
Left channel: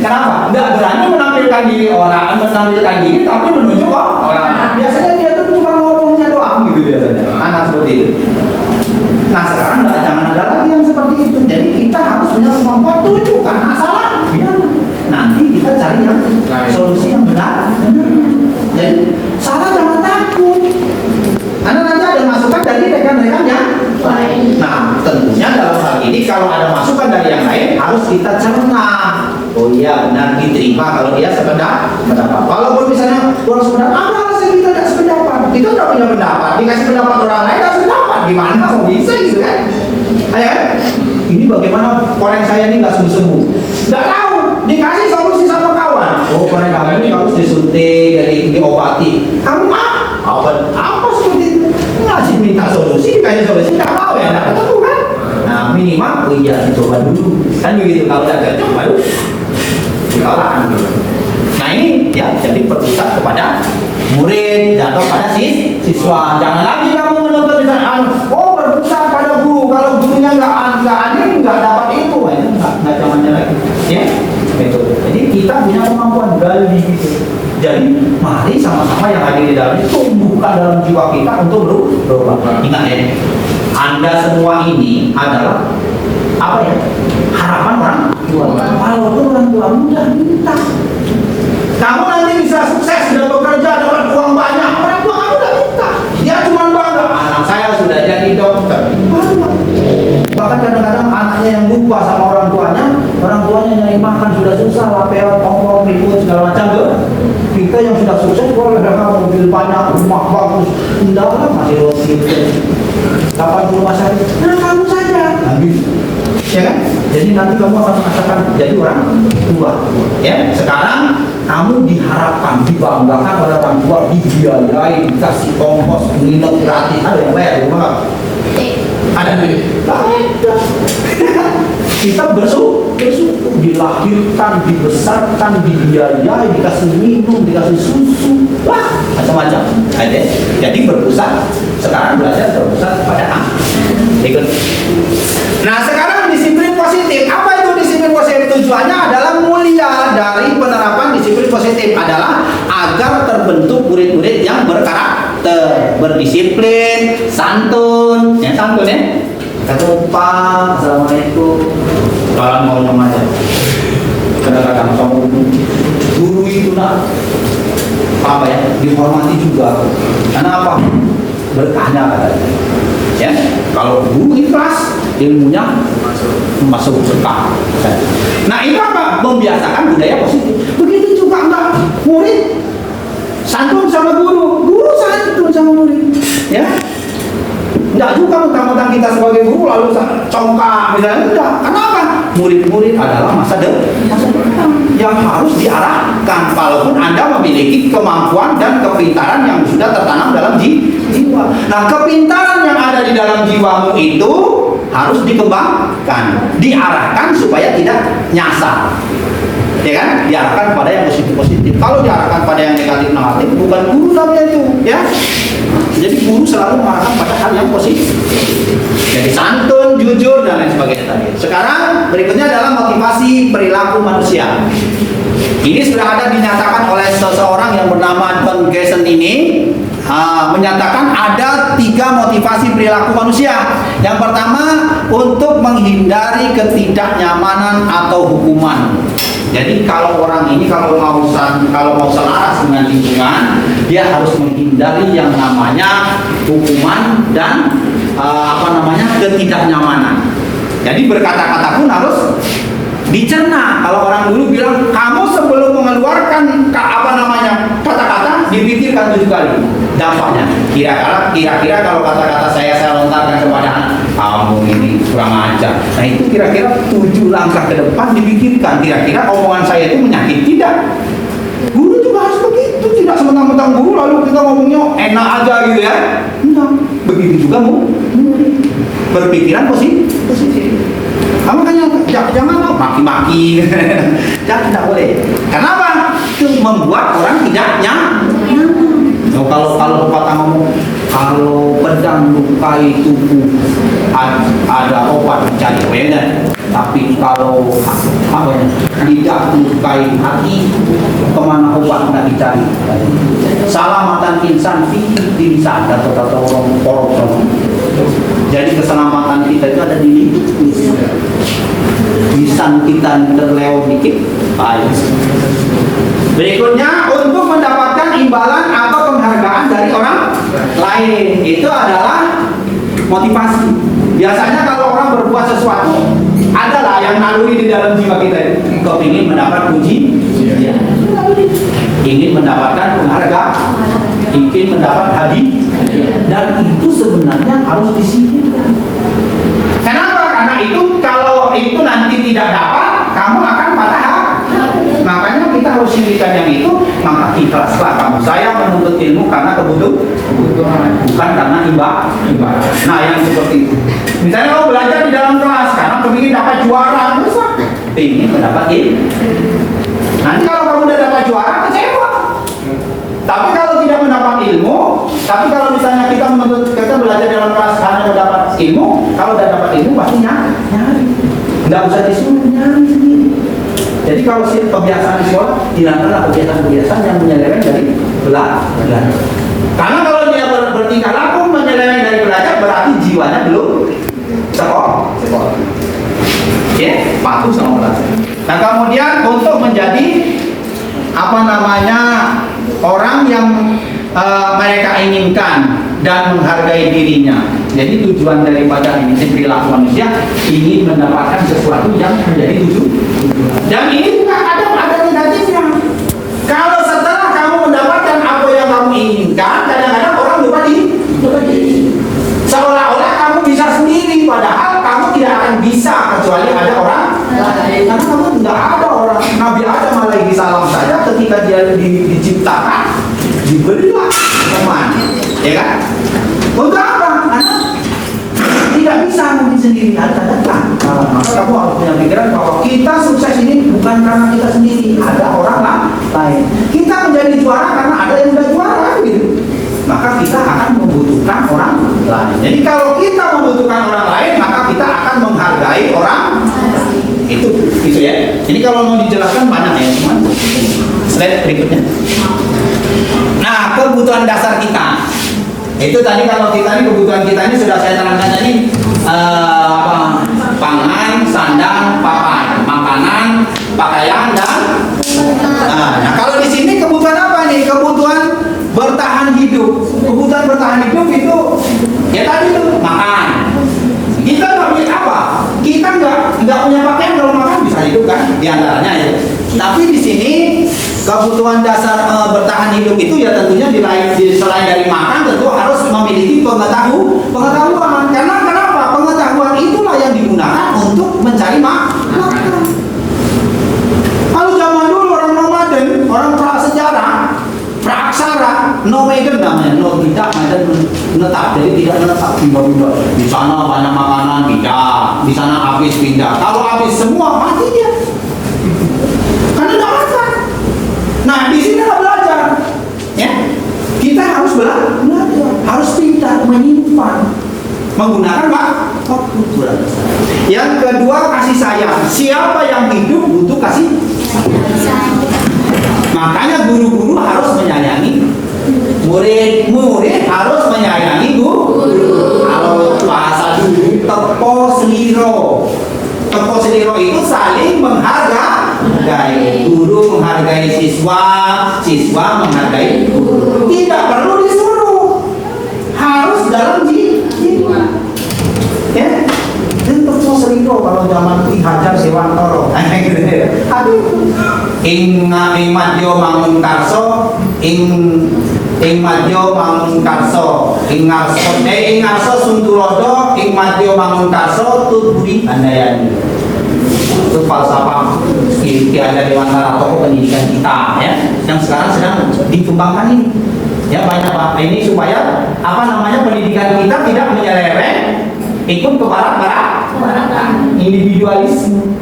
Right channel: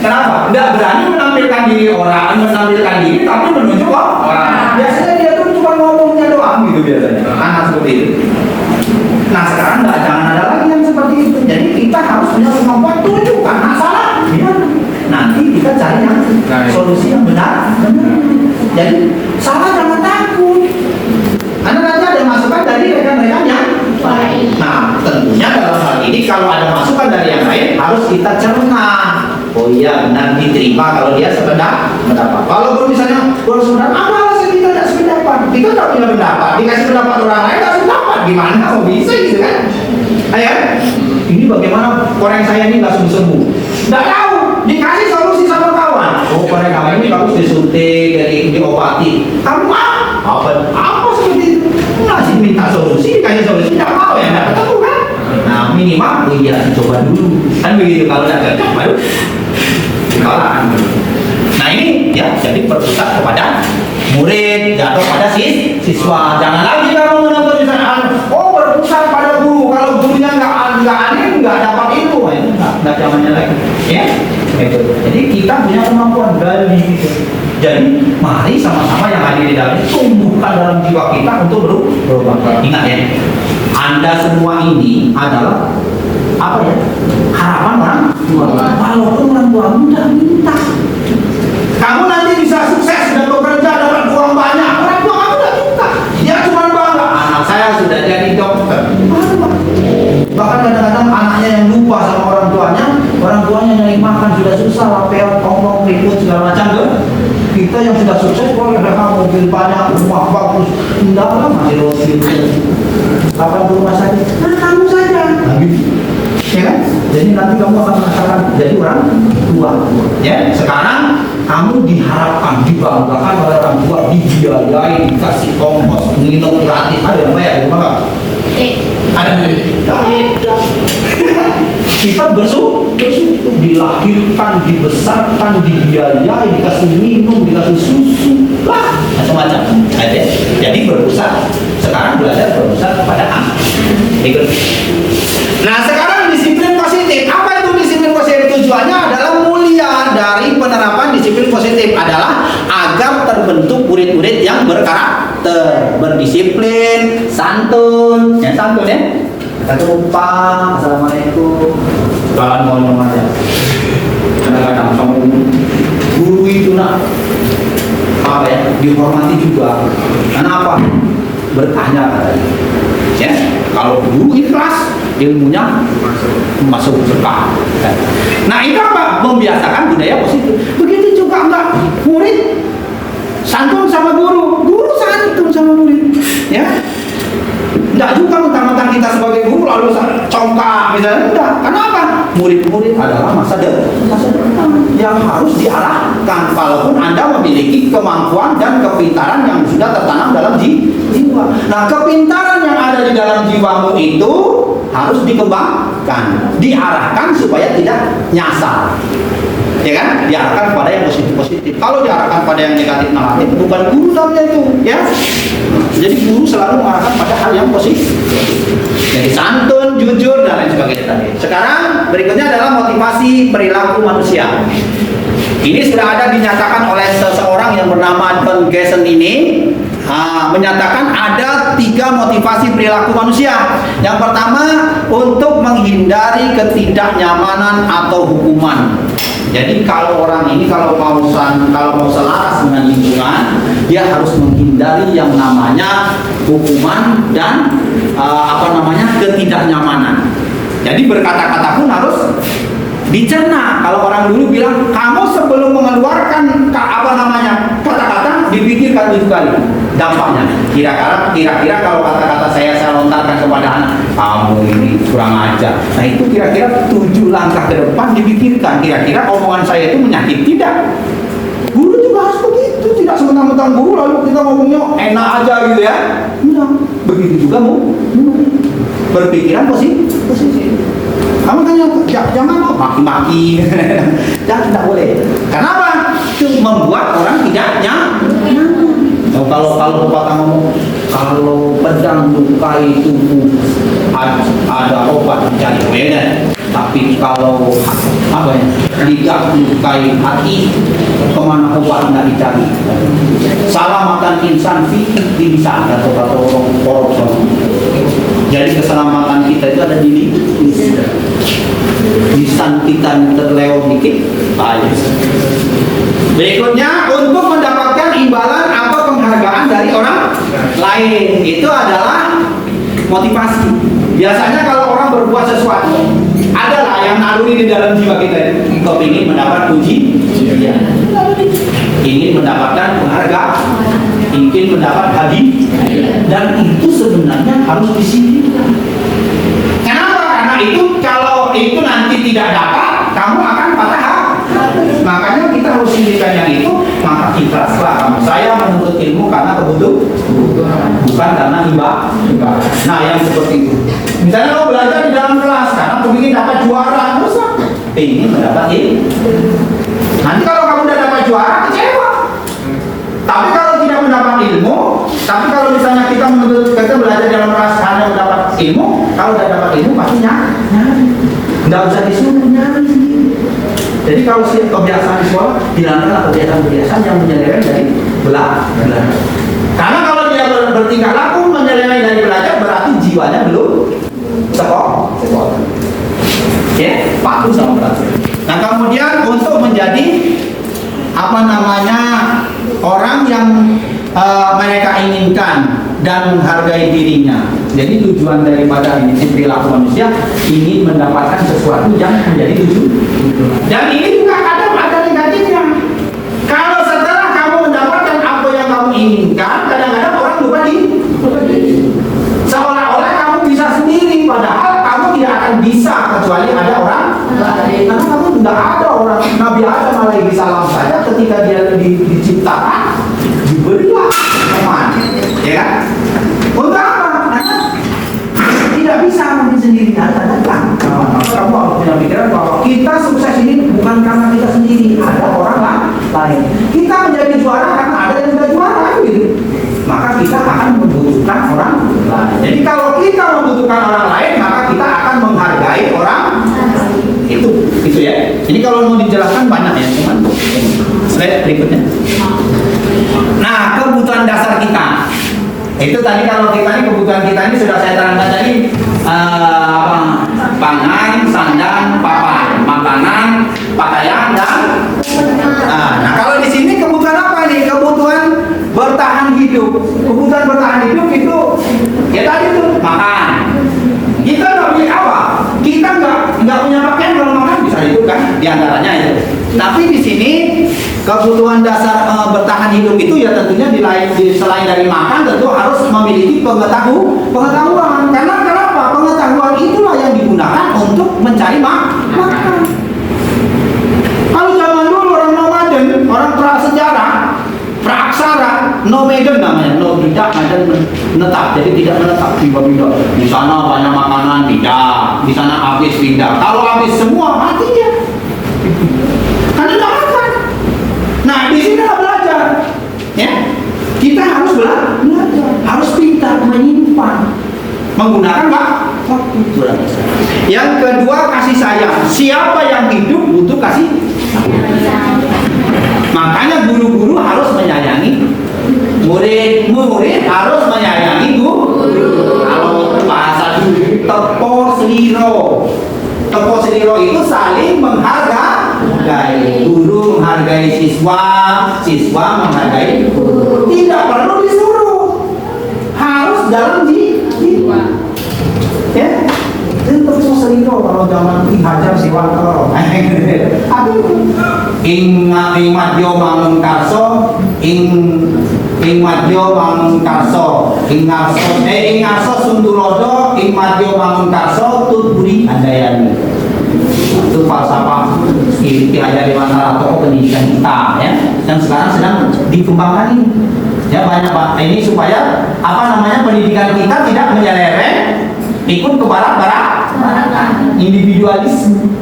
Kenapa? Tidak berani menampilkan diri orang, menampilkan diri tapi menunjuk orang. Biasanya dia tuh cuma ngomongnya doang gitu biasanya. Anak seperti itu. Nah sekarang jangan ada lagi yang seperti itu. Jadi kita harus punya kemampuan tunjukkan masalah. Nanti kita cari yang solusi yang benar. Jadi salah jangan takut. Karena nanti ada masukan dari rekan-rekan yang lain. Nah, tentunya dalam hal ini kalau ada masukan dari yang lain harus kita cerna. Oh iya benar diterima kalau dia sekedar pendapat. Walaupun misalnya kurang sependapat, apa alasan kita tidak sependapat? Kita tidak punya pendapat. Dikasih pendapat orang lain tidak sependapat. Gimana kok bisa gitu kan? Ayo, ini bagaimana koreng saya ini nggak sembuh-sembuh? Nggak tahu. Dikasih solusi sama kawan. Oh koreng kamu ini harus disuntik, diobati. Kamu apa seperti itu? Ngasih minta solusi, dikasih solusi nggak mau ya nggak ketemu kan? Nah minimal oh iya coba dulu kan begitu kalau nggak cocok baru dikalahan. Nah ini ya jadi berpusat kepada murid atau pada siswa. Jangan lagi kamu menuntut misalnya oh berpusat pada guru kalau gurunya nggak adil nggak dapat ilmu itu nggak zamannya lagi ya. Gitu. Jadi kita punya kemampuan gali gitu. Jadi mari sama-sama yang hadir di dalam ini tumbuhkan dalam jiwa kita untuk berubah. Ingat ya, Anda semua ini adalah apa ya? Harapan orang tua. Walaupun orang tua muda minta, kamu nanti bisa sukses dan bekerja dapat uang banyak. Orang tua kamu udah minta, dia cuma bangga. Anak saya sudah jadi dokter. Bahkan kadang-kadang anaknya yang lupa sama orang tuanya nyari makan sudah susah, lapel, ngomong, ribut segala macam tuh. Kita yang sudah sukses, kalau ada mobil banyak, rumah bagus, enggak masih gitu. 80 masa nah kamu saja, ya kan? Jadi nanti kamu akan merasakan jadi orang tua. Ya, sekarang kamu diharapkan, dibanggakan pada orang tua, dibiayai, dikasih ongkos, minum gratis, ada yang bayar, gimana? Ada kita bersyukur dilahirkan, dibesarkan, dibiayai, dikasih minum, dikasih susu, lah macam-macam. Jadi berpusat sekarang belajar berpusat kepada ikut. Nah sekarang disiplin positif. Apa itu santun ya. Kata Pak, assalamualaikum, jalan ngomong aja. Kadang-kadang sama guru itu nak apa ya, dihormati juga. Kenapa? Berkahnya katanya. Ya, kalau guru ikhlas, ilmunya masuk berkah. Nah itu apa? Membiasakan budaya positif. Begitu juga enggak murid santun sama guru, guru santun sama murid. Ya. Tidak juga mentang-mentang kita sebagai guru lalu congkak misalnya, tidak. Kenapa? Murid-murid adalah masa depan yang harus diarahkan, walaupun Anda memiliki kemampuan dan kepintaran yang sudah tertanam dalam jiwa. Nah, kepintaran yang ada di dalam jiwamu itu harus dikembangkan, diarahkan supaya tidak nyasar. Ya kan? Diarahkan pada yang positif-positif. Kalau diarahkan pada yang negatif-negatif, bukan guru namanya itu, ya. Jadi guru selalu mengarahkan pada hal yang positif. Jadi santun, jujur, dan lain sebagainya tadi. Sekarang berikutnya adalah motivasi perilaku manusia. Ini sudah ada dinyatakan oleh seseorang yang bernama Don Gessen ini. Menyatakan ada 3 motivasi perilaku manusia. Yang pertama, untuk menghindari ketidaknyamanan atau hukuman. Jadi kalau orang ini kalau mau selaras dengan lingkungan, dia harus menghindari yang namanya hukuman dan ketidaknyamanan. Jadi berkata-kata pun harus dicerna. Kalau orang dulu bilang, kamu sebelum mengeluarkan kata-kata dipikirkan 7 kali dampaknya. Kira-kira kalau kata-kata saya lontarkan kepada anak, kamu ini kurang ajar. Nah itu kira-kira 7 langkah ke depan dipikirkan. Kira-kira omongan saya itu menyakiti tidak? Guru juga harus begitu. Tidak sementang-mentang guru lalu kita ngomongnya enak aja gitu ya. Enggak. Begitu juga berpikiran positif. Makanya jangan maki-maki. Tidak boleh. Kenapa? Itu membuat orang tidak nyaman. Kalau pepatah ngomong, kalau pedang lukai tubuh ada obat mencari wedan. Tapi kalau lidah lukai hati, kemana obat nggak dicari? Salamatan insan bisa kata orang korupsi. Jadi keselamatan kita itu ada di lisan kita yang terlewat dikit. Baik. Berikutnya, untuk mendapatkan imbalan atau penghargaan dari orang lain, itu adalah motivasi. Biasanya kalau orang berbuat sesuatu, adalah yang naluri di dalam jiwa kita. Kita ingin mendapat puji, ingin mendapatkan penghargaan, ingin mendapat hadiah, dan itu sebenarnya harus disingkirkan. Kenapa? Karena itu kalau itu nanti tidak dapat, kamu akan patah hati. Makanya kita harus singkirkan yang itu. Maka ikhlaslah kamu. Saya menuntut ilmu karena kebutuhan, bukan karena ibadah. Nah yang seperti itu. Misalnya kalau belajar di dalam kelas karena ingin dapat juara, terus ingin mendapat ilmu. Nanti kalau kamu udah dapat juara, kecewa. Tapi kalau tidak mendapat ilmu, tapi kalau misalnya kita belajar dalam kelas hanya mendapat ilmu, kalau udah dapat ilmu pasti nyari. Nggak usah disuruh nyari sendiri. Jadi kalau kebiasaan di sekolah, hilangkanlah kebiasaan-kebiasaan yang menyeleweng dari belajar. Karena kalau dia bertingkah laku menyeleweng dari belajar, berarti jiwanya belum sekolah. Ya, patuh sama belajar. Nah kemudian untuk menjadi orang yang mereka inginkan dan menghargai dirinya. Jadi tujuan daripada ini perilaku manusia ingin mendapatkan sesuatu yang menjadi tujuan. Dan ini juga ada negatifnya. Kalau setelah kamu mendapatkan apa yang kamu inginkan, kadang-kadang orang lupa diri. Seolah-olah kamu bisa sendiri, padahal kamu tidak akan bisa kecuali ada orang lain. Karena kamu tidak ada orang. Nabi Adam alaihi salam saja ketika dia diciptakan diberilah teman, ya kan? Untuk apa? Karena tidak bisa mungkin sendiri, ada datang. Maka kamu harus punya pikiran bahwa kita sukses ini bukan karena kita sendiri, ada orang lain. Kita menjadi juara karena ada yang sudah juara, gitu. Maka kita akan membutuhkan orang lain. Jadi kalau kita membutuhkan orang lain, maka kita akan menghargai orang itu ya. Ini kalau mau dijelaskan banyak ya, teman. Slide berikutnya. Nah, kebutuhan dasar kita. Itu tadi kalau kita ini kebutuhan kita ini sudah saya terangkan tadi, pangan, sandang, papan, makanan, pakaian dan nah kalau di sini kebutuhan apa nih? Kebutuhan bertahan hidup. Kebutuhan bertahan hidup itu ya tadi itu makan. Kita nggak punya apa? Kita nggak punya pakaian, kalau makan bisa hidup kan? Di antaranya ya. Tapi di sini kebutuhan dasar bertahan hidup itu ya tentunya selain dari makan tentu harus memiliki pengetahuan. Karena kenapa? Pengetahuan itulah yang digunakan untuk mencari makan. Kalau zaman dulu orang nomaden, orang prasejarah, praksara, nomaden namanya, no tidak, menetap, jadi tidak menetap, pindah-pindah. Di sana banyak makanan, pindah. Di sana habis, pindah. Kalau habis semua mati dia. Karena nggak makan. Nah di sini kita belajar, ya. Kita harus belajar, harus pintar menyimpan, menggunakan waktu belajar. Yang kedua kasih sayang. Siapa yang hidup butuh kasih sayang. Makanya guru-guru harus menyayangi murid harus menyayangi guru. Kalau bahasa dulu tepo seliro. Tepo seliro itu saling menghargai. Guru menghargai siswa, siswa menghargai guru. Tidak perlu disuruh. Harus dalam jiwa. Ya. Itu tepo seliro kalau zaman Ki Hajar Dewantara. Aduh. Ing madya mangun karso, ing madya mangun karso, ing ngarso suntulodo, ing madya mangun karso tuturi andayani. Itu falsafah Ki Hajar Dewantara, tokoh pendidikan kita ya, yang sekarang sedang dikembangkan ini. Ya banyak Pak. Ini supaya pendidikan kita tidak menyeleweng ikut ke barat-barat individualisme.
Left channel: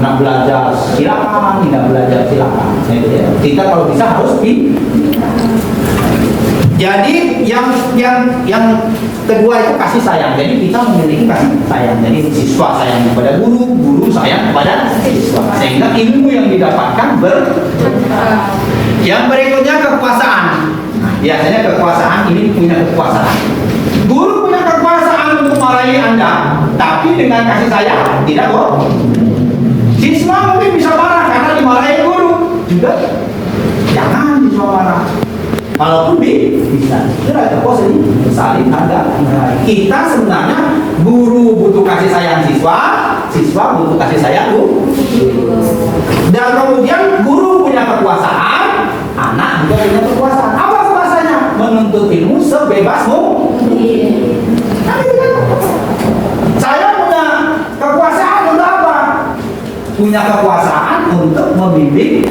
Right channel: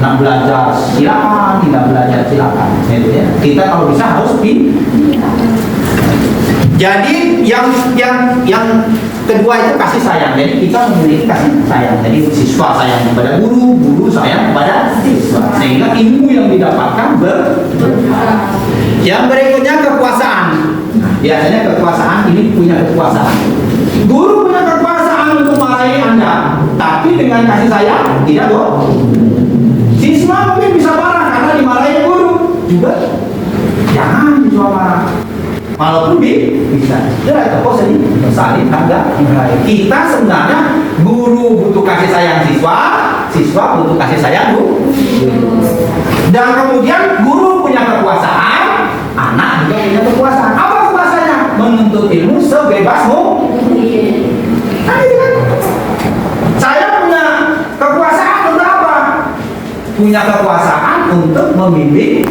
Nggak belajar silakan, nggak belajar silakan. Kita kalau bisa harus Jadi yang kedua itu kasih sayang. Jadi kita memiliki kasih sayang. Jadi siswa sayang kepada guru, guru sayang kepada siswa. Sehingga ilmu yang didapatkan Yang berikutnya kekuasaan. Biasanya kekuasaan ini punya kekuasaan. Guru punya kekuasaan untuk marahi Anda, tapi dengan kasih sayang tidak bohong. Siswa mungkin bisa marah karena dimarahin guru juga. Jangan siswa marah. Walaupun bisa. Jadi kok saling hargai. Kita sebenarnya guru butuh kasih sayang siswa, siswa butuh kasih sayang guru. Dan kemudian guru punya kekuasaan, anak juga punya kekuasaan. Apa kekuasaannya? Menuntut ilmu sebebas mungkin. Saya punya kekuasaan untuk apa? Punya kekuasaan untuk membimbing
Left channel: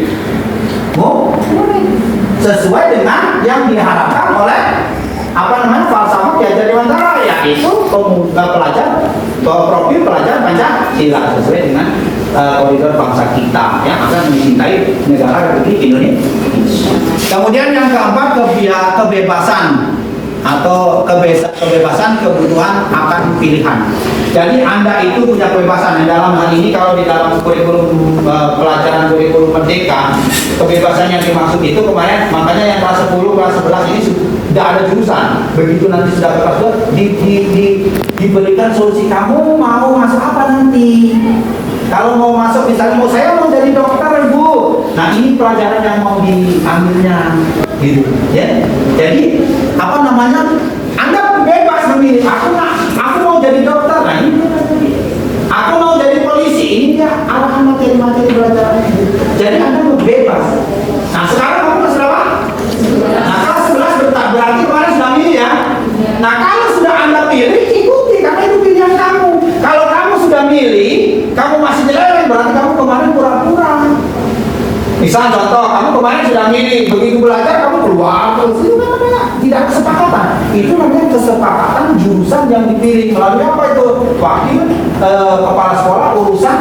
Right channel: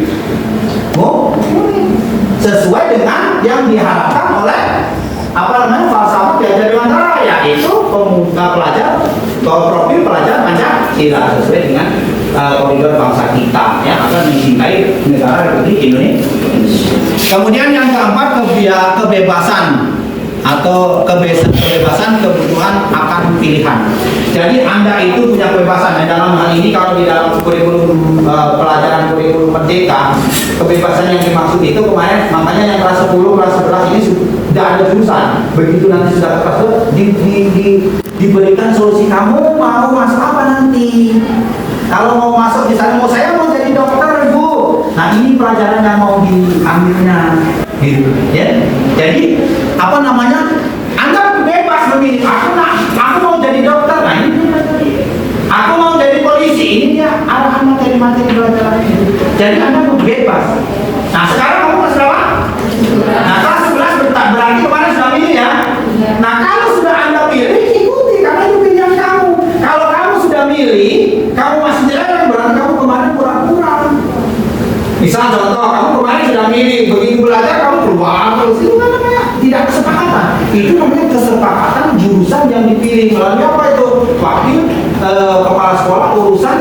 sesuai dengan yang diharapkan oleh falsafah Ki Hajar Dewantara, yaitu profil pelajar Pancasila sesuai dengan koridor bangsa kita yang akan mencintai negara Republik Indonesia. Kemudian yang keempat kebebasan atau kebebasan kebutuhan akan pilihan. Jadi Anda itu punya kebebasan. Dalam hal ini kalau di dalam kurikulum pelajaran kurikulum merdeka, kebebasan yang dimaksud itu kemarin makanya yang kelas 10, kelas 11 ini sudah ada jurusan. Begitu nanti sudah ke kelas 2 diberikan solusi, kamu mau masuk apa nanti? Kalau mau masuk misalnya saya mau jadi dokter, Bu. Nah, ini pelajaran yang mau diambilnya gitu ya. Jadi Anda bebas memilih. Aku mau jadi dokter, nah ini aku mau jadi polisi, ini dia arahan materi-materi pelajaran. Jadi Anda bebas. Nah sekarang kamu kelas berapa? Nah kelas 11 berarti kemarin sudah milih ya. Nah kalau sudah Anda pilih, ikuti karena itu pilihan kamu. Kalau kamu sudah milih, kamu masih jelek, berarti kamu kemarin kurang-kurang. Misal contoh, kamu kemarin sudah milih, begitu belajar kamu keluar terus, itu namanya tidak kesepakatan. Itu namanya kesepakatan jurusan yang dipilih melalui apa itu? Wakil kepala sekolah urusan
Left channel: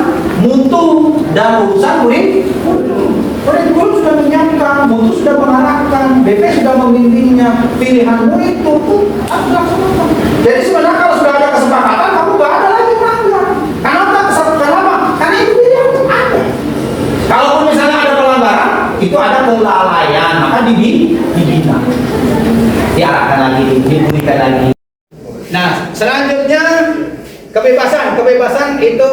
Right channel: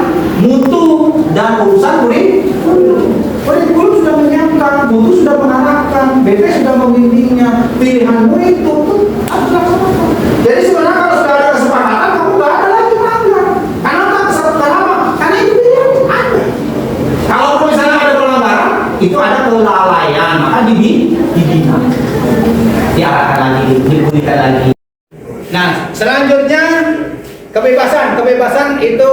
mutu dan urusan kurikulum sudah menyiapkan, mutu sudah mengarahkan, BP sudah membimbingnya, pilihanmu itu harus dilaksanakan. Jadi sebenarnya kalau sudah ada kesepakatan, kamu nggak ada lagi melanggar. Karena tak kesepakatan apa? Karena itu pilihan Anda. Kalau misalnya ada pelanggaran, itu ada kelalaian, maka dibina, diarahkan lagi diberikan lagi. Nah, selanjutnya kebebasan itu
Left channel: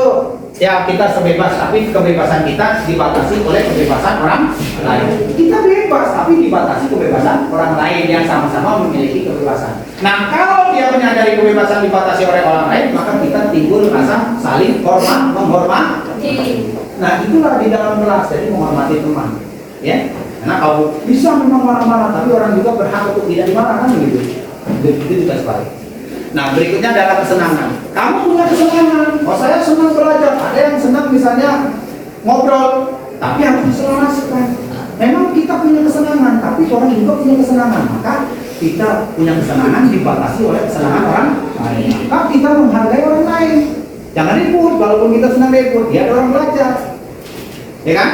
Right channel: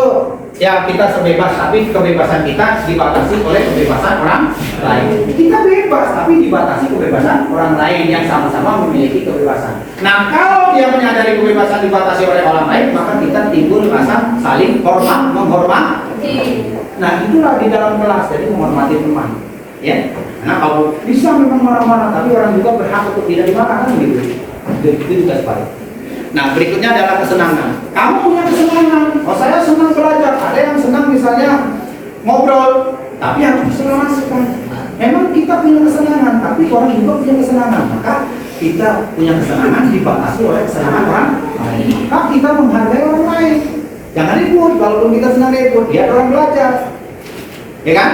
ya kita sebebas, tapi kebebasan kita dibatasi oleh kebebasan orang lain. Kita bebas, tapi dibatasi kebebasan orang lain yang sama-sama memiliki kebebasan. Nah, kalau dia menyadari kebebasan dibatasi oleh orang lain, maka kita timbul rasa saling menghormati. Nah, itulah di dalam kelas, jadi menghormati teman. Ya, nah kalau bisa memang marah-marah, tapi orang juga berhak untuk tidak dimarah, kan gitu. Itu juga sebalik. Nah, berikutnya adalah kesenangan. Kamu punya kesenangan. Oh, saya senang belajar. Ada yang senang misalnya ngobrol, tapi harus diselaraskan. Memang kita punya kesenangan, tapi orang juga punya kesenangan. Maka kita punya kesenangan dibatasi oleh kesenangan orang lain. Maka kita menghargai orang lain. Jangan ribut. Kalaupun kita senang ribut, dia orang belajar, ya kan?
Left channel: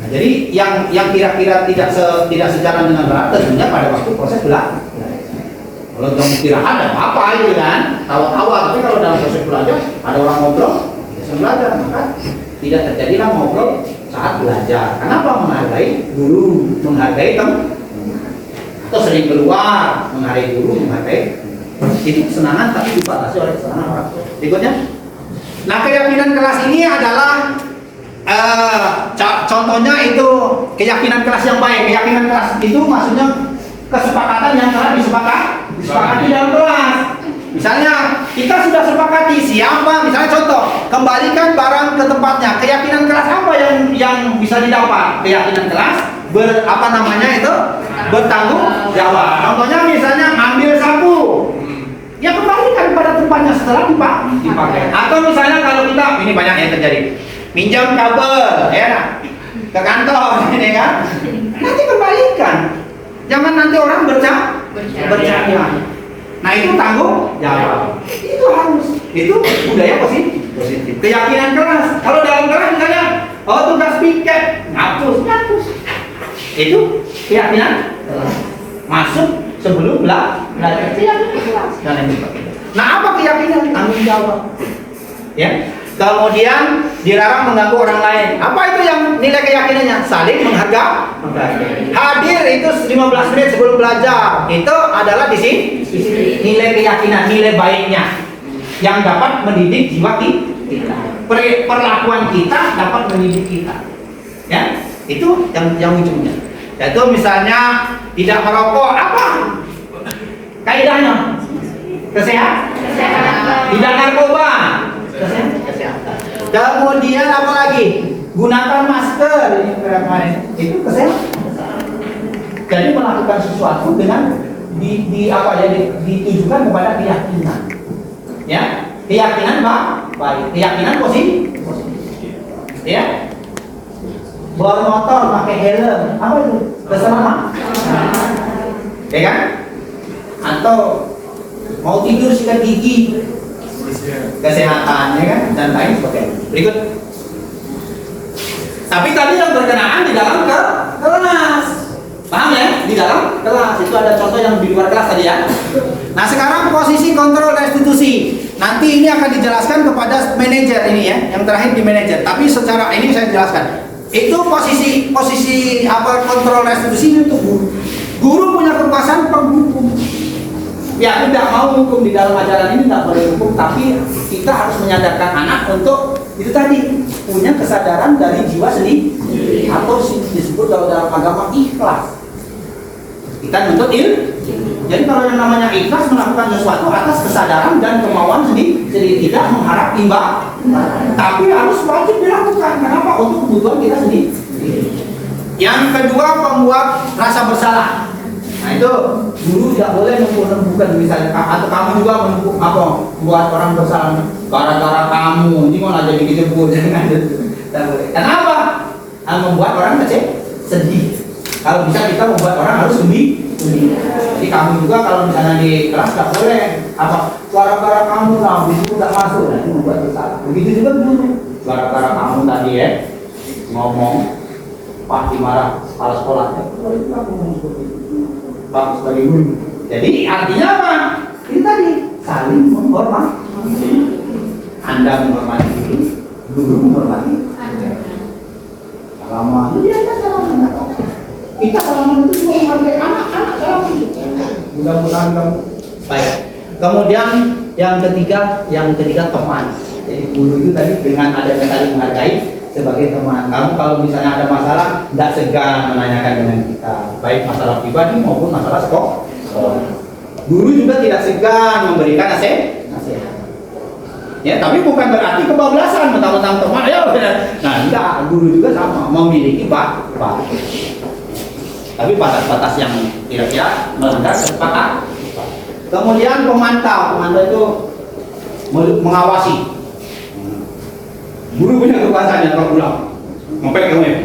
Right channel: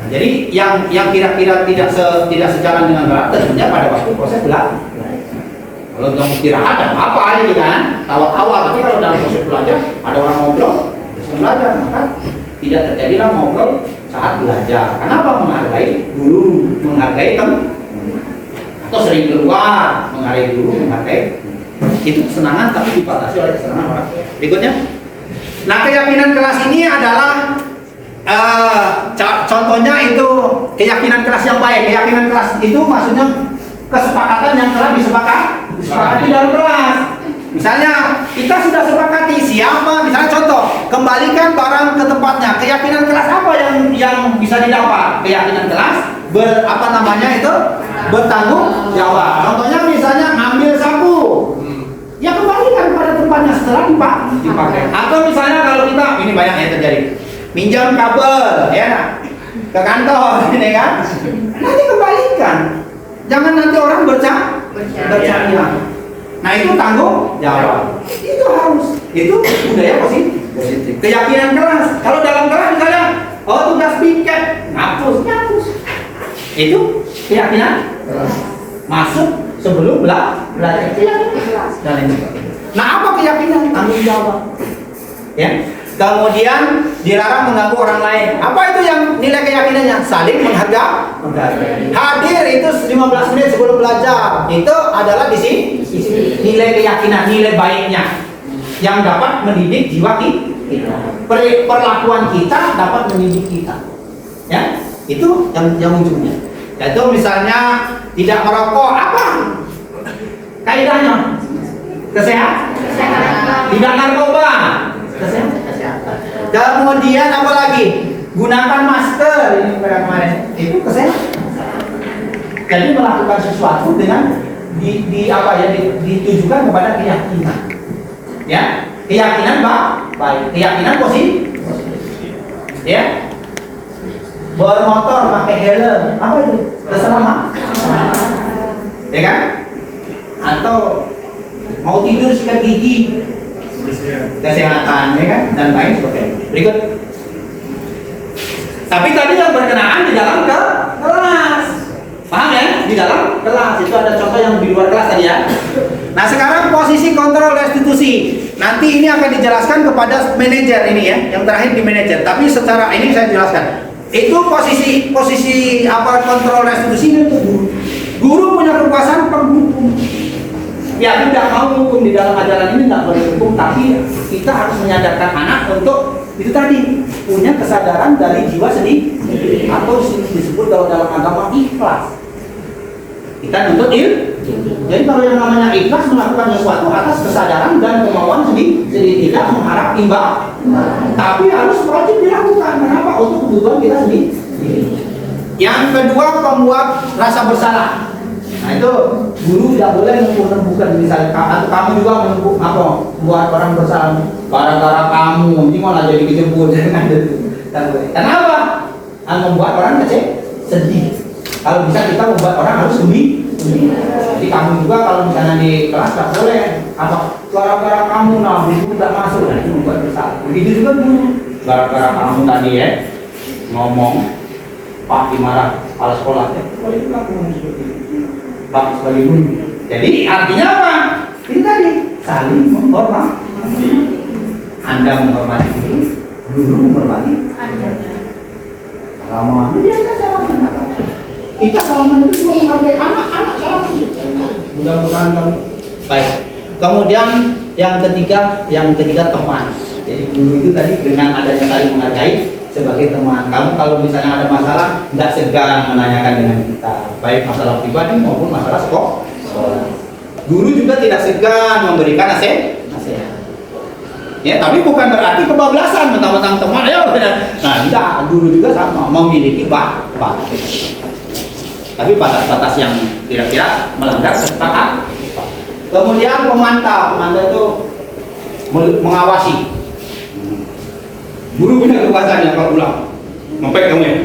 Nah, jadi yang kira-kira tidak sejalan dengan berat tentunya pada waktu proses belajar. Kalau kamu istirahat ada apa gitu kan? Tawa-tawa, tapi kalau dalam proses belajar ada orang ngobrol, proses belajar, maka tidak terjadilah ngobrol saat belajar. Kenapa? Menghargai guru, menghargai teman, atau sering keluar, menghargai guru, menghargai itu kesenangan, tapi dibatasi oleh kesenangan orang. Berikutnya, nah keyakinan kelas ini adalah contohnya itu keyakinan kelas yang baik. Keyakinan kelas itu maksudnya kesepakatan yang telah disepakati dalam kelas. Misalnya kita sudah sepakati siapa, misalnya contoh, kembalikan barang ke tempatnya. Keyakinan kelas apa yang bisa didapat? Keyakinan kelas bertanggung jawab. Contohnya misalnya ambil sapu, ya kembalikan pada tempatnya setelah dipakai. Atau misalnya kalau kita, ini banyak yang terjadi, minjam kabel ya ke kantor, ini kan, nanti kembalikan. Jangan nanti orang bercanda. Nah, itu tanggung jawab. Itu harus. Itu budaya positif. Keyakinan kelas. Kalau dalam kelas misalnya, tugas piket, ngapus. Itu keyakinan masuk sebelum belajar. Keyakinan kelas. Nah, apa keyakinan? Tanggung jawab. Ya. Kemudian dilarang mengganggu orang lain. Apa itu yang nilai keyakinannya? Saling menghargai. Hadir itu 15 menit sebelum belajar. Itu adalah di sini nilai keyakinan, nilai baiknya yang dapat mendidik jiwa kita. Perlakuan kita dapat mendidik kita. Ya, itu yang ujungnya. Yaitu misalnya tidak merokok, apa? Kaidahnya kesehatan. Tidak narkoba. Kesehatan. Kemudian apa lagi? Gunakan masker, ini kemarin. Itu kesehatan. Jadi melakukan sesuatu dengan ditujukan kepada keyakinan. Ya, keyakinan baik, keyakinan positif. Ya. Bermotor pakai helm, apa itu? Keselamatan. Ya kan? Atau mau tidur sikat gigi, kesehatan, ya kan, dan lain sebagainya. Berikut. Tapi tadi yang berkenaan di dalam kelas, paham ya? Di dalam kelas itu ada contoh yang di luar kelas tadi ya. Nah, sekarang posisi kontrol restitusi. Nanti ini akan dijelaskan kepada manajer ini ya, yang terakhir di manajer. Tapi secara ini saya jelaskan. Itu posisi apa kontrol restitusi itu guru. Guru punya kekuasaan penghukum. Ya, tidak mau hukum di dalam ajaran ini, tidak boleh hukum, tapi kita harus menyadarkan anak untuk itu tadi punya kesadaran dari jiwa sendiri atau disebut dalam agama ikhlas. Kita nuntut jadi kalau yang namanya ikhlas melakukan sesuatu atas kesadaran dan kemauan sendiri, tidak mengharap imbal, tapi harus wajib dilakukan. Kenapa? Untuk kebutuhan kita sendiri. Yang kedua, membuat rasa bersalah. Nah, itu guru tidak boleh menumbuhkan misalnya, atau kamu juga membuat orang bersalah gara-gara kamu, ini malah jadi dijemput. Kenapa? Membuat orang sedih. Kalau bisa kita membuat orang harus gembira. Jadi kamu juga kalau misalnya di kelas tidak boleh gara-gara kamu itu tidak masuk, nah itu membuat bersalah. Begitu juga guru, gara-gara kamu tadi ngomong Pak dimarah kepala sekolahnya, Pak sebagai guru. Jadi artinya apa? Ini tadi saling menghormati. Anda menghormati guru menghormati Anda. Salaman, kita salaman itu cuma menghargai anak-anak salaman. Mudah-mudahan kamu baik. Kemudian yang ketiga teman. Jadi guru itu tadi dengan adanya saling menghargai sebagai teman. Kamu kalau misalnya ada masalah, tidak segan menanyakan dengan kita, baik masalah pribadi maupun masalah sekolah. Guru juga tidak segan memberikan nasihat. Ya, tapi bukan berarti kebablasan mentang-mentang teman. Ya, nah, tidak. Guru juga sama, memiliki batas. Tapi batas-batas yang kira-kira melanggar kesepakatan. Kemudian pemantau itu mengawasi. Guru punya kekuasaannya kalau pulang, ngepek kamu ya.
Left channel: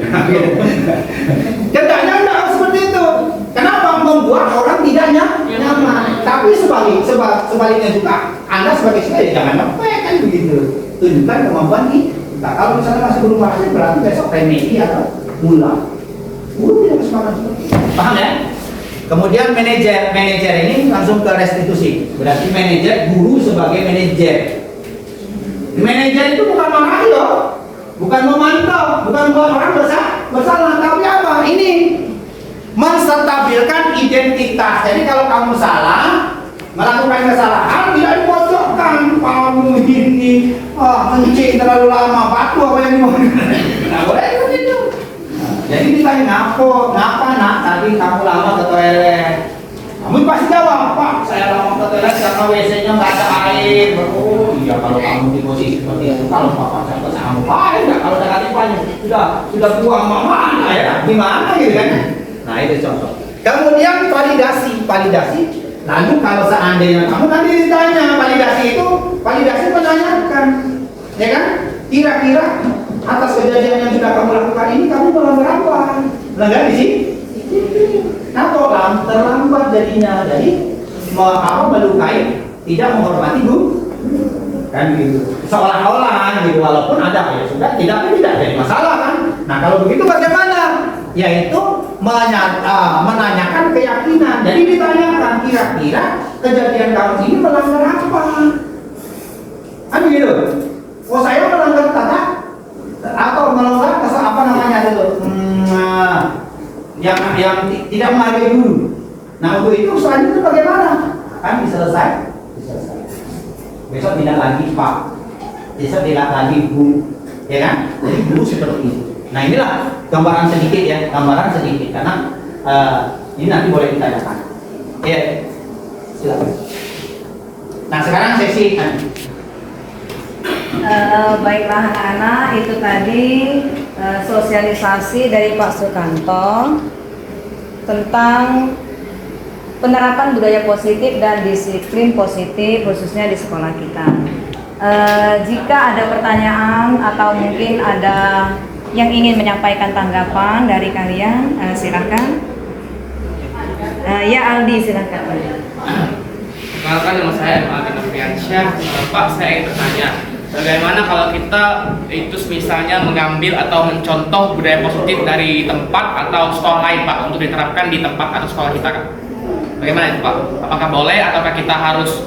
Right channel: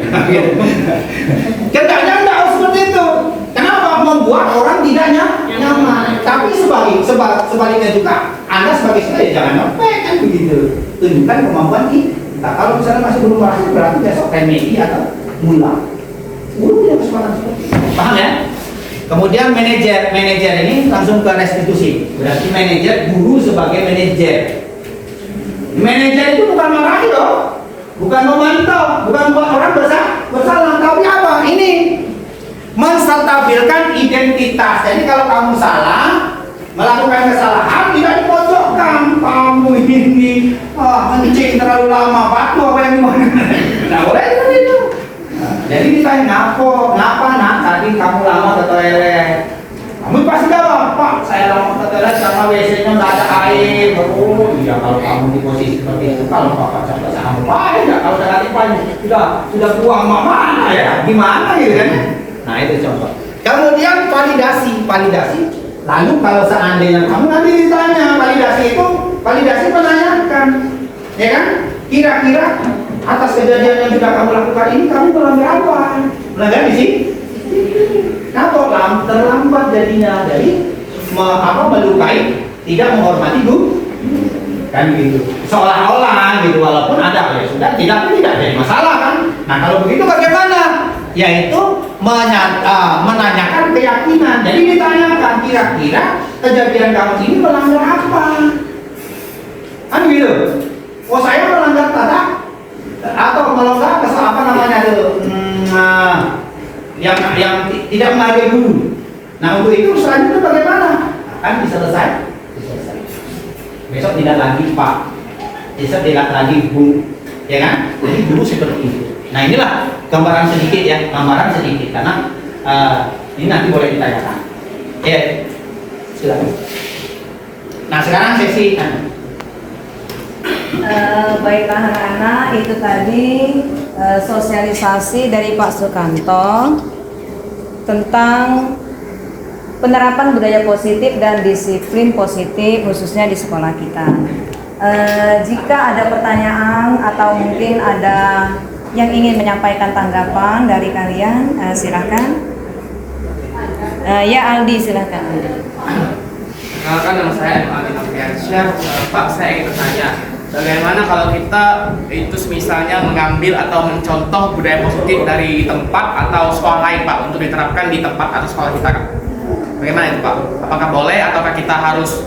Hendaknya enggak seperti itu. Kenapa? Membuat orang tidak nyaman. Tapi sebaliknya juga, Anda sebagai siswa ya jangan ngepek kan begitu. Tunjukkan kemampuan kita. Kalau misalnya masih belum berhasil, berarti besok remedi atau ngulang. Guru punya kesempatan seperti itu. Paham ya? Kemudian manajer ini langsung ke restitusi. Berarti manajer, guru sebagai manajer. Manajer itu bukan marahi loh, bukan memantau, bukan buat orang bersalah, tapi apa? Ini menstabilkan identitas. Jadi kalau kamu salah, melakukan kesalahan, tidak dipojokkan. Kamu ini mencing terlalu lama, batu apa yang gimana? Nah, boleh seperti itu. Jadi ditanya ngapa nak tadi kamu lama ke toilet? Kamu pasti jawab, Pak, saya lama ke toilet karena WC-nya nggak ada air. Oh iya, kalau kamu di posisi seperti itu, kalau Bapak sampai sampai, enggak kalau saya sudah buang mana ya? Gimana gitu kan? Nah itu contoh. Kemudian validasi. Lalu kalau seandainya kamu nanti ditanya validasi menanyakan, ya kan? Kira-kira atas kejadian yang sudah kamu lakukan ini kamu melanggar apa? Melanggar di sini? Nah, terlambat jadinya dari melukai, tidak menghormati guru, kan gitu. Seolah-olah gitu, walaupun ada ya sudah tidak jadi masalah kan. Nah kalau begitu bagaimana? Yaitu menanyakan keyakinan. Jadi ditanyakan kira-kira kejadian kamu ini melanggar apa? Kan gitu. Oh saya melanggar tata atau melanggar apa namanya itu yang tidak menghargai guru. Nah untuk itu selanjutnya bagaimana? Kan diselesaikan. Besok tidak lagi Pak, besok tidak lagi Bu, ya kan? Jadi dulu seperti itu. Nah inilah gambaran sedikit ya, karena ini nanti boleh ditanyakan. Ya, silakan. Nah sekarang sesi Baiklah anak-anak, itu tadi sosialisasi dari Pak Sukanto tentang penerapan budaya positif dan disiplin positif khususnya di sekolah kita. Jika ada pertanyaan atau mungkin ada yang ingin menyampaikan tanggapan dari kalian, silakan. Ya Aldi, silakan. Perkenalkan, nama saya Aldi Noviansyah. Pak, saya ingin bertanya, bagaimana kalau kita itu misalnya mengambil atau mencontoh budaya positif dari tempat atau sekolah lain Pak untuk diterapkan di tempat atau sekolah kita Kak? Bagaimana itu Pak? Apakah boleh ataukah kita harus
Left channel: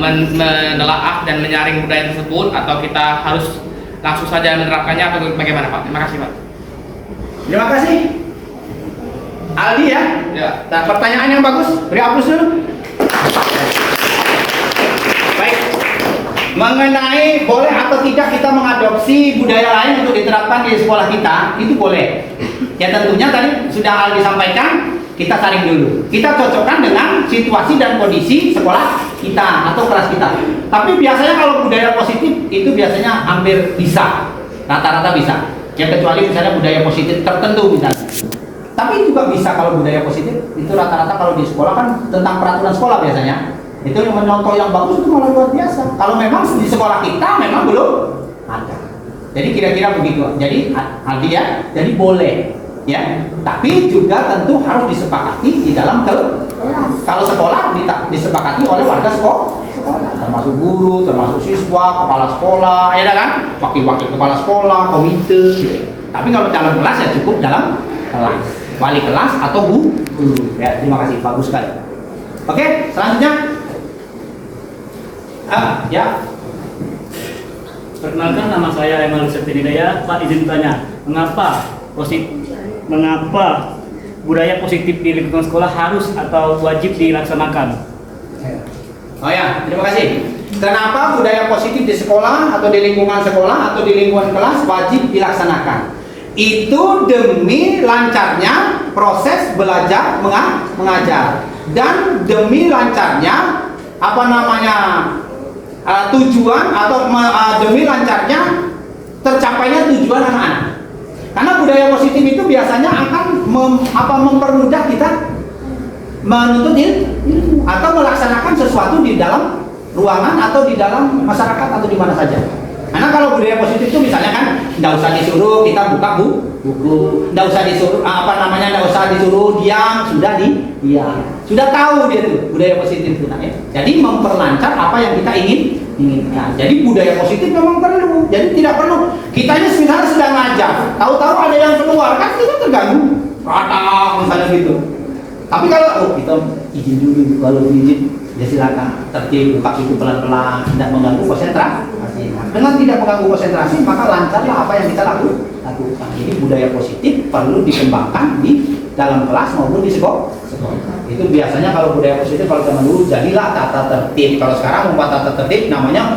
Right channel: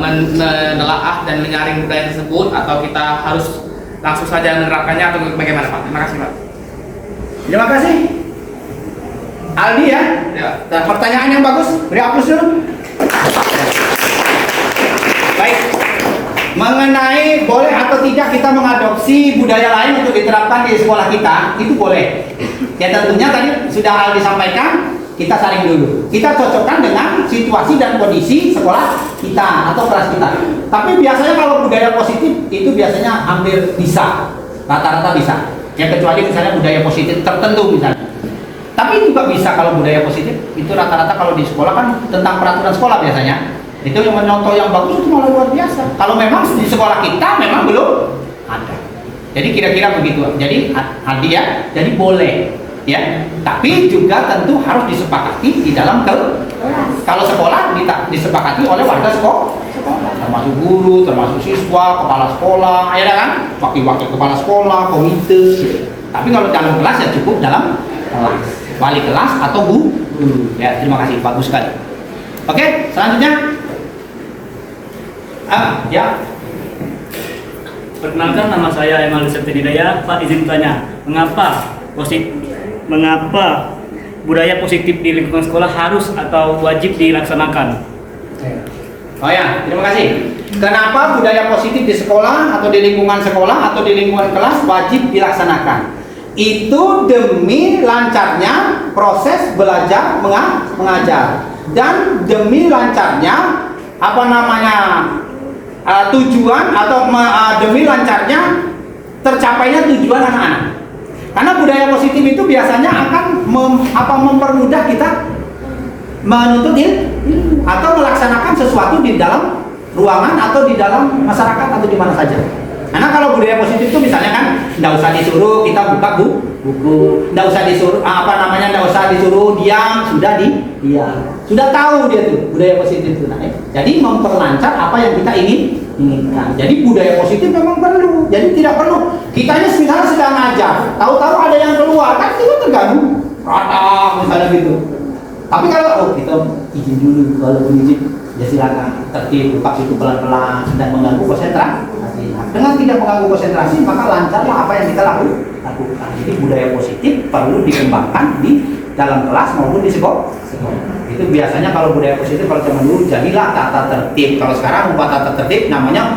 menelaah dan menyaring budaya tersebut atau kita harus langsung saja menerapkannya atau bagaimana Pak? Terima kasih Pak. Terima kasih Aldi ya. Dan pertanyaan yang bagus, beri aplaus dulu. Baik. Mengenai boleh atau tidak kita mengadopsi budaya lain untuk diterapkan di sekolah kita, itu boleh. Ya tentunya tadi sudah Aldi sampaikan, kita saring dulu. Kita cocokkan dengan situasi dan kondisi sekolah kita atau kelas kita. Tapi biasanya kalau budaya positif itu biasanya hampir bisa, rata-rata bisa. Ya kecuali misalnya budaya positif tertentu misalnya. Tapi juga bisa kalau budaya positif itu rata-rata kalau di sekolah kan tentang peraturan sekolah biasanya. Itu yang mencontoh yang bagus itu malah luar biasa. Kalau memang di sekolah kita memang belum ada. Jadi kira-kira begitu. Jadi Aldi ya, jadi boleh ya. Tapi juga tentu harus disepakati di dalam kelas. Kalau sekolah disepakati oleh warga sekolah, termasuk guru, termasuk siswa, kepala sekolah, ya kan? Wakil-wakil kepala sekolah, komite. Gitu. Tapi kalau dalam kelas ya cukup dalam kelas, wali kelas atau guru. Ya, terima kasih, bagus sekali. Oke, selanjutnya. Ya. Perkenalkan, nama saya Emal Septinidaya. Pak, izin bertanya, mengapa budaya positif di lingkungan sekolah harus atau wajib dilaksanakan? Oh ya, terima kasih. Kenapa budaya positif di sekolah atau di lingkungan sekolah atau di lingkungan kelas wajib dilaksanakan? Itu demi lancarnya proses belajar mengajar dan demi lancarnya tujuan atau demi lancarnya tercapainya tujuan anak-anak. Karena budaya positif itu biasanya akan mempermudah kita menuntut ilmu atau melaksanakan sesuatu di dalam ruangan atau di dalam masyarakat atau di mana saja. Karena kalau budaya positif itu misalnya kan nggak usah disuruh kita buka buku, nggak usah disuruh nggak usah disuruh diam, sudah diam, sudah tahu dia tuh budaya positif itu. Nah, jadi memperlancar apa yang kita inginkan. Jadi budaya positif memang perlu. Jadi tidak perlu kita ini misalnya sedang ngajar, tahu-tahu ada yang keluar kan kita terganggu, kata misalnya gitu. Tapi kalau kita izin dulu, kalau izin ya silakan tertib, buka itu pelan-pelan, tidak mengganggu konsentrasi. Dengan tidak mengganggu konsentrasi maka lancarlah apa yang kita lakukan. Jadi budaya positif perlu dikembangkan di dalam kelas maupun di sekolah. Itu biasanya kalau budaya positif kalau zaman dulu jadilah tata tertib. Kalau sekarang tata tertib namanya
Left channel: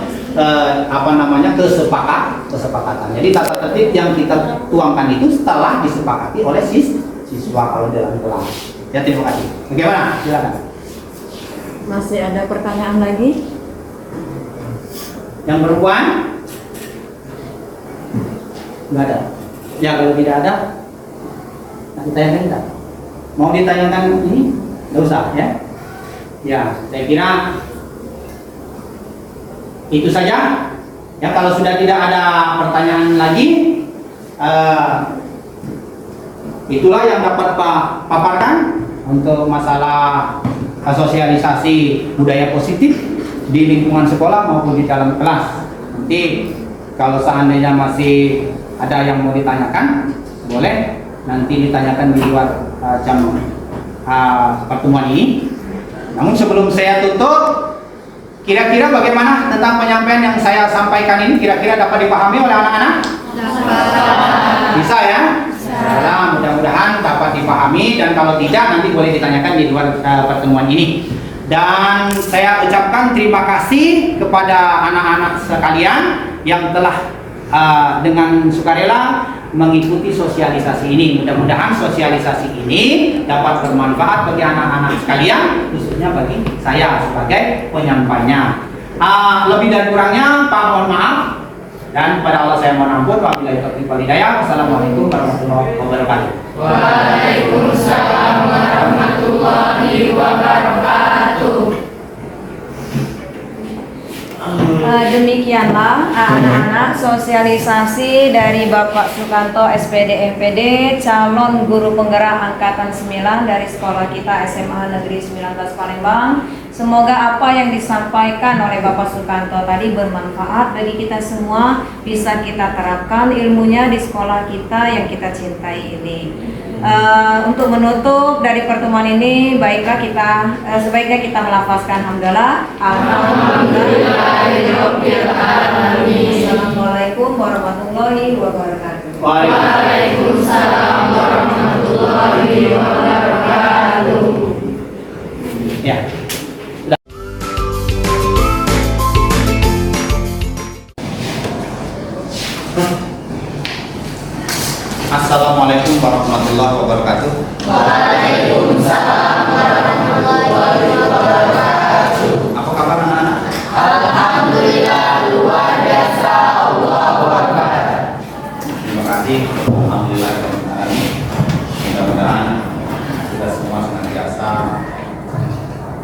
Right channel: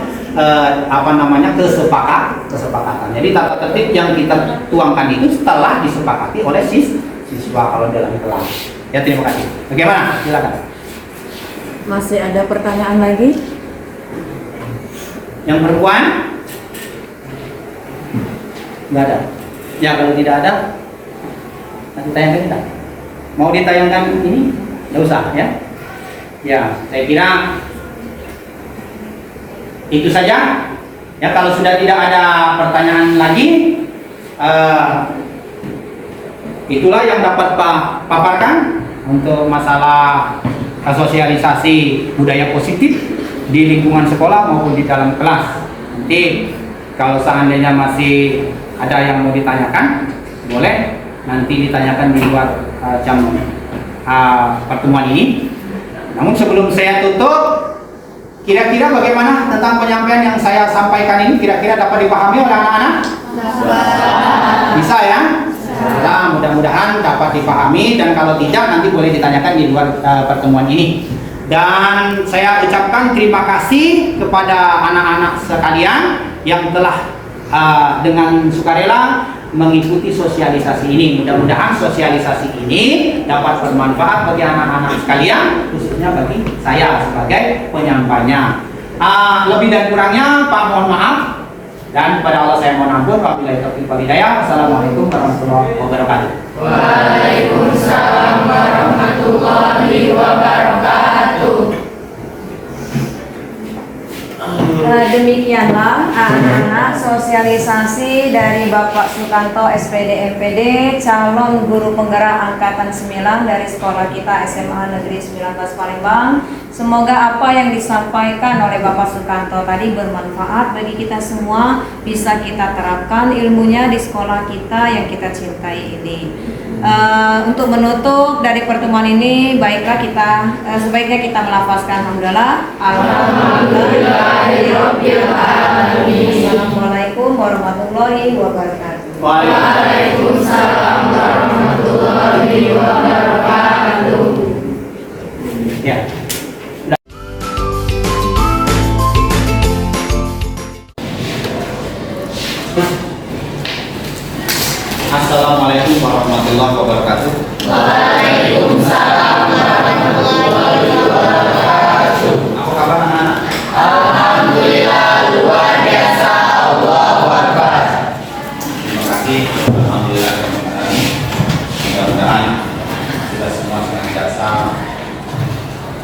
kesepakatan. Jadi tata tertib yang kita tuangkan itu setelah disepakati oleh siswa kalau dalam kelas. Ya, terima kasih. Bagaimana? Silakan. Masih ada pertanyaan lagi? Yang perempuan? Nggak ada. Ya, kalau tidak ada, nanti tayangkan tak? Mau ditayangkan ini? Nggak usah, ya? Ya, saya kira itu saja. Ya, kalau sudah tidak ada pertanyaan lagi, itulah yang dapat Pak paparkan untuk masalah sosialisasi budaya positif di lingkungan sekolah maupun di dalam kelas. Nanti kalau seandainya masih ada yang mau ditanyakan, boleh nanti ditanyakan di luar jam pertemuan ini. Namun sebelum saya tutup, kira-kira bagaimana tentang penyampaian yang saya sampaikan ini? Kira-kira dapat dipahami oleh anak-anak? Bisa ya? Nah, mudah-mudahan dapat dipahami, dan kalau tidak nanti boleh ditanyakan di luar pertemuan ini. Dan saya ucapkan terima kasih kepada anak-anak sekalian yang telah dengan sukarela mengikuti sosialisasi ini. Mudah-mudahan sosialisasi ini dapat bermanfaat bagi anak-anak sekalian, khususnya bagi saya sebagai penyampainya. Lebih dan kurangnya Pak mohon maaf, dan kepada Allah saya mohon ampun. Wabillahi taufiq wal hidayah. Wassalamualaikum warahmatullahi wabarakatuh. Waalaikumsalam warahmatullahi wabarakatuh. Demikianlah anak-anak sosialisasi dari Bapak Sukanto SPD MPD, calon guru penggerak angkatan 9 dari sekolah kita SMA Negeri 19 Palembang. Semoga apa yang disampaikan oleh Bapak Sukanto tadi bermanfaat bagi kita semua, bisa kita terapkan ilmunya di sekolah kita yang kita cintai ini. Untuk menutup dari pertemuan ini, baiklah sebaiknya kita melafazkan hamdalah. Alhamdulillahirabbil alamin. Assalamualaikum warahmatullahi wabarakatuh. Waalaikumsalam warahmatullahi wabarakatuh. Ya. Assalamualaikum warahmatullahi wabarakatuh. Waalaikumsalam warahmatullahi wabarakatuh. Apa kabar anak-anak? Alhamdulillah luar biasa. Allahu Akbar. Terima kasih. Alhamdulillah. Mudah-mudahan kita semua senantiasa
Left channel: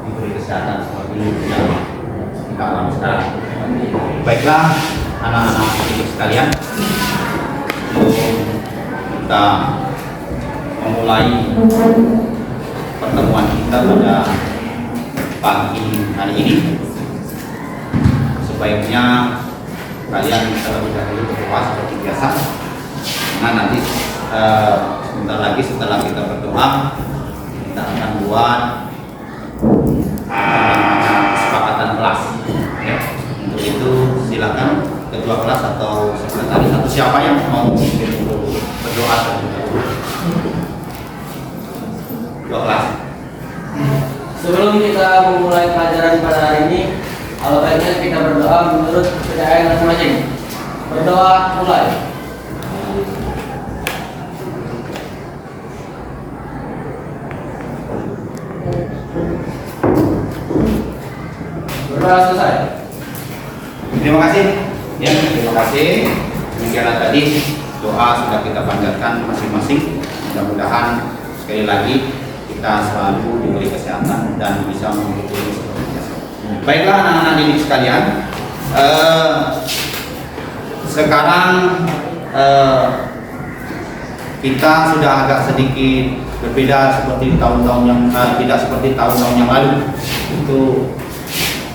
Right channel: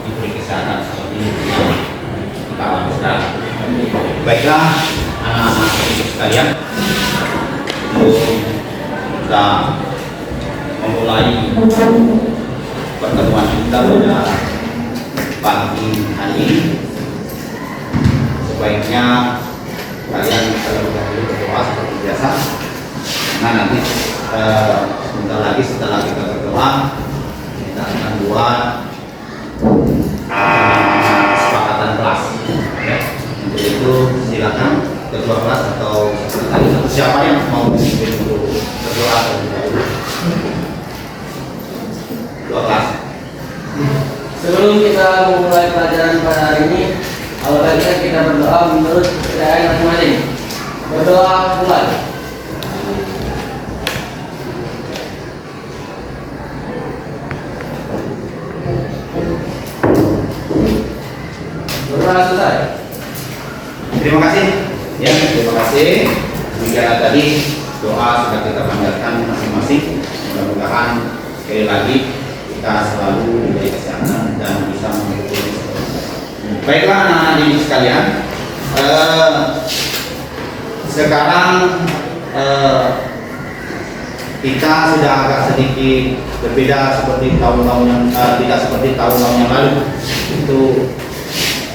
diberi kesehatan seperti yang kita harapkan. Baiklah anak-anak sekalian, kita memulai pertemuan kita pada pagi hari ini. Sebaiknya kalian terlebih dahulu berdoa seperti biasa. Nah, nanti sebentar lagi setelah kita berdoa, kita akan buat kesepakatan kelas. Untuk itu silakan ketua kelas atau sekretaris atau siapa yang mau berdoa terlebih dahulu. kelas. Sebelum kita memulai pelajaran pada hari ini, baiknya kita berdoa menurut kepercayaan masing-masing. Berdoa mulai. Berdoa selesai. Terima kasih. Ya, terima kasih. Demikian tadi doa sudah kita panjatkan masing-masing. Mudah-mudahan sekali lagi kita selalu diberi kesehatan dan bisa mengikuti seterusnya. Baiklah anak-anak didik sekalian, sekarang kita sudah agak sedikit berbeda seperti tahun-tahun yang tidak seperti tahun-tahun yang lalu. Itu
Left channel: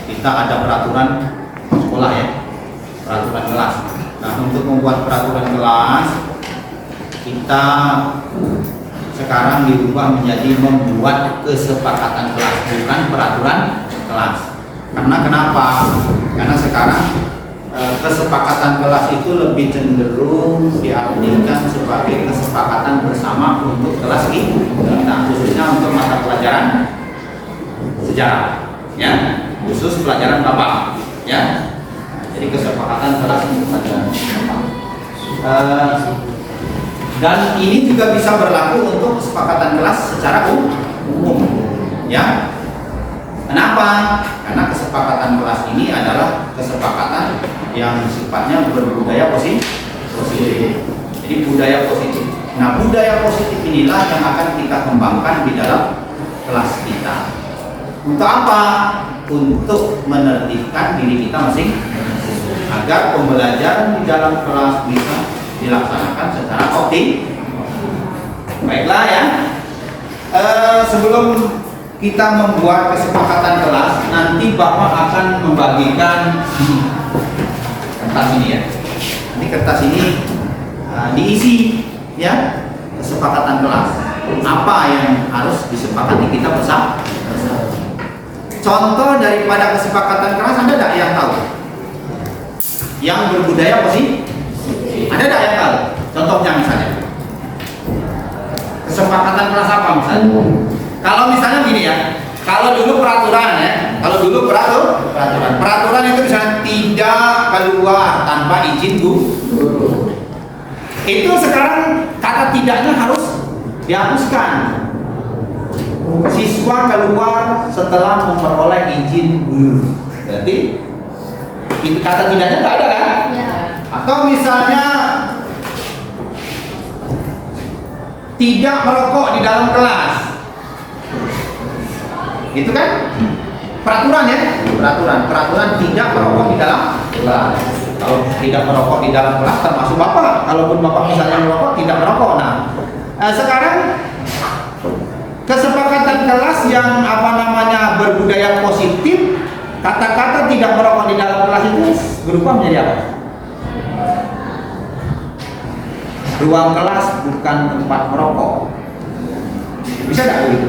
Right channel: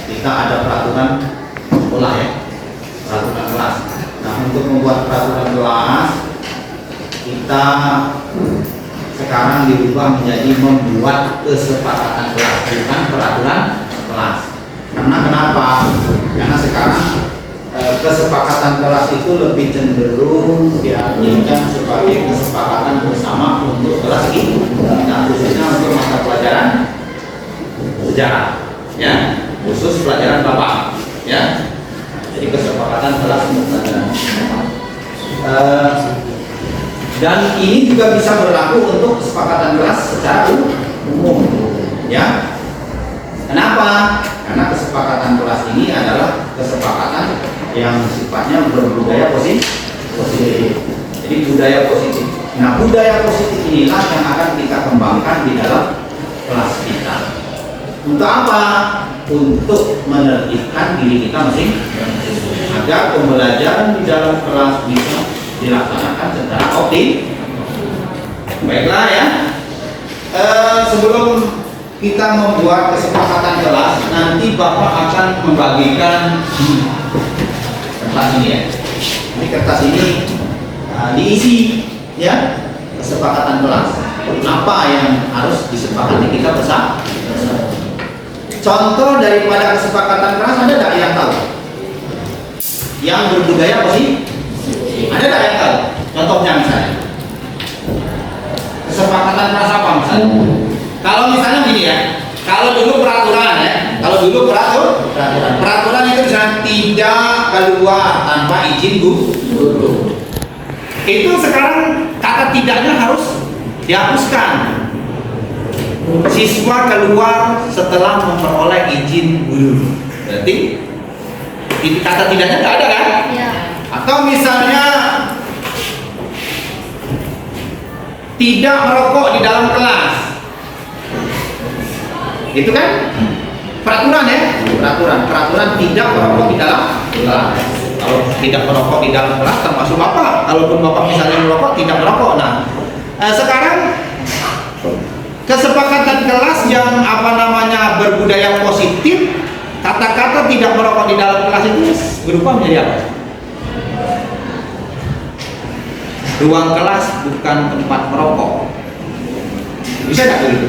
kita ada peraturan sekolah ya, peraturan kelas. Nah, untuk membuat peraturan kelas kita sekarang dirubah menjadi membuat kesepakatan kelas, bukan peraturan kelas. Karena kenapa? Karena sekarang kesepakatan kelas itu lebih cenderung diartikan sebagai kesepakatan bersama untuk kelas ini. Nah, khususnya untuk mata pelajaran sejarah, ya, khusus pelajaran Bapak, ya. Jadi kesepakatan kelas untuk pelajaran Bapak. Dan ini juga bisa berlaku untuk kesepakatan kelas secara umum, ya. Kenapa? Karena kesepakatan kelas ini adalah kesepakatan yang sifatnya berbudaya positif. Jadi budaya positif. Nah, budaya positif inilah yang akan kita kembangkan di dalam kelas kita. Untuk apa? Untuk menertibkan diri kita masing-masing agar pembelajaran di dalam kelas bisa dilaksanakan secara optimal. Baiklah ya. Sebelum kita membuat kesepakatan kelas, nanti Bapak akan membagikan kertas ini ya. Ini kertas ini diisi ya kesepakatan kelas. Apa yang harus disepakati kita bersama? Contoh daripada kesepakatan kelas ada tidak yang tahu? Yang berbudaya positif? Ada tidak yang tahu? Contohnya misalnya kesepakatan kelas apa misalnya? Kalau misalnya gini ya, kalau dulu peraturan ya, kalau dulu peraturan itu misalnya tidak keluar tanpa izin guru. Itu sekarang kata tidaknya harus dihapuskan. Siswa keluar setelah memperoleh izin guru. Berarti kata tidaknya nggak ada kan? Ya. Atau misalnya tidak merokok di dalam kelas. Itu kan peraturan ya, peraturan tidak merokok di dalam kelas. Kalau tidak merokok di dalam kelas termasuk Bapak. Kalaupun Bapak misalnya merokok, tidak merokok. Nah, sekarang kesepakatan kelas yang berbudaya positif, kata-kata tidak merokok di dalam kelas itu berubah menjadi apa? Ruang kelas bukan tempat merokok. Bisa tidak begitu?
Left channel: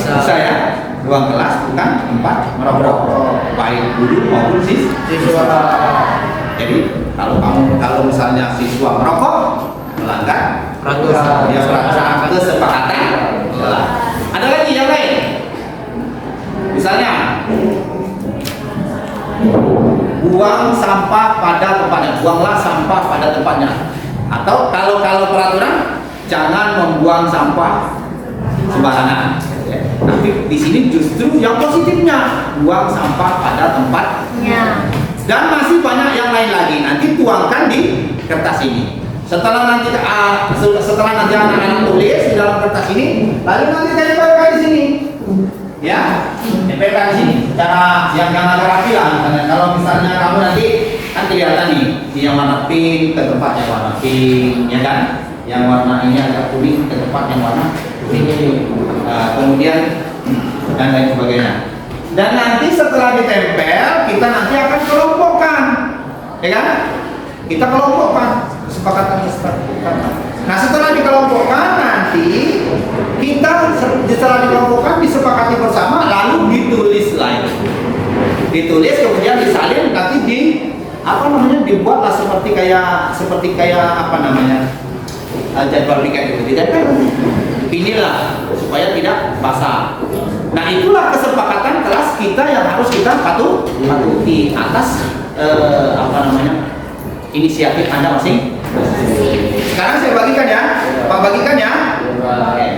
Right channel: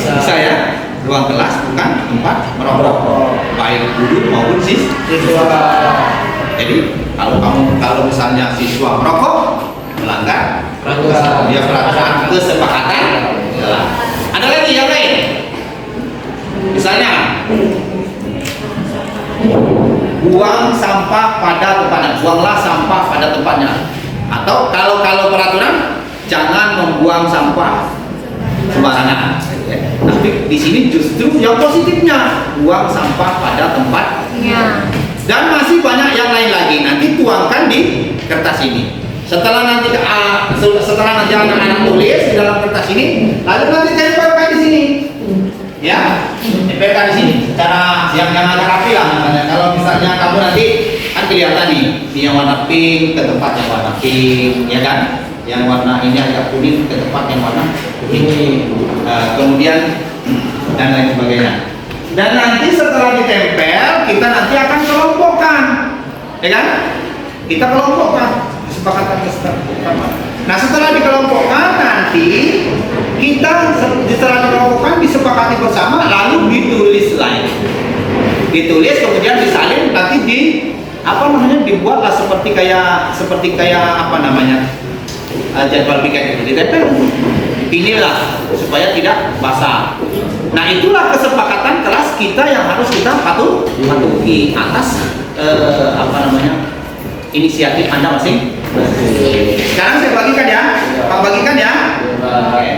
Bisa ya, ruang kelas bukan tempat merokok, baik guru maupun siswa. Jadi kalau misalnya siswa merokok, melanggar dia peraturan kesepakatan kelas. Ada lagi yang lain, misalnya buang sampah pada tempatnya, buanglah sampah pada tempatnya. Atau kalau peraturan jangan membuang sampah sembarangan. Tapi di sini justru yang positifnya, buang sampah pada tempatnya. Dan masih banyak yang lain lagi. Nanti tuangkan di kertas ini. Setelah nanti anak-anak tulis di dalam kertas ini, lalu nanti tempelkan di sini. Ya, tempelkan di sini. Secara yang agak rapi lah. Misalnya kalau misalnya kamu nanti kan kelihatan nih, yang warna pink ke tempat yang warna pink, ya kan? Yang warna ini agak kuning ke tempat yang warna kuning. Kemudian dan lain sebagainya. Dan nanti setelah ditempel, kita nanti akan kelompokkan, ya kan? Kita kelompokkan kesepakatan. Nah, setelah dikelompokkan nanti kita setelah dikelompokkan disepakati bersama, lalu ditulis lagi. Ditulis kemudian disalin, nanti dibuatlah seperti kayak jadwal piket itu ditempel, inilah supaya tidak basah. Nah itulah kesepakatan kelas kita yang harus kita patuhi atas inisiatif Anda masing. Sekarang saya bagikan ya, Pak bagikan ya. Oke.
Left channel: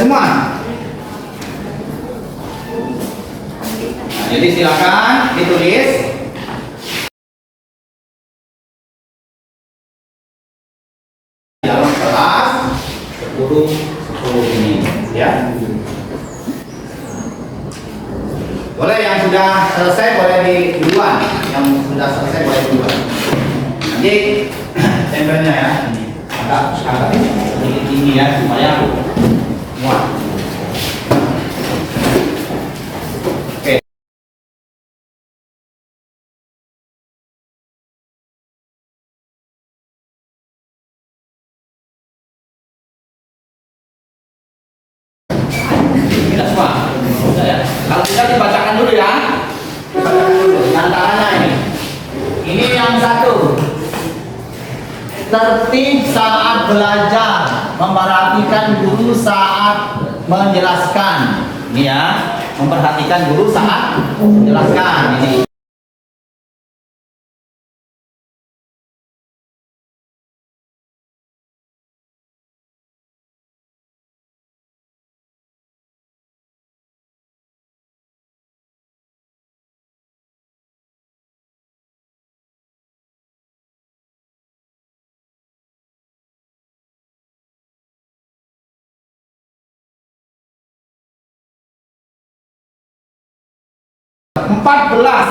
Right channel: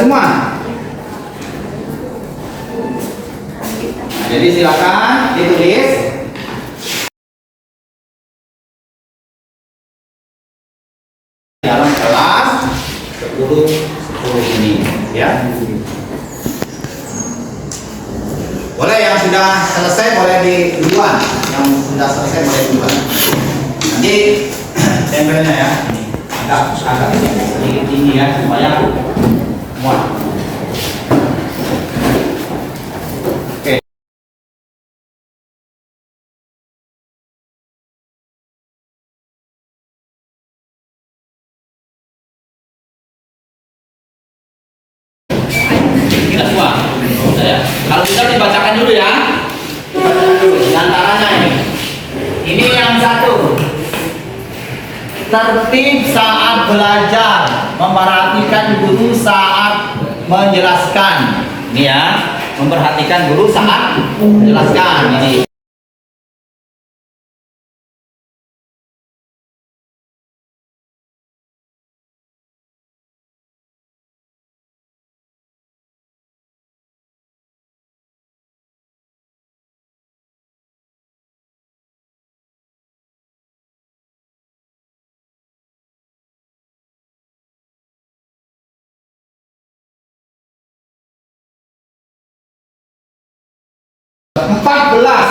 Semua. Jadi silakan ditulis. Dalam kelas 10 ini, ya. Boleh yang sudah selesai boleh di duluan, yang sudah selesai boleh duluan. Nanti tempelnya ya, agak sedikit ini ya supaya muat. Kalau bisa dibacakan dulu ya. Antaranya ini. Ini yang satu. Tertib saat belajar, memperhatikan guru saat menjelaskan. Ini ya, memperhatikan guru saat menjelaskan ini.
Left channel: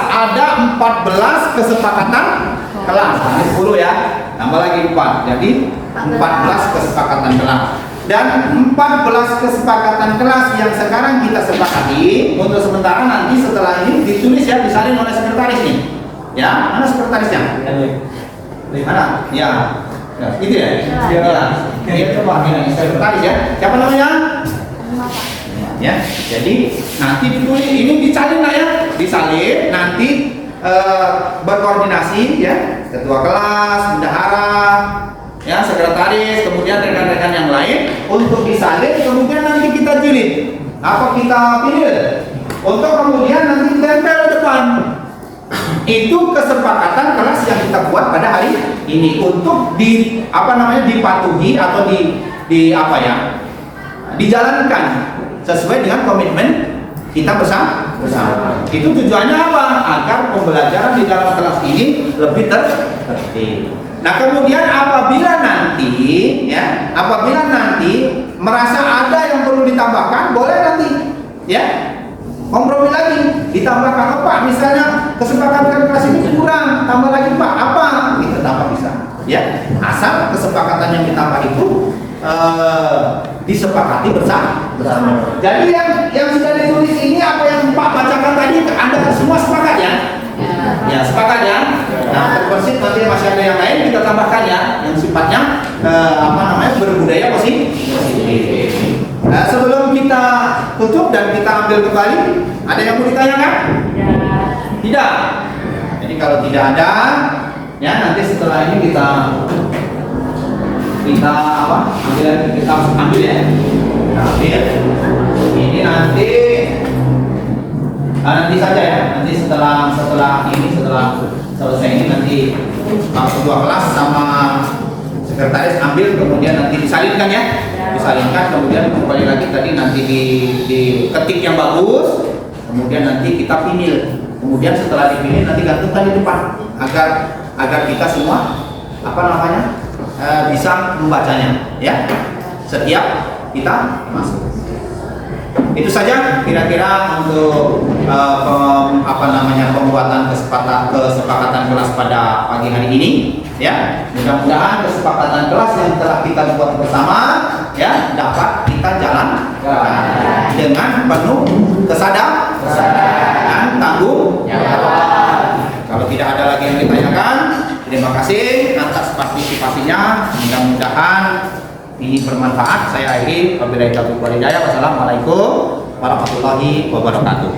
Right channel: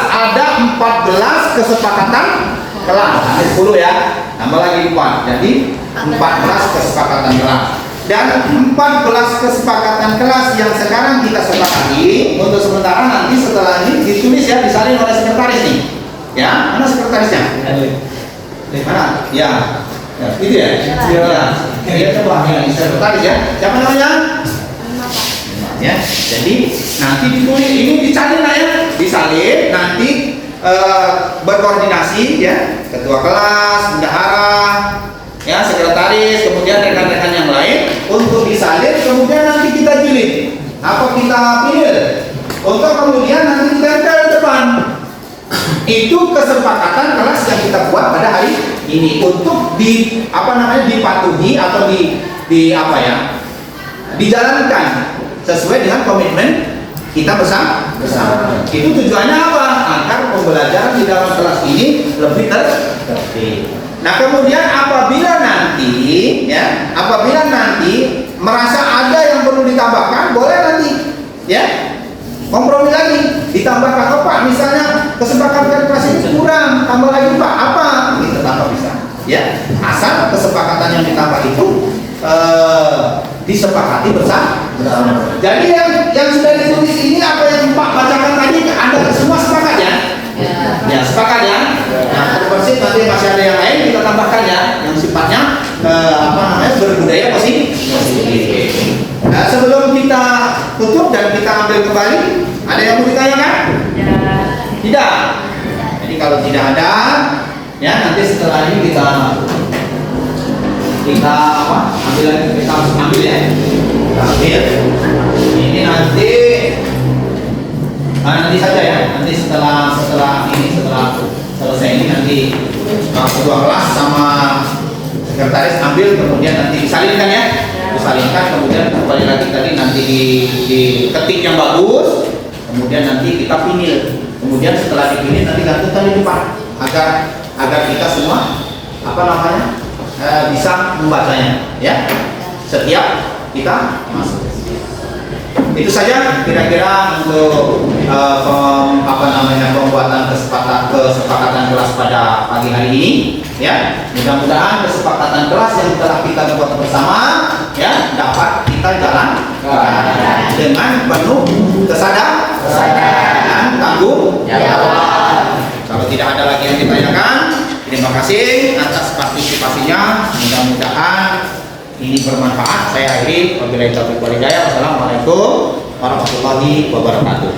Ada 14 kesepakatan kelas. Ini 10 ya, tambah lagi 4. Jadi 14 kesepakatan kelas. Dan 14 kesepakatan kelas yang sekarang kita sepakati untuk sementara, nanti setelah ini ditulis ya, disalin oleh sekretaris nih. Ya, mana sekretarisnya? Mana? Ya. Ya, itu ya? Iya. Ya, coba ini sekretaris ya. Siapa namanya? Ya, jadi nanti ditulis, ini disalin lah ya, disalin nanti berkoordinasi ya, ketua kelas, bendahara, ya sekretaris, kemudian rekan-rekan yang lain untuk disalin, kemudian nanti kita jilid, apa kita pilih, untuk kemudian nanti ditempel depan. Itu kesepakatan kelas yang kita buat pada hari ini untuk dipatuhi atau dijalankan sesuai dengan komitmen kita bersama. Itu tujuannya apa? Agar pembelajaran di dalam kelas ini lebih tertib. Nah, kemudian apabila nanti merasa ada yang perlu ditambahkan, boleh nanti ya kompromi lagi, ditambahkan apa Pak? Misalnya kesepakatan kelas ini kurang, tambah lagi Pak, apa? Kita tambah bisa. Ya, asal kesepakatan yang ditambah itu disepakati bersama. Jadi yang sudah ditulis ini apa yang Pak bacakan tadi, Anda semua sepakat ya? Ya, sepakat ya. Nah, terbersih nanti masih ada yang lain kita tambahkan ya, yang sifatnya berbudaya positif. Nah, sebelum kita tutup dan kita ambil kembali, ada yang mau ditanyakan? Tidak. Jadi kalau tidak ada, ya nanti setelah ini kita ambil ya. Kita ambil. Ini nanti saja ya. Nanti setelah selesai ini nanti ketua kelas sama sekretaris ambil, kemudian nanti disalinkan ya. Disalinkan, kemudian kembali lagi tadi nanti diketik yang bagus, kemudian nanti kita pinil. Kemudian setelah dipilih nanti gantungkan di depan agar kita semua bisa membacanya ya setiap kita masuk. Itu saja kira-kira untuk pembuatan kesepakatan kelas pada pagi hari ini ya. Mudah-mudahan kesepakatan kelas yang telah kita buat bersama ya dapat kita jalankan dengan penuh kesadaran dan tanggung jawab. Kalau tidak ada kebanyakan. Terima kasih atas partisipasinya. Mudah-mudahan ini bermanfaat. Saya akhiri. Wabillahi taufiq wal hidayah. Wassalamualaikum warahmatullahi wabarakatuh.